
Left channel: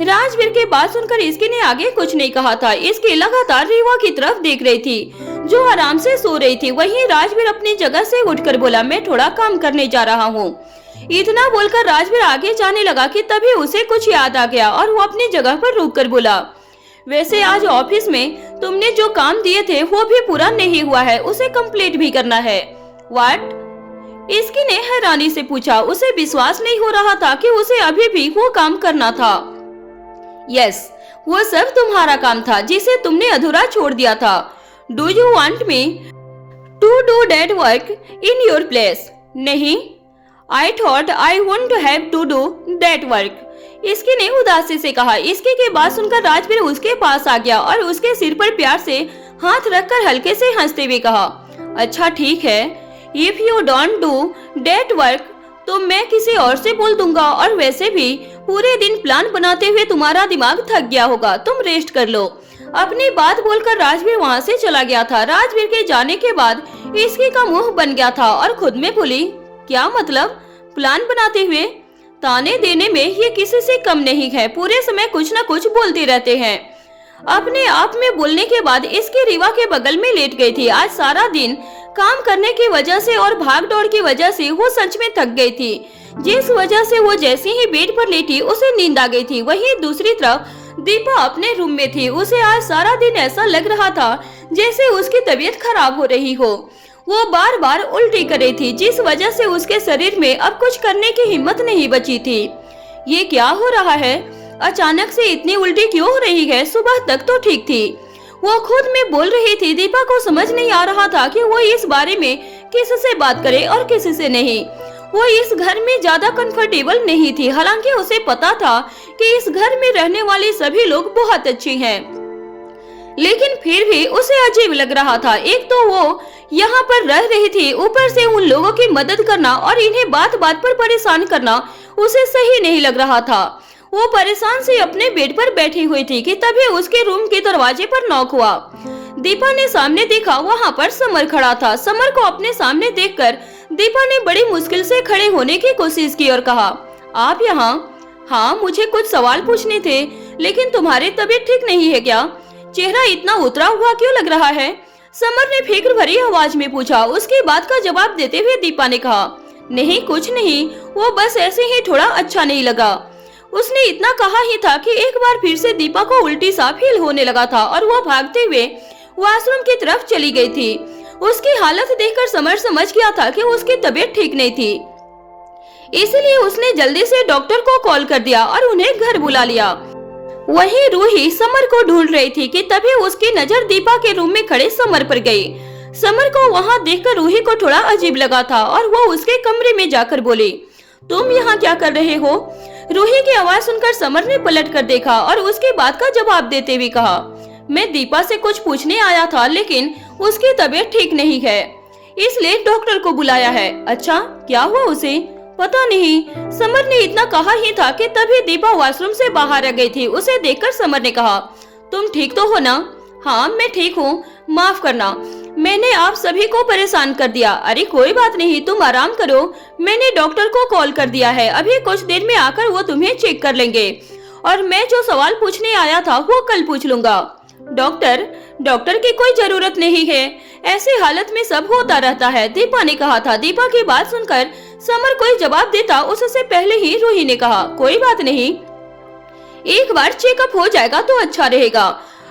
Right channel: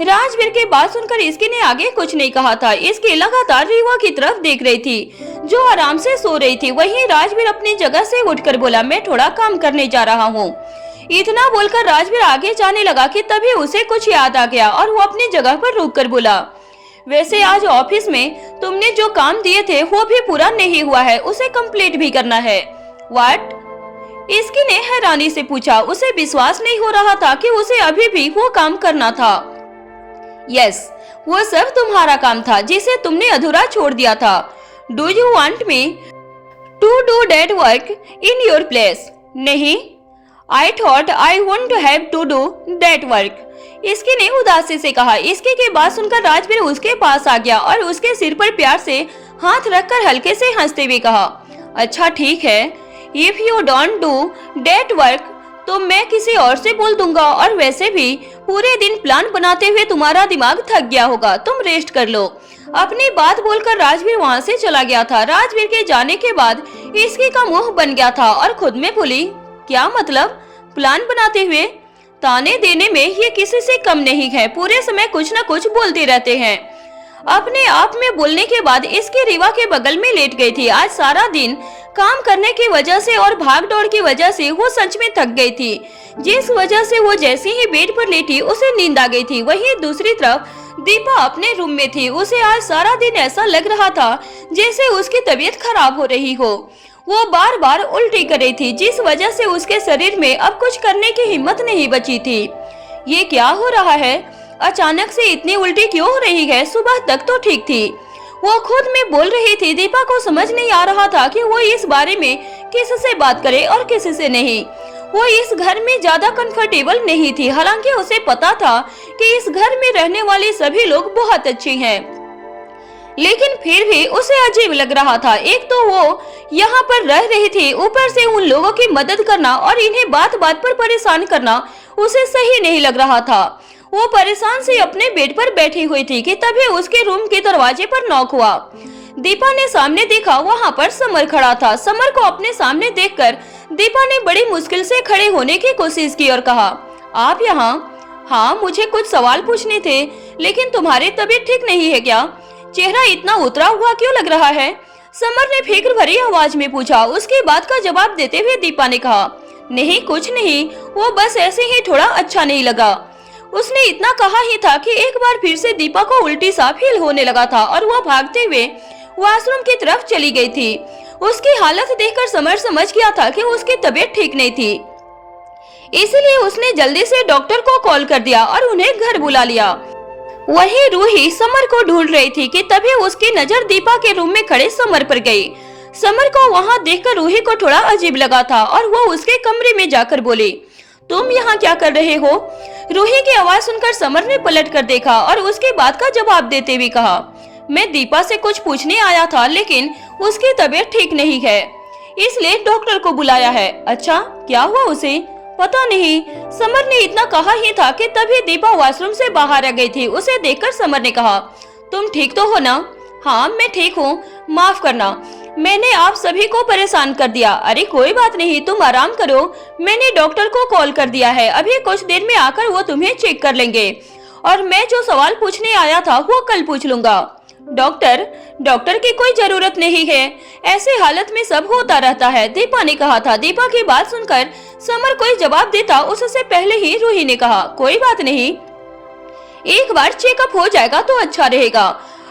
राजवीर की बात सुनकर इसकी ने आगे कुछ नहीं कहा था। इसकी लगातार रीवा की तरफ देख रही थी जो आराम से सो रही थी। वहीं राजवीर अपनी जगह से उठकर बोला, मैं थोड़ा काम करने जा रहा हूँ। इतना बोलकर राजवीर आगे जाने लगा कि तभी उसे कुछ याद आ गया और वो अपनी जगह पर रुककर बोला, वैसे आज ऑफिस में तुमने जो काम दिए थे वो भी पूरा नहीं हुआ है, उसे कंप्लीट भी करना है। व्हाट? इसकी ने हैरानी से पूछा। उसे विश्वास नहीं हो रहा था कि उसे अभी भी वो काम करना था। यस, वो सब तुम्हारा काम था जिसे तुमने अधूरा छोड़ दिया था। Do you want me to do that work in your place? नहीं, I thought I want to have to do that work. इसकी ने उदासी से कहा। इसकी की बात सुनकर राजवीर उसके पास आ गया और उसके सिर पर प्यार से हाथ रखकर हल्के से हंसते हुए कहा, अच्छा ठीक है, if you don't do that work तो मैं किसी और से बोल दूंगा, और वैसे भी पूरे दिन प्लान बनाते हुए तुम्हारा दिमाग थक गया होगा, तुम रेस्ट कर लो। अपनी बात बोलकर राजवीर वहाँ से चला गया था। राजवीर के जाने के बाद इसकी का मुंह बन गया था और खुद में बोली, क्या मतलब प्लान बनाते हुए? ताने देने में ये किसी से कम नहीं है, पूरे समय कुछ न कुछ बोलते रहते हैं। अपने आप में बोलने के बाद इसकी रीवा के बगल में लेट गई थी। आज सारा दिन काम करने की वजह से और भाग दौड़ की वजह से वो सच में थक गई थी, जिस वजह से वो जैसे ही बेड पर लेटी उसे नींद आ गई थी। वहीं दूसरी तरफ दीपा अपने रूम में थी। उसे आज सारा दिन ऐसा लग रहा था जैसे उसकी तबीयत खराब हो रही हो। वो बार बार उल्टी कर रही थी, जिस वजह से उसके शरीर में अब कुछ करने की हिम्मत नहीं बची थी। ये क्या हो रहा है? अचानक से इतनी उल्टी क्यों हो रही है? सुबह तक तो ठीक थी। वो खुद में बोल रही थी। दीपा को समझ नहीं आ रहा था कि वो इस बारे में किससे बात करे और किससे नहीं। वो इस घर में ज्यादा कंफर्टेबल नहीं थी, हालांकि उसे पता था कि इस घर में रहने वाले सभी लोग बहुत अच्छे हैं, लेकिन फिर भी उसे अजीब लग रहा था। एक तो वो यहाँ पर रह रही थी, ऊपर से उन लोगों की मदद करना और इन्हें बात बात पर परेशान करना उसे सही नहीं लग रहा था। वो परेशान से अपने बेड पर बैठी हुई थी कि तभी उसके रूम के दरवाजे पर नॉक हुआ। दीपा ने सामने देखा, वहाँ पर समर खड़ा था। समर को अपने सामने देखकर दीपा ने बड़ी मुश्किल से खड़े होने की कोशिश की और कहा, आप यहाँ? हाँ, मुझे कुछ सवाल पूछने थे, लेकिन तुम्हारी तबीयत ठीक नहीं है क्या? चेहरा इतना उतरा हुआ क्यों लग रहा है? समर ने फिक्र भरी आवाज में पूछा। उसकी बात का जवाब देते हुए दीपा ने कहा, नहीं कुछ नहीं, वो बस ऐसे ही थोड़ा अच्छा नहीं लगा। उसने इतना कहा ही था कि एक बार फिर से दीपा को उल्टी सा फील होने लगा था और वो भागते हुए वॉशरूम की तरफ चली गई थी। उसकी हालत देखकर समर समझ गया था कि उसकी तबीयत ठीक नहीं थी, इसलिए उसने जल्दी से डॉक्टर को कॉल कर दिया और उन्हें घर बुला लिया। वहीं रूही समर को ढूंढ रही थी कि तभी उसकी नजर दीपा के रूम में खड़े समर पर गई। समर को वहां देखकर रूही को थोड़ा अजीब लगा था और वो उसके कमरे में जाकर बोली, तुम यहाँ क्या कर रहे हो? रूही की आवाज सुनकर समर ने पलट कर देखा और उसकी बात का जवाब देते हुए कहा, मैं दीपा से कुछ पूछने आया था, लेकिन उसकी तबीयत ठीक नहीं है, इसलिए डॉक्टर को बुलाया है। अच्छा, क्या हुआ उसे? पता नहीं। समर ने इतना कहा ही था कि तभी दीपा वॉशरूम से बाहर आ गई थी। उसे देखकर समर ने कहा, तुम ठीक तो हो ना? हाँ मैं ठीक हूँ, माफ करना, मैंने आप सभी को परेशान कर दिया। अरे कोई बात नहीं, तुम आराम करो, मैंने डॉक्टर को कॉल कर दिया है, अभी कुछ देर में आकर वो तुम्हें चेक कर लेंगे और मैं जो सवाल पूछने आया था वो कल पूछ लूंगा। डॉक्टर की कोई जरूरत नहीं है, ऐसे हालत में सब होता रहता है, दीपा ने कहा था। दीपा की बात सुनकर समर कोई जवाब देता उससे पहले ही रूही ने कहा, कोई बात नहीं, एक बार चेकअप हो जाएगा तो अच्छा रहेगा,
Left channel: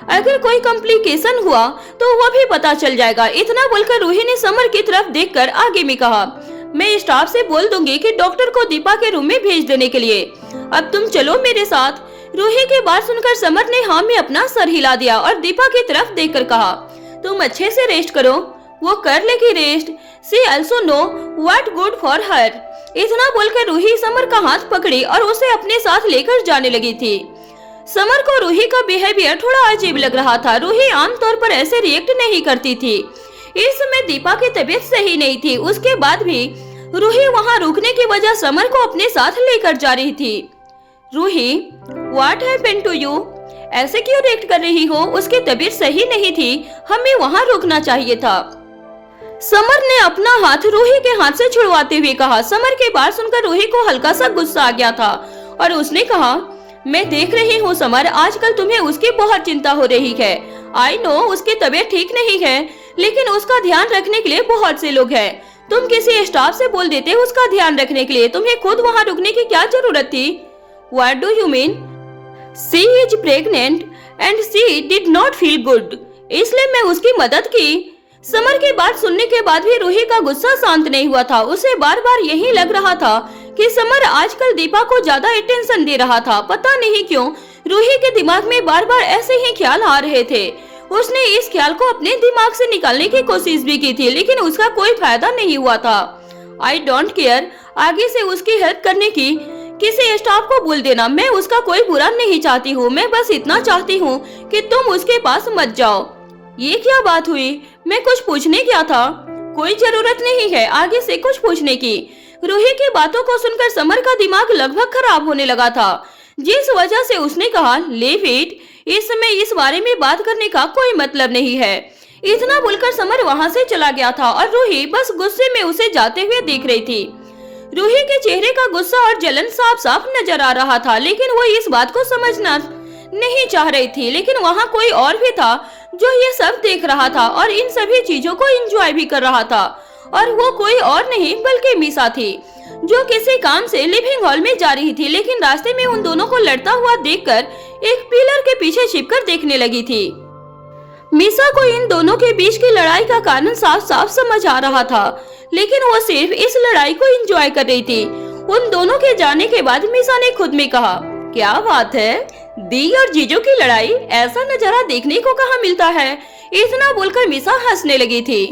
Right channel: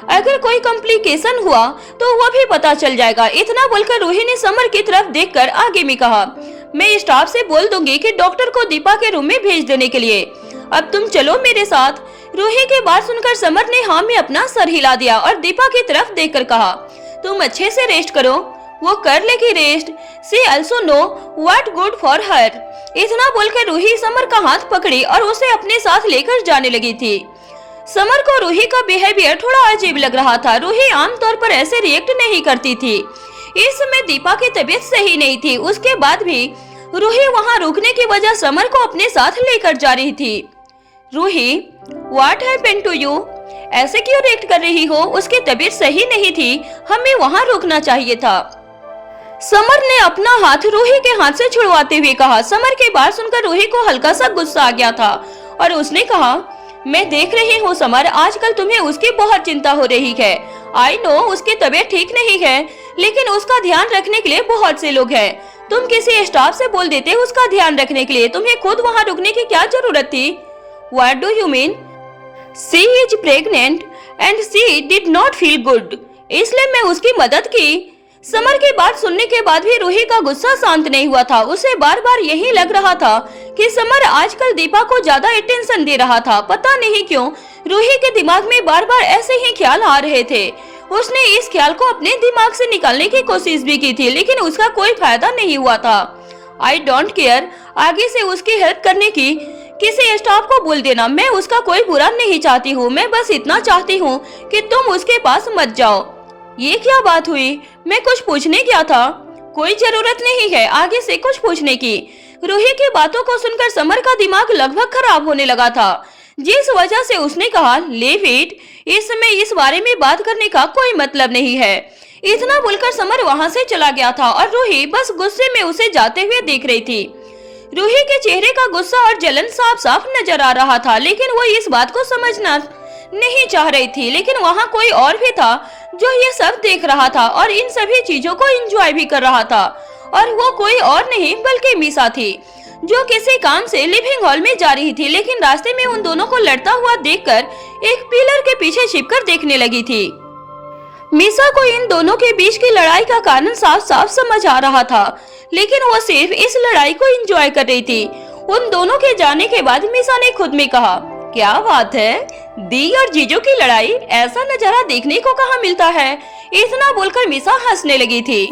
अगर कोई कॉम्प्लिकेशन हुआ तो वो भी पता चल जाएगा। इतना बोलकर रूही ने समर की तरफ देखकर आगे में कहा, मैं स्टाफ से बोल दूंगी कि डॉक्टर को दीपा के रूम में भेज देने के लिए, अब तुम चलो मेरे साथ। रूही की बात सुनकर समर ने हाँ में अपना सर हिला दिया और दीपा की तरफ देखकर कहा, तुम अच्छे से रेस्ट करो, वो कर लेगी rest, she also know what good for her. इतना बोलकर रूही समर का हाथ पकड़ी और उसे अपने साथ लेकर जाने लगी थी। समर को रूही का बिहेवियर थोड़ा अजीब लग रहा था। रूही आमतौर पर ऐसे रिएक्ट नहीं करती थी। इस समय दीपा की तबीयत सही नहीं थी। उसके बाद भी रूही वहां रुकने की वजह समर को अपने साथ लेकर जा रही थी। Ruhi, what happened to you? ऐसे क्यों रिएक्ट कर रही हो? उसकी तबीयत सही नहीं थी, हमें वहां रुकना चाहिए था। समर ने अपना हाथ रूही के हाथ से छुड़वाते हुए कहा। समर की बात सुनकर रूही को हल्का सा गुस्सा आ गया था और उसने कहा, मैं देख रही हूँ समर, आजकल तुम्हें उसकी बहुत चिंता हो रही है। आई नो उसकी तबीयत ठीक नहीं है, लेकिन उसका ध्यान रखने के लिए बहुत से लोग हैं। तुम किसी स्टाफ से बोल देते उसका ध्यान रखने के लिए, तुम्हें खुद वहाँ रुकने की क्या जरूरत थी? What do you mean? She is pregnant and she did not feel good. इसलिए मैं उसकी मदद की। समर की बात सुनने के बाद भी रूही का गुस्सा शांत नहीं हुआ था। उसे बार बार यही लग रहा था कि समर आजकल दीपा को ज्यादा अटेंशन दे रहा था। पता नहीं क्यों रूही के दिमाग में बार बार ऐसे ही ख्याल आ रहे थे। उसने इस ख्याल को अपने दिमाग से निकालने की कोशिश भी की थी, लेकिन उसका कोई फायदा नहीं हुआ था। आई डोंट केयर, आगे से उसकी हेल्प करने की किसी स्टाफ को बोल देना। मैं उसका कोई बुरा नहीं चाहती हूँ, मैं बस इतना चाहती हूँ कि तुम उसके पास मत जाओ। ये क्या बात हुई? मैं कुछ पूछने गया था। कोई जरूरत नहीं है आगे से कुछ पूछने की। रूही की बातों को सुनकर समर का दिमाग लगभग खराब होने लगा था, जिस वजह से उसने कहा, लीव इट, इस समय इस बारे में बात करने का कोई मतलब नहीं है। इतना बोलकर समर वहां से चला गया था और रूही बस गुस्से में उसे जाते हुए देख रही थी। रूही के चेहरे का गुस्सा और जलन साफ साफ नजर आ रहा था, लेकिन वो इस बात को समझना नहीं चाह रही थी। लेकिन वहाँ कोई और भी था जो ये सब देख रहा था और इन सभी चीजों को एंजॉय भी कर रहा था, और वो कोई और नहीं बल्कि मीसा थी, जो किसी काम से लिविंग हॉल में जा रही थी। लेकिन रास्ते में उन दोनों को लड़ता हुआ देखकर एक पिलर के पीछे छिपकर देखने लगी थी। मीसा को इन दोनों के बीच की लड़ाई का कारण साफ साफ समझ आ रहा था, लेकिन वो सिर्फ इस लड़ाई को एंजॉय कर रही थी। उन दोनों के जाने के बाद मीसा ने खुद में कहा, क्या बात है, दी और जीजू की लड़ाई, ऐसा नजारा देखने को कहाँ मिलता है। इतना बोलकर मीसा हंसने लगी थी।